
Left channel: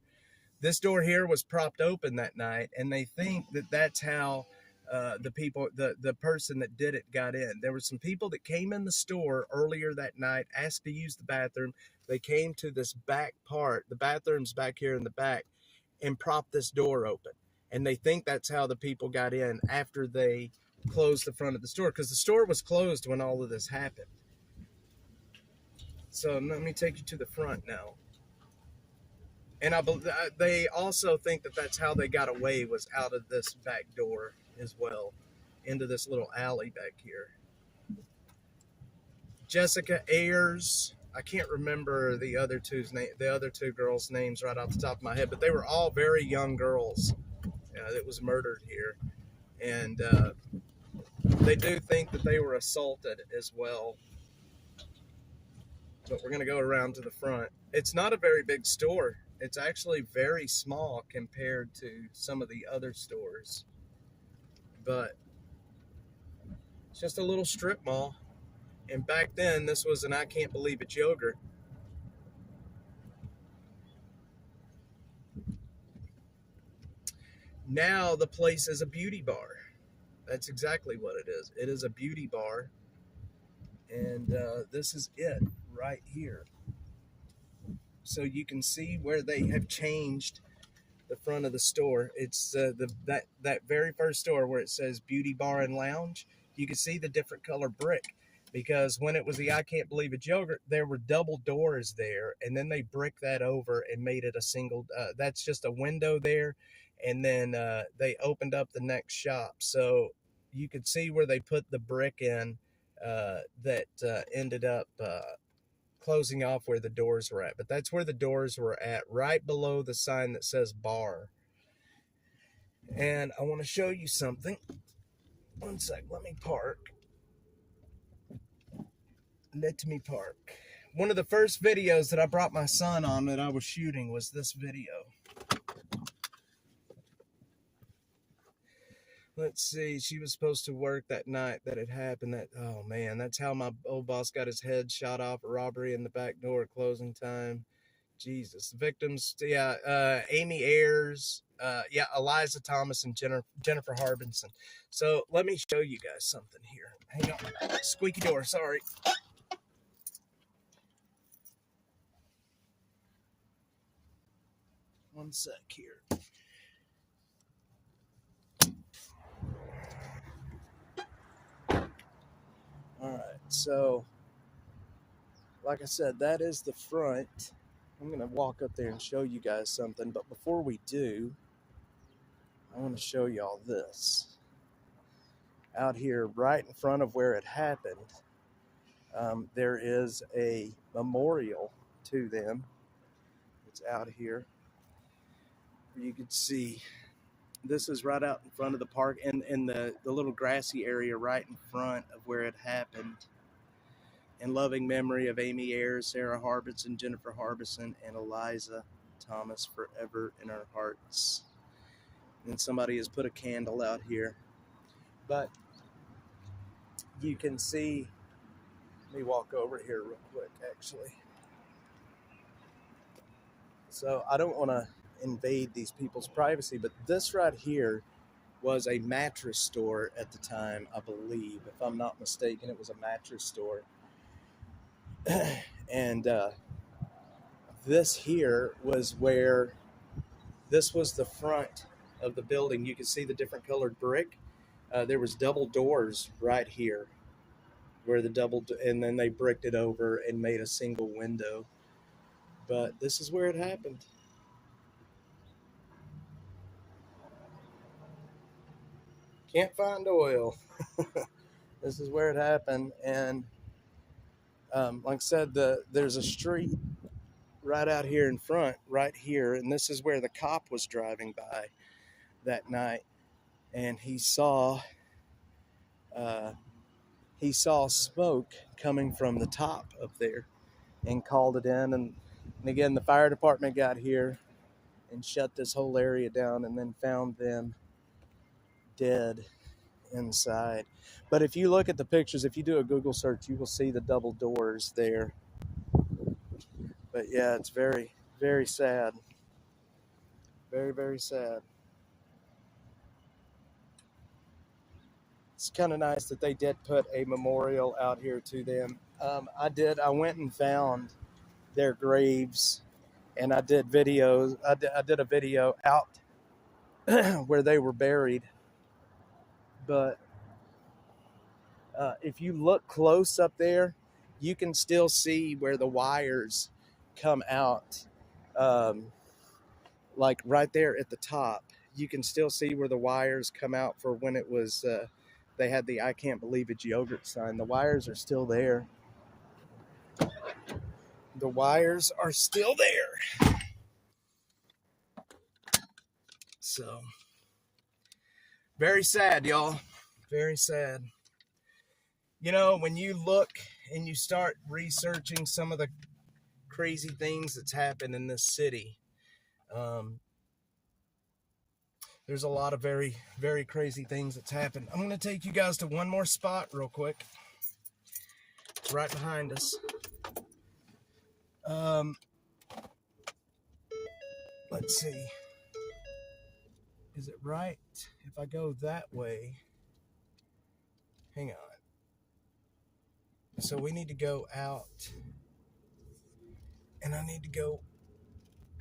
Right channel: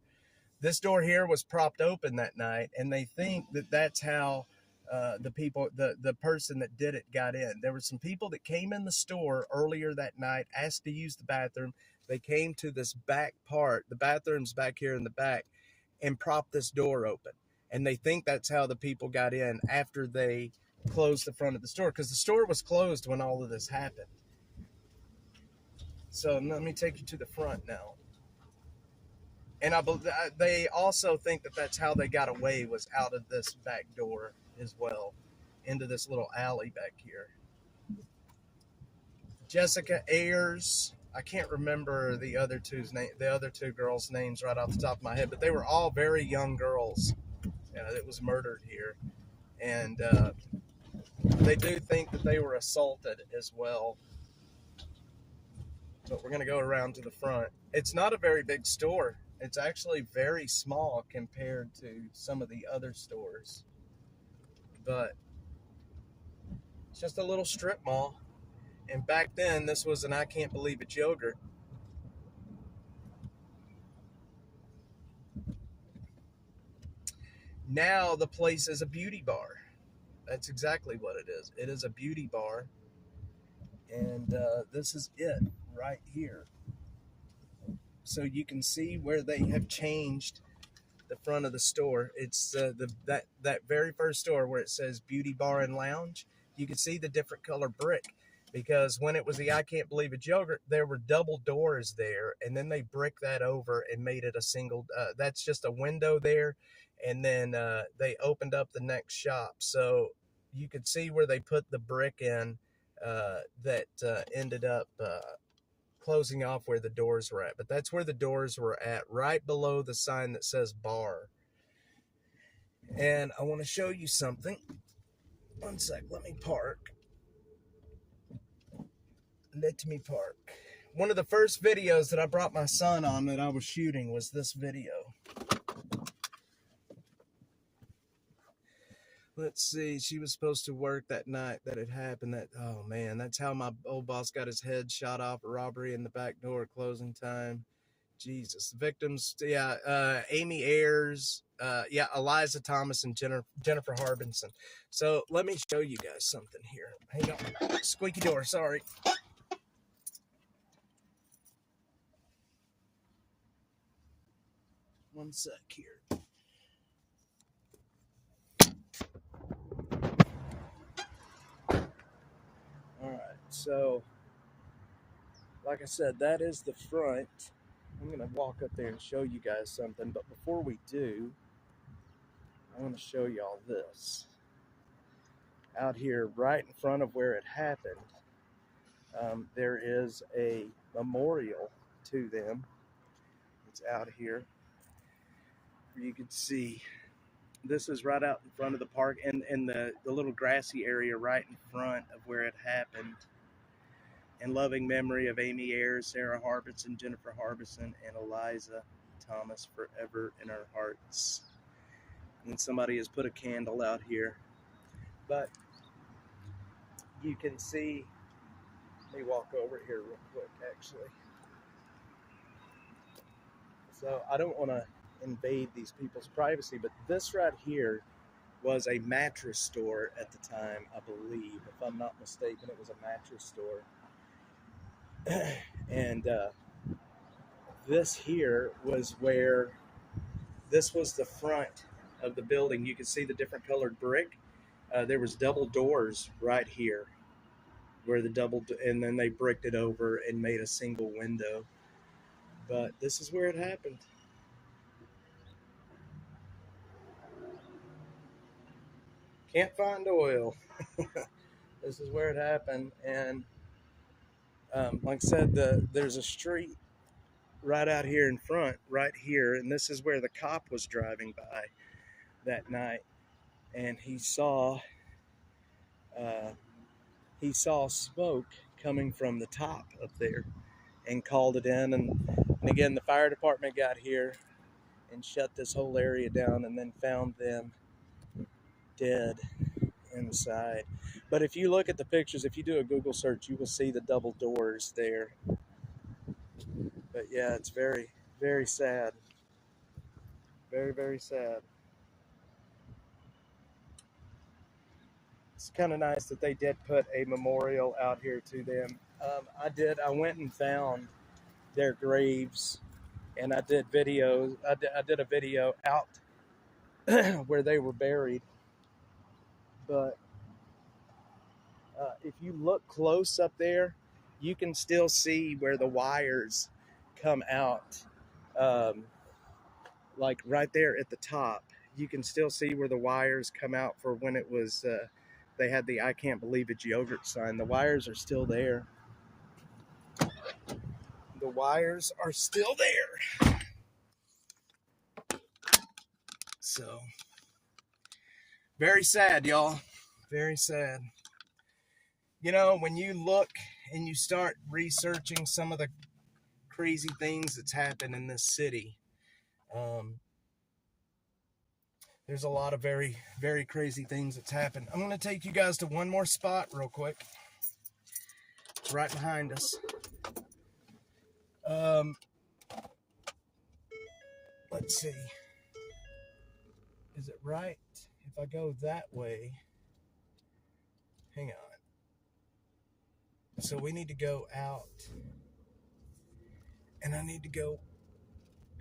This door here was propped open that night, and they think that that's how the person that did it got in. There were some people that came in the store earlier that night, asked to use the bathroom. They came to this back part. The bathroom's back here in the back, and propped this door open. And they think that's how the people got in after they closed the front of the store, because the store was closed when all of this happened. So let me take you to the front now. And they also think that that's how they got away, was out of this back door as well, into this little alley back here. Jessica Ayers, I can't remember the other two girls' names right off the top of my head, but they were all very young girls that was murdered here, and they do think that they were assaulted as well. But we're gonna go around to the front. It's not a very big store. It's actually very small compared to some of the other stores, but it's just a little strip mall. And back then, this was an I Can't Believe It yogurt. Now the place is a beauty bar. That's exactly what it is. It is a beauty bar. And this is it right here. So you can see where they have changed the front of the store. It's that very first store where it says Beauty Bar and Lounge. You can see the different color brick, because when it was the I Can't Believe It yogurt, there were double doors there, and then they bricked that over and made it a single. That's just a window there, and then they opened up the next shop, so you could see where they put the brick in that ended up closing off where the doors were at. But that's where the doors were at, right below the sign that says bar. And I want to show you something. One sec, let me park. Let me park. One of the first videos that I brought my son on that I was shooting was this video. Let's see, she was supposed to work that night that it happened. Oh man, that's how my old boss got his head shot off, a robbery in the back door at closing time. Jesus, the victims, yeah, Amy Ayers, yeah, Eliza Thomas and Jennifer Harbinson. So let me show you guys something here. Hang on, squeaky door, sorry. One sec here. All right, so like I said, that is the front. I'm going to walk up there and show you guys something, but before we do, I want to show y'all this. Out here, right in front of where it happened, there is a memorial to them. It's out here. You can see this is right out in front of the park, and the little grassy area right in front of where it happened. In loving memory of Amy Ayers, Sarah Harbinson, Jennifer Harbinson, and Eliza Thomas, forever in our hearts. And somebody has put a candle out here. But you can see, let me walk over here real quick, actually. So I don't want to invade these people's privacy, but this right here was a mattress store at the time, I believe. If I'm not mistaken, it was a mattress store. And this here was where, this was the front of the building. You can see the different colored brick. There was double doors right here where and then they bricked it over and made a single window. But this is where it happened. Can't find oil. This is where it happened. And like I said, there's a street right out here in front, right here, and this is where the cop was driving by that night, and he saw smoke coming from the top up there, and called it in, and again the fire department got here and shut this whole area down, and then found them dead inside. But if you look at the pictures, if you do a Google search, you will see the double doors there. But yeah, it's very, very sad. Very, very sad. It's kind of nice that they did put a memorial out here to them. I went and found their graves, and I did videos. I did a video out where they were buried. But if you look close up there, you can still see where the wires come out, like right there at the top. You can still see where the wires come out for when it was, they had the I Can't Believe It yogurt sign. The wires are still there. The wires are still there. So, very sad, y'all. Very sad. You know, when you look and you start researching some of the crazy things that's happened in this city, there's a lot of very, very crazy things that's happened. I'm going to take you guys to one more spot real quick. It's right behind us. Let's see. Is it right if I go that way? Hang on. So we need to go out. And I need to go.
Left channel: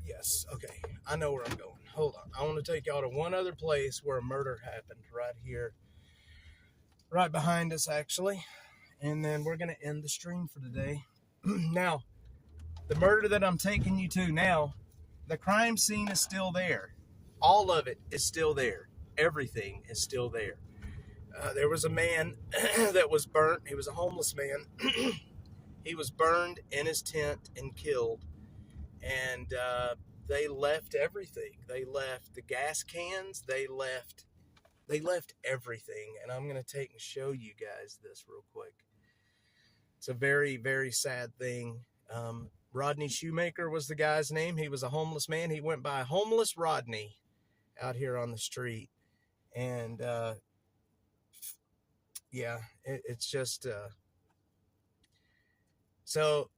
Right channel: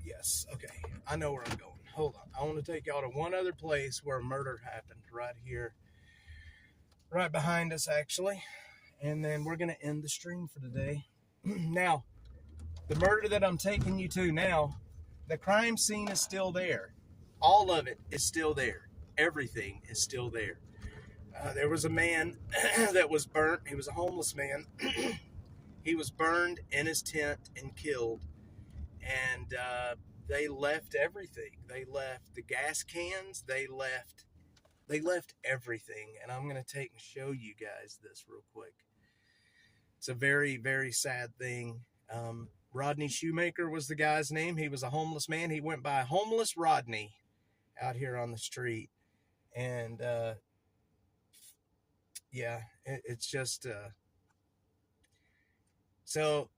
Yes, okay. I know where I'm going. Hold on. I want to take y'all to one other place where a murder happened right here. Right behind us, actually. And then we're going to end the stream for today. Now, the murder that I'm taking you to now, the crime scene is still there. All of it is still there. Everything is still there. There was a man that was burnt. He was a homeless man. He was burned in his tent and killed. And they left everything. They left the gas cans. They left everything. And I'm going to take and show you guys this real quick. It's a very, very sad thing. Rodney Shoemaker was the guy's name. He was a homeless man. He went by Homeless Rodney out here on the street. And, yeah, it's just, so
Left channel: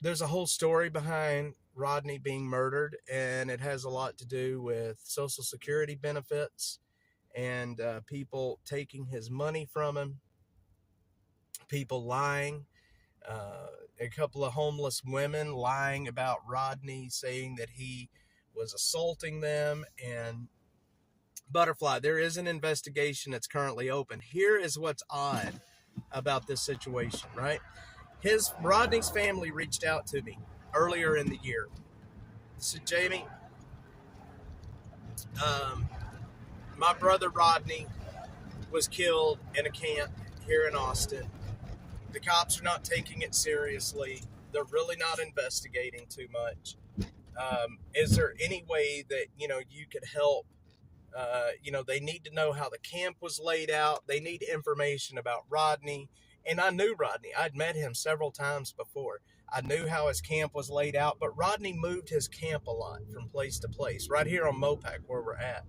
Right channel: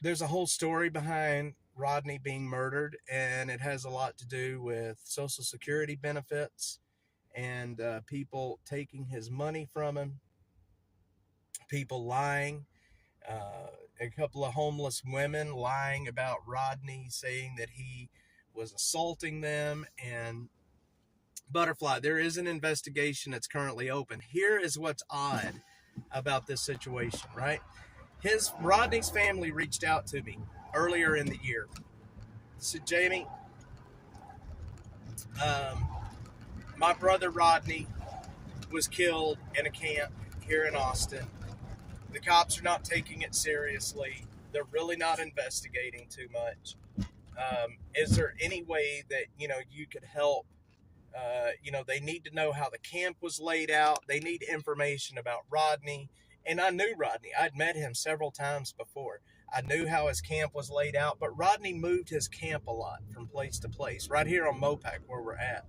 there's a whole story behind Rodney being murdered, and it has a lot to do with Social Security benefits and people taking his money from him, people lying, a couple of homeless women lying about Rodney, saying that he was assaulting them. And Butterfly, there is an investigation that's currently open. Here is what's odd about this situation, right? Rodney's family reached out to me earlier in the year. Said, Jamie, my brother Rodney was killed in a camp here in Austin. The cops are not taking it seriously. They're really not investigating too much. Is there any way that, you could help? They need to know how the camp was laid out. They need information about Rodney. And I knew Rodney. I'd met him several times before. I knew how his camp was laid out, but Rodney moved his camp a lot from place to place, right here on Mopac where we're at.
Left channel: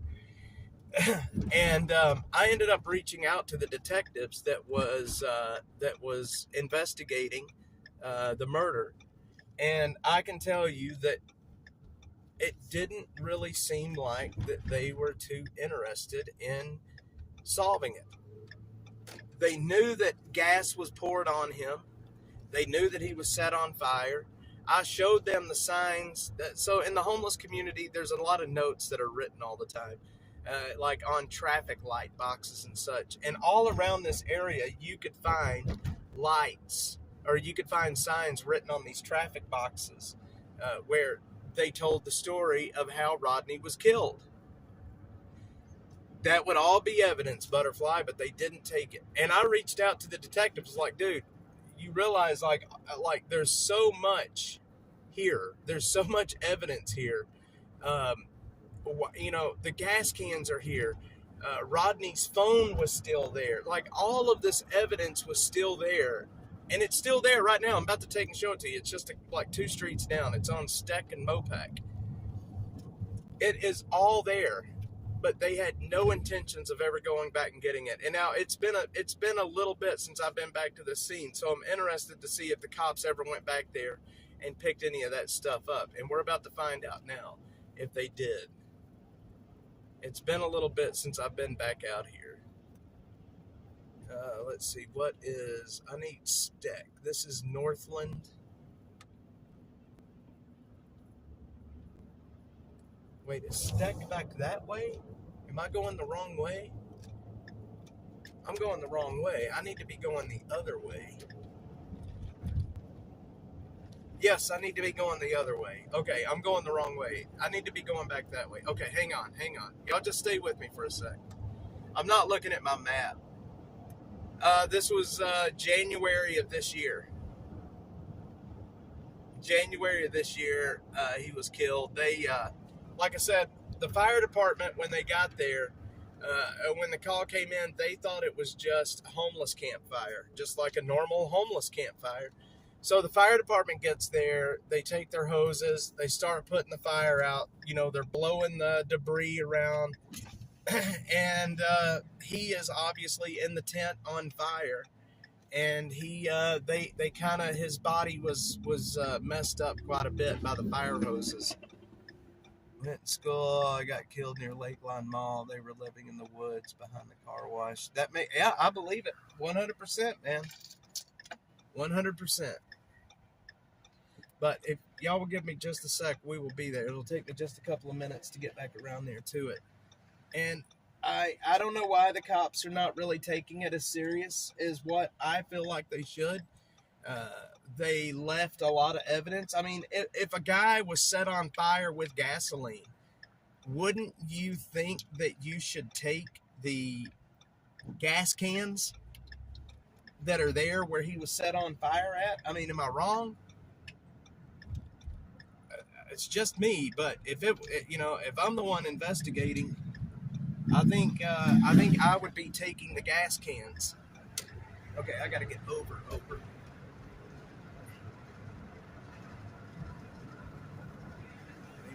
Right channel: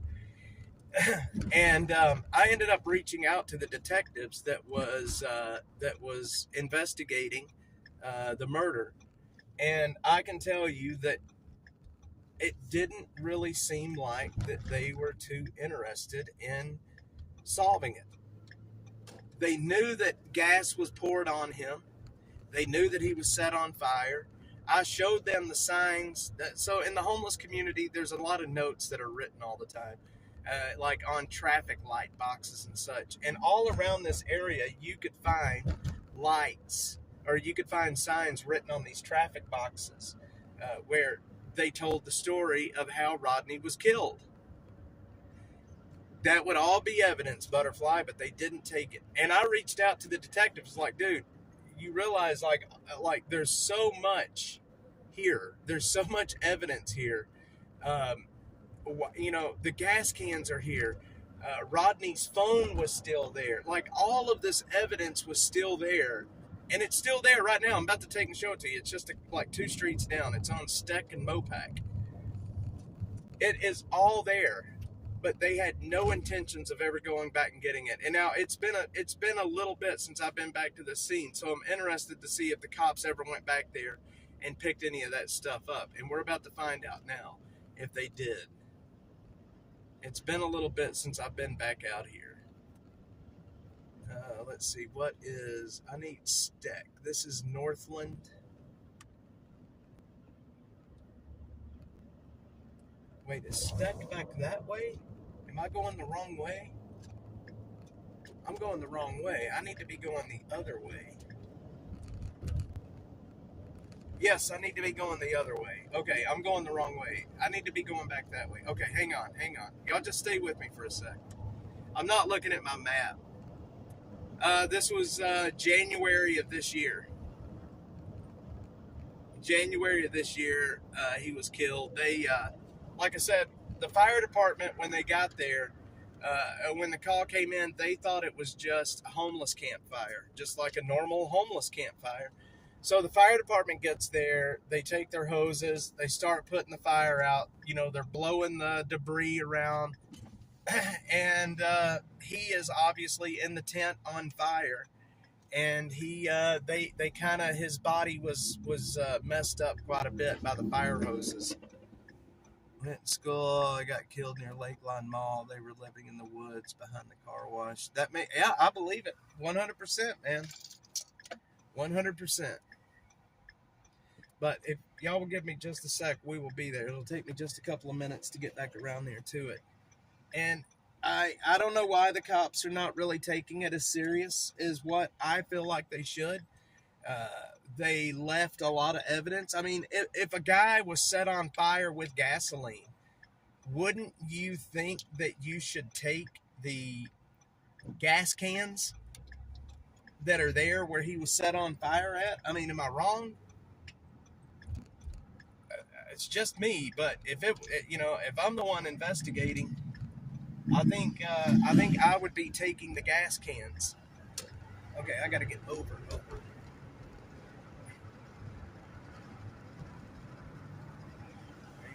And I ended up reaching out to the detectives that was investigating the murder. And I can tell you that it didn't really seem like that they were too interested in solving it. They knew that gas was poured on him. They knew that he was set on fire. I showed them the signs. So in the homeless community, there's a lot of notes that are written all the time, like on traffic light boxes and such. And all around this area, you could find lights, or you could find signs written on these traffic boxes where they told the story of how Rodney was killed. That would all be evidence, Butterfly, but they didn't take it. And I reached out to the detectives like, dude, you realize like there's so much here. There's so much evidence here. The gas cans are here. Rodney's phone was still there. Like all of this evidence was still there. And it's still there right now. I'm about to take and show it to you. It's just like 2 streets down. It's on Steck and Mopac. It is all there. But they had no intentions of ever going back and getting it. And now it's been a little bit since I've been back to the scene. So I'm interested to see if the cops ever went back there and picked any of that stuff up. And we're about to find out now if they did. It's been a little bit since I've been back out here. Let's see, I need Steck. This is Northland. Wait, is Steck back that way? Am I going the wrong way? I'm going the wrong way. I need to be going the other way. Yes, I need to be going the other way. Okay, I'm going the wrong way. I need to be going back that way. Okay, hang on. Y'all just stay with me for a sec. I'm not looking at my map. This was January of this year. January of this year, he was killed. They, like I said, the fire department, when they got there, when the call came in, they thought it was just a homeless campfire, just like a normal homeless campfire. So the fire department gets there, they take their hoses, they start putting the fire out. You know, they're blowing the debris around, and he is obviously in the tent on fire. And they kind of, his body was messed up quite a bit by the fire hoses. Went to school. I got killed near Lakeline Mall. They were living in the woods behind the car wash. Yeah, I believe it. 100%, man. 100%. But if y'all will give me just a sec, we will be there. It'll take me just a couple of minutes to get back around there to it. And I don't know why the cops are not really taking it as serious as what I feel like they should. They left a lot of evidence. I mean, if a guy was set on fire with gasoline, wouldn't you think that you should take the gas cans that are there where he was set on fire at? I mean, am I wrong? It's just me, but if I'm the one investigating, I think I would be taking the gas cans. Okay, I got to get over.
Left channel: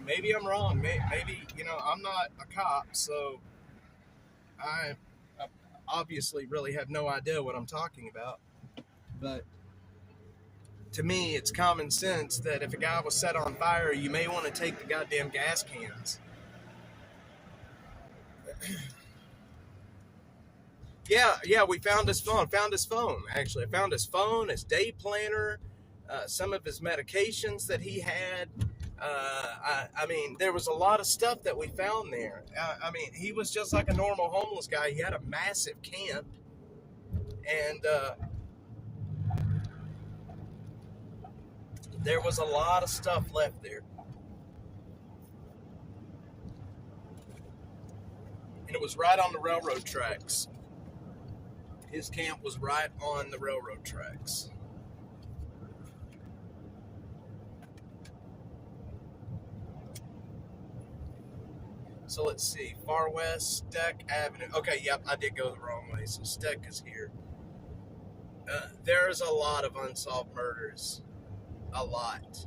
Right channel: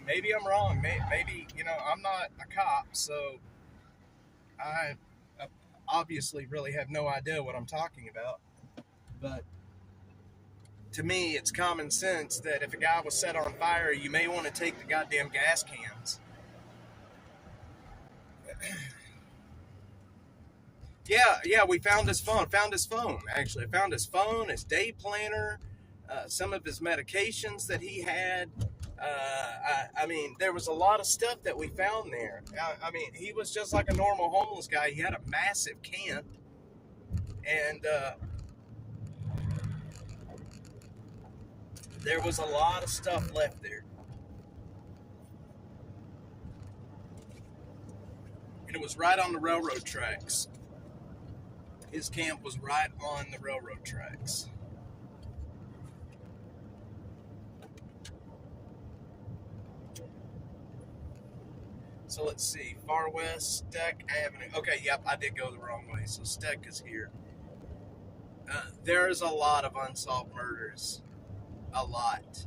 Maybe I'm wrong. Maybe, I'm not a cop, so I obviously really have no idea what I'm talking about. But to me, it's common sense that if a guy was set on fire, you may want to take the goddamn gas cans. Yeah, we found his phone. Actually. I found his phone, his day planner, some of his medications that he had. I mean, there was a lot of stuff that we found there. I mean, he was just like a normal homeless guy. He had a massive camp, and there was a lot of stuff left there. And it was right on the railroad tracks. His camp was right on the railroad tracks. So let's see. Far West, Steck Avenue. Okay, yep, I did go the wrong way. So Steck is here. There's a lot of unsolved murders. A lot.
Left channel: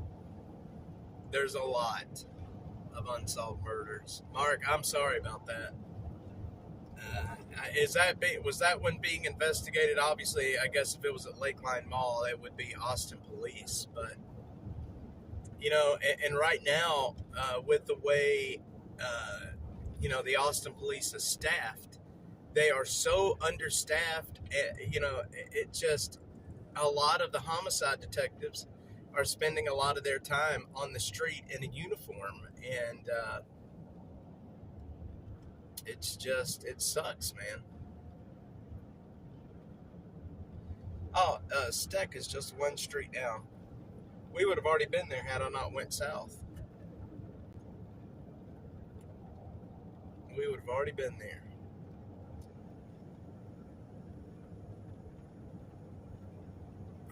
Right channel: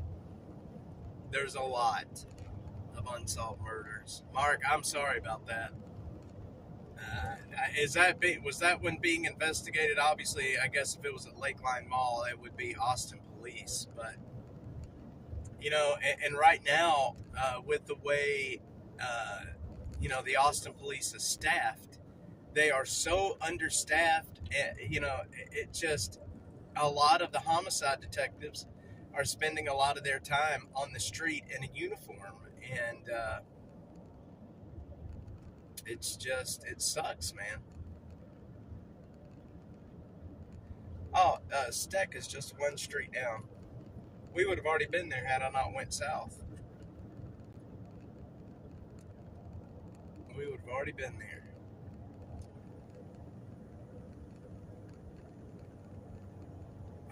There's a lot of unsolved murders. Mark, I'm sorry about that. Was that when being investigated? Obviously, I guess if it was at Lakeline Mall, it would be Austin Police. But and right now, with the way the Austin Police is staffed, they are so understaffed. It just, a lot of the homicide detectives are spending a lot of their time on the street in a uniform, and it sucks, man. Oh, Steck is just one street down. We would have already been there had I not went south. We would have already been there.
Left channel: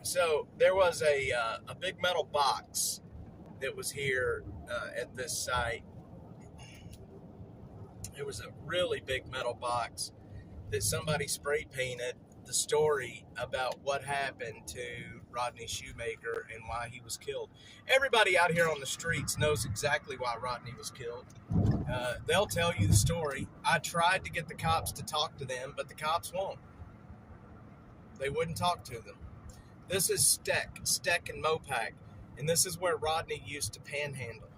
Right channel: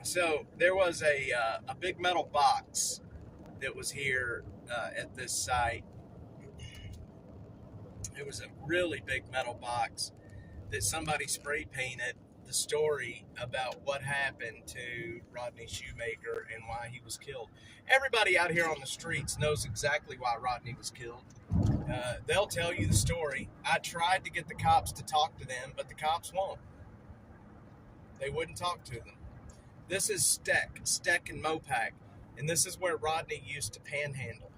So there was a big metal box that was here at this site. It was a really big metal box that somebody spray painted the story about what happened to Rodney Shoemaker and why he was killed. Everybody out here on the streets knows exactly why Rodney was killed. They'll tell you the story. I tried to get the cops to talk to them, but the cops won't. They wouldn't talk to them. This is Steck and Mopac, and this is where Rodney used to panhandle.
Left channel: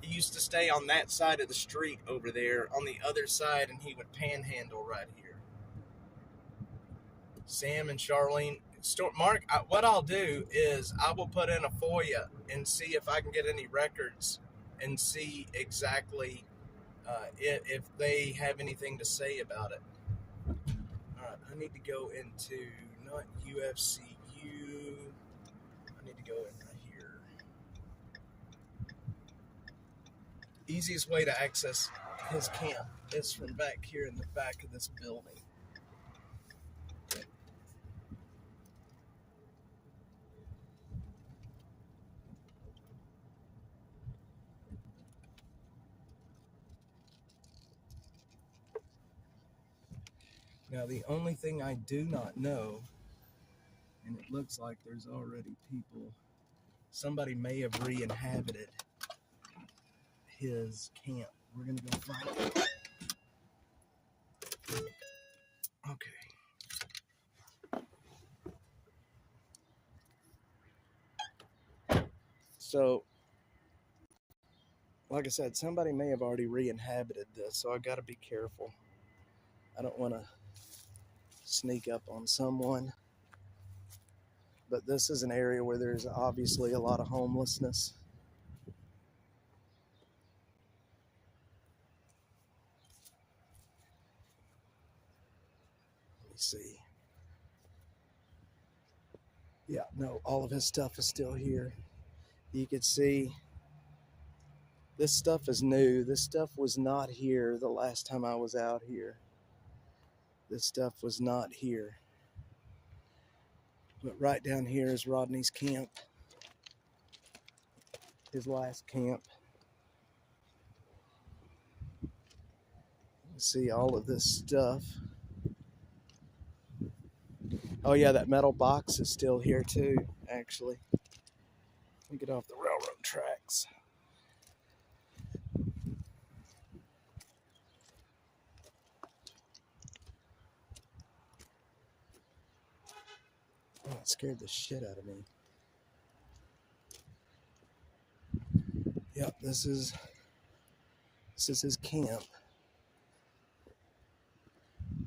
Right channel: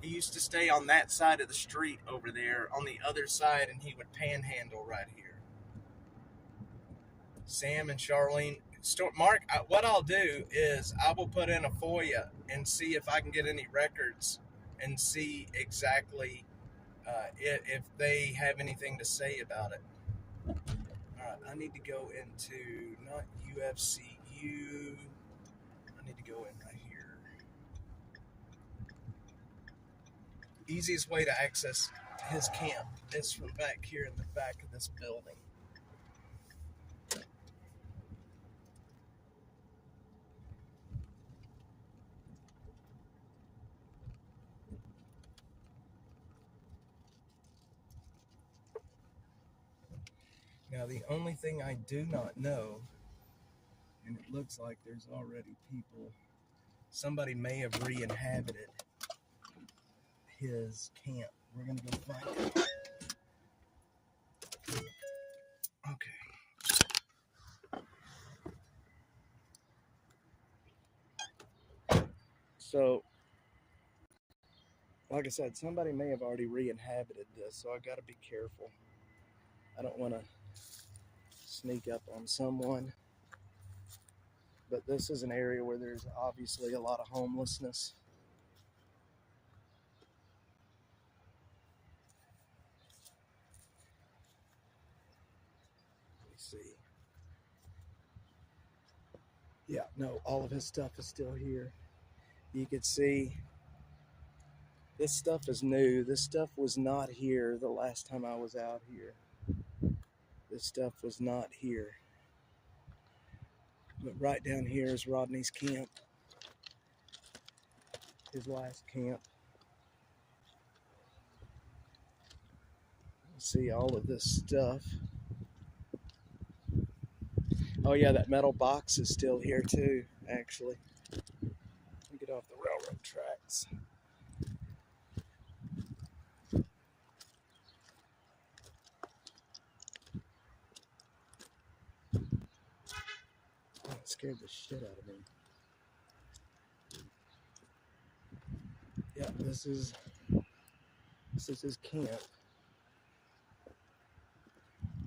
He used to stay on that side of the street over there, on the other side, and he would panhandle right here. Sam and Charlene. Mark, what I'll do is I will put in a FOIA and see if I can get any records and see exactly if they have anything to say about it. All right, I need to go into, not UFCU, I need to go in right here. Easiest way to access his camp is from back here in the back of this building. Now, the only thing I do not know, and it looks like there's already people, somebody may have re-inhabited his camp. We're going to go find it. Okay. So, like I said, somebody may have already re-inhabited this, so I got to be careful. I don't want to sneak up on someone. But this is an area where there's obviously a lot of homelessness. Let me see. Yeah, no, all of his stuff is still here. You could see this stuff is new. This stuff was not here the last time I was out here. This stuff was not here. But right down here is Rodney's camp. His last camp. See all of this stuff. Oh yeah, that metal box is still here too, actually. Let me get off the railroad tracks. Oh, it scared the shit out of me. Yep, this is his camp.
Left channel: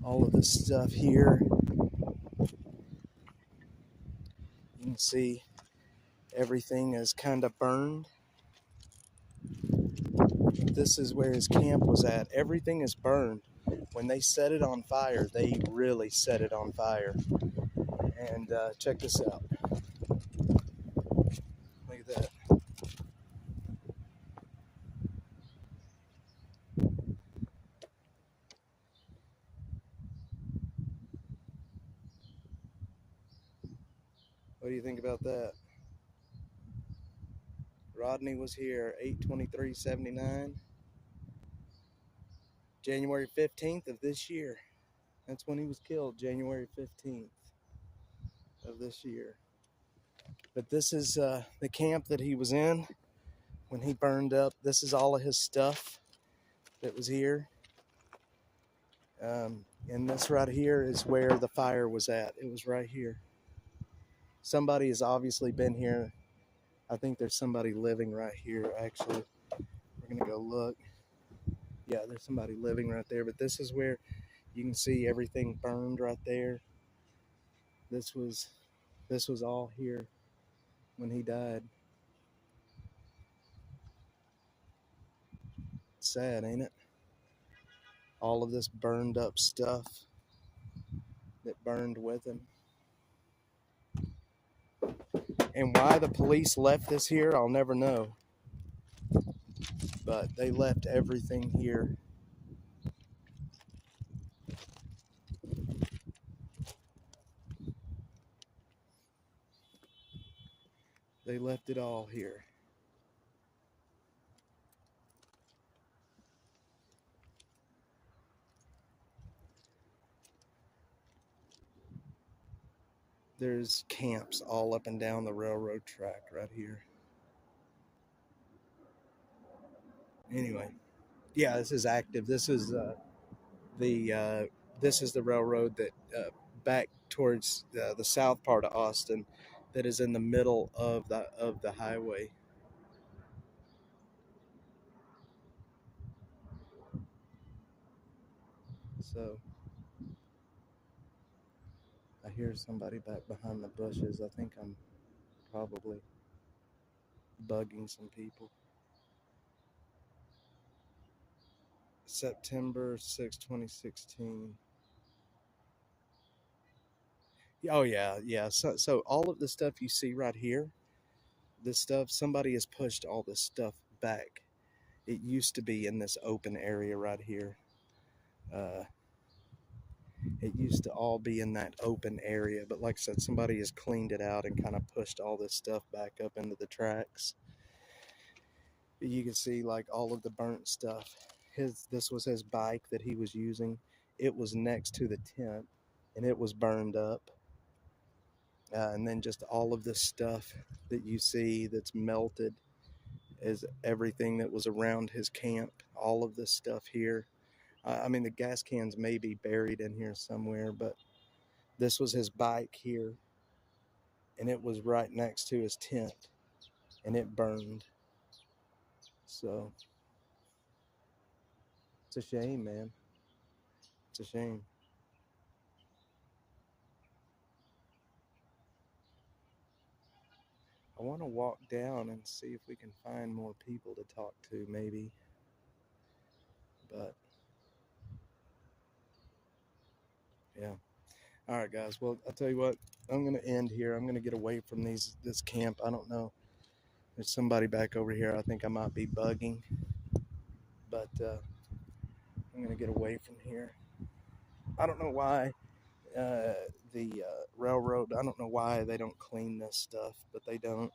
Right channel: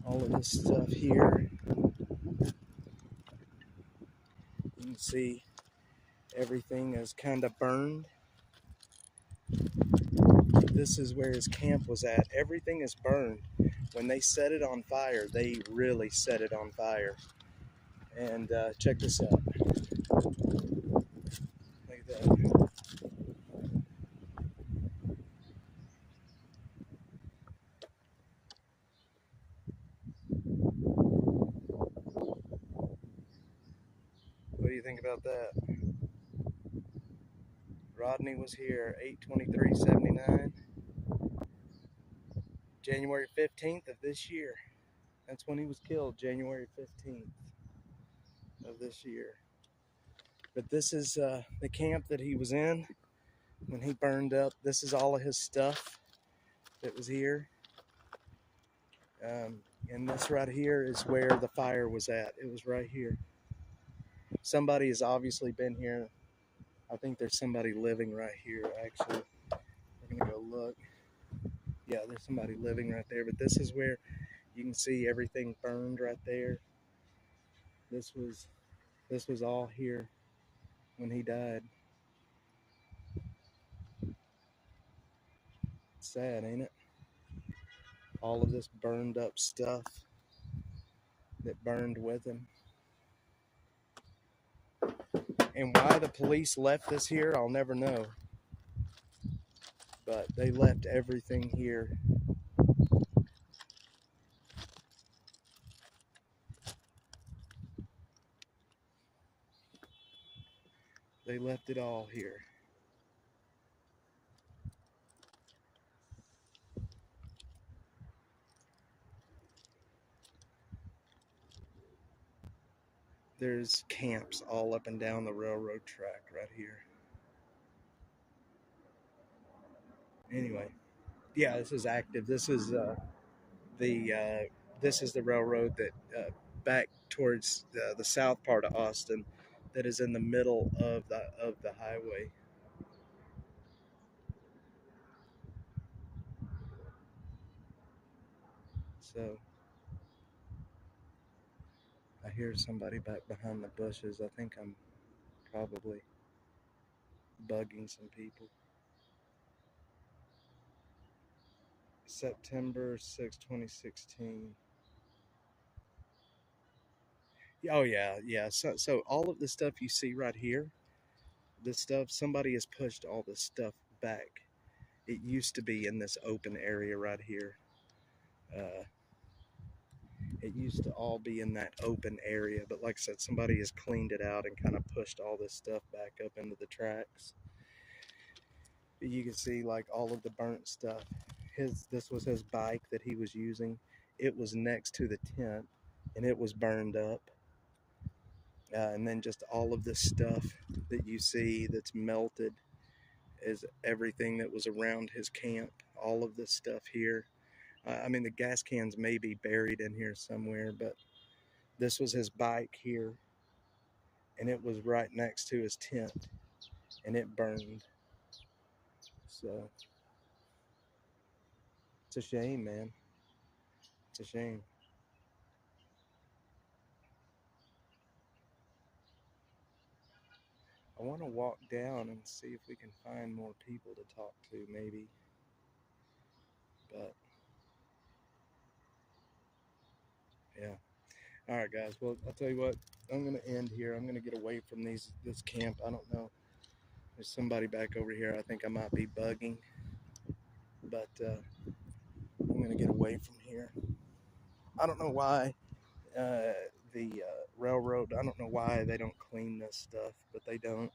All of this stuff here. You can see everything is kind of burned. This is where his camp was at. Everything is burned. When they set it on fire, they really set it on fire. And check this out. Look at that. What do you think about that? Rodney was here 8/23/79, January 15th of this year. That's when he was killed, January 15th of this year. But this is the camp that he was in when he burned up. This is all of his stuff that was here. And this right here is where the fire was at. It was right here. Somebody has obviously been here. I think there's somebody living right here, actually. We're going to go look. Yeah, there's somebody living right there. But this is where you can see everything burned right there. This was all here when he died. Sad, ain't it? All of this burned up stuff that burned with him. And why the police left this here, I'll never know. But they left everything here. They left it all here. There's camps all up and down the railroad track right here. Anyway, yeah, this is active. This is the railroad that back towards the south part of Austin, that is in the middle of the highway. So I hear somebody back behind the bushes. I think I'm probably bugging some people. September 6, 2016. Oh yeah. So all of the stuff you see right here, this stuff, somebody has pushed all this stuff back. It used to be in this open area right here. It used to all be in that open area, but like I said, somebody has cleaned it out and kind of pushed all this stuff back up into the tracks. You can see like all of the burnt stuff. This was his bike that he was using. it was next to the tent and it was burned up. And then just all of this stuff that you see that's melted is everything that was around his camp. All of this stuff here. I mean, the gas cans may be buried in here somewhere, but this was his bike here, and it was right next to his tent, and it burned. So it's a shame, man. It's a shame. I want to walk down and see if we can find more people to talk to, maybe. But yeah. All right, guys. Well, I'll tell you what. I'm gonna end here. I'm gonna get away from this camp. I don't know. There's somebody back over here. I think I might be bugging, but I'm gonna get away from here. I don't know why the railroad. I don't know why they don't clean this stuff, but they don't.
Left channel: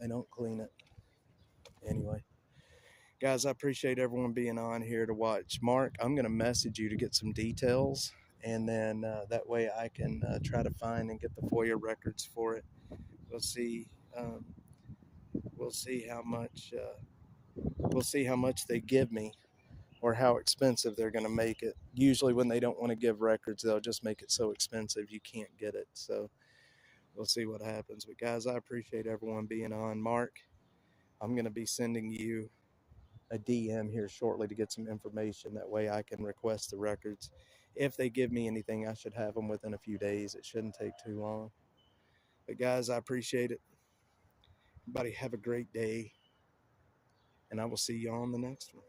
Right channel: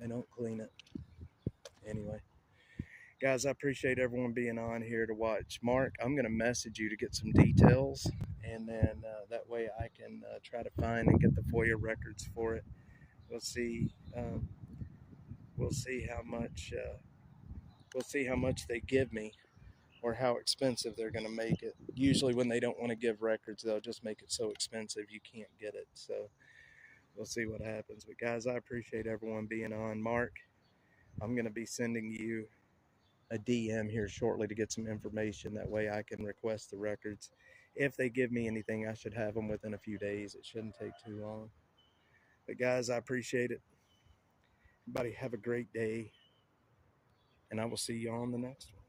They don't clean it anyway. Guys, I appreciate everyone being on here to watch. Mark, I'm going to message you to get some details, and then that way I can try to find and get the FOIA records for it. We'll see. We'll see how much. We'll see how much they give me, or how expensive they're going to make it. Usually, when they don't want to give records, they'll just make it so expensive you can't get it. So we'll see what happens. But guys, I appreciate everyone being on. Mark, I'm going to be sending you a DM here shortly to get some information. That way I can request the records. If they give me anything, I should have them within a few days. It shouldn't take too long. But guys, I appreciate it. Everybody have a great day, and I will see you on the next one.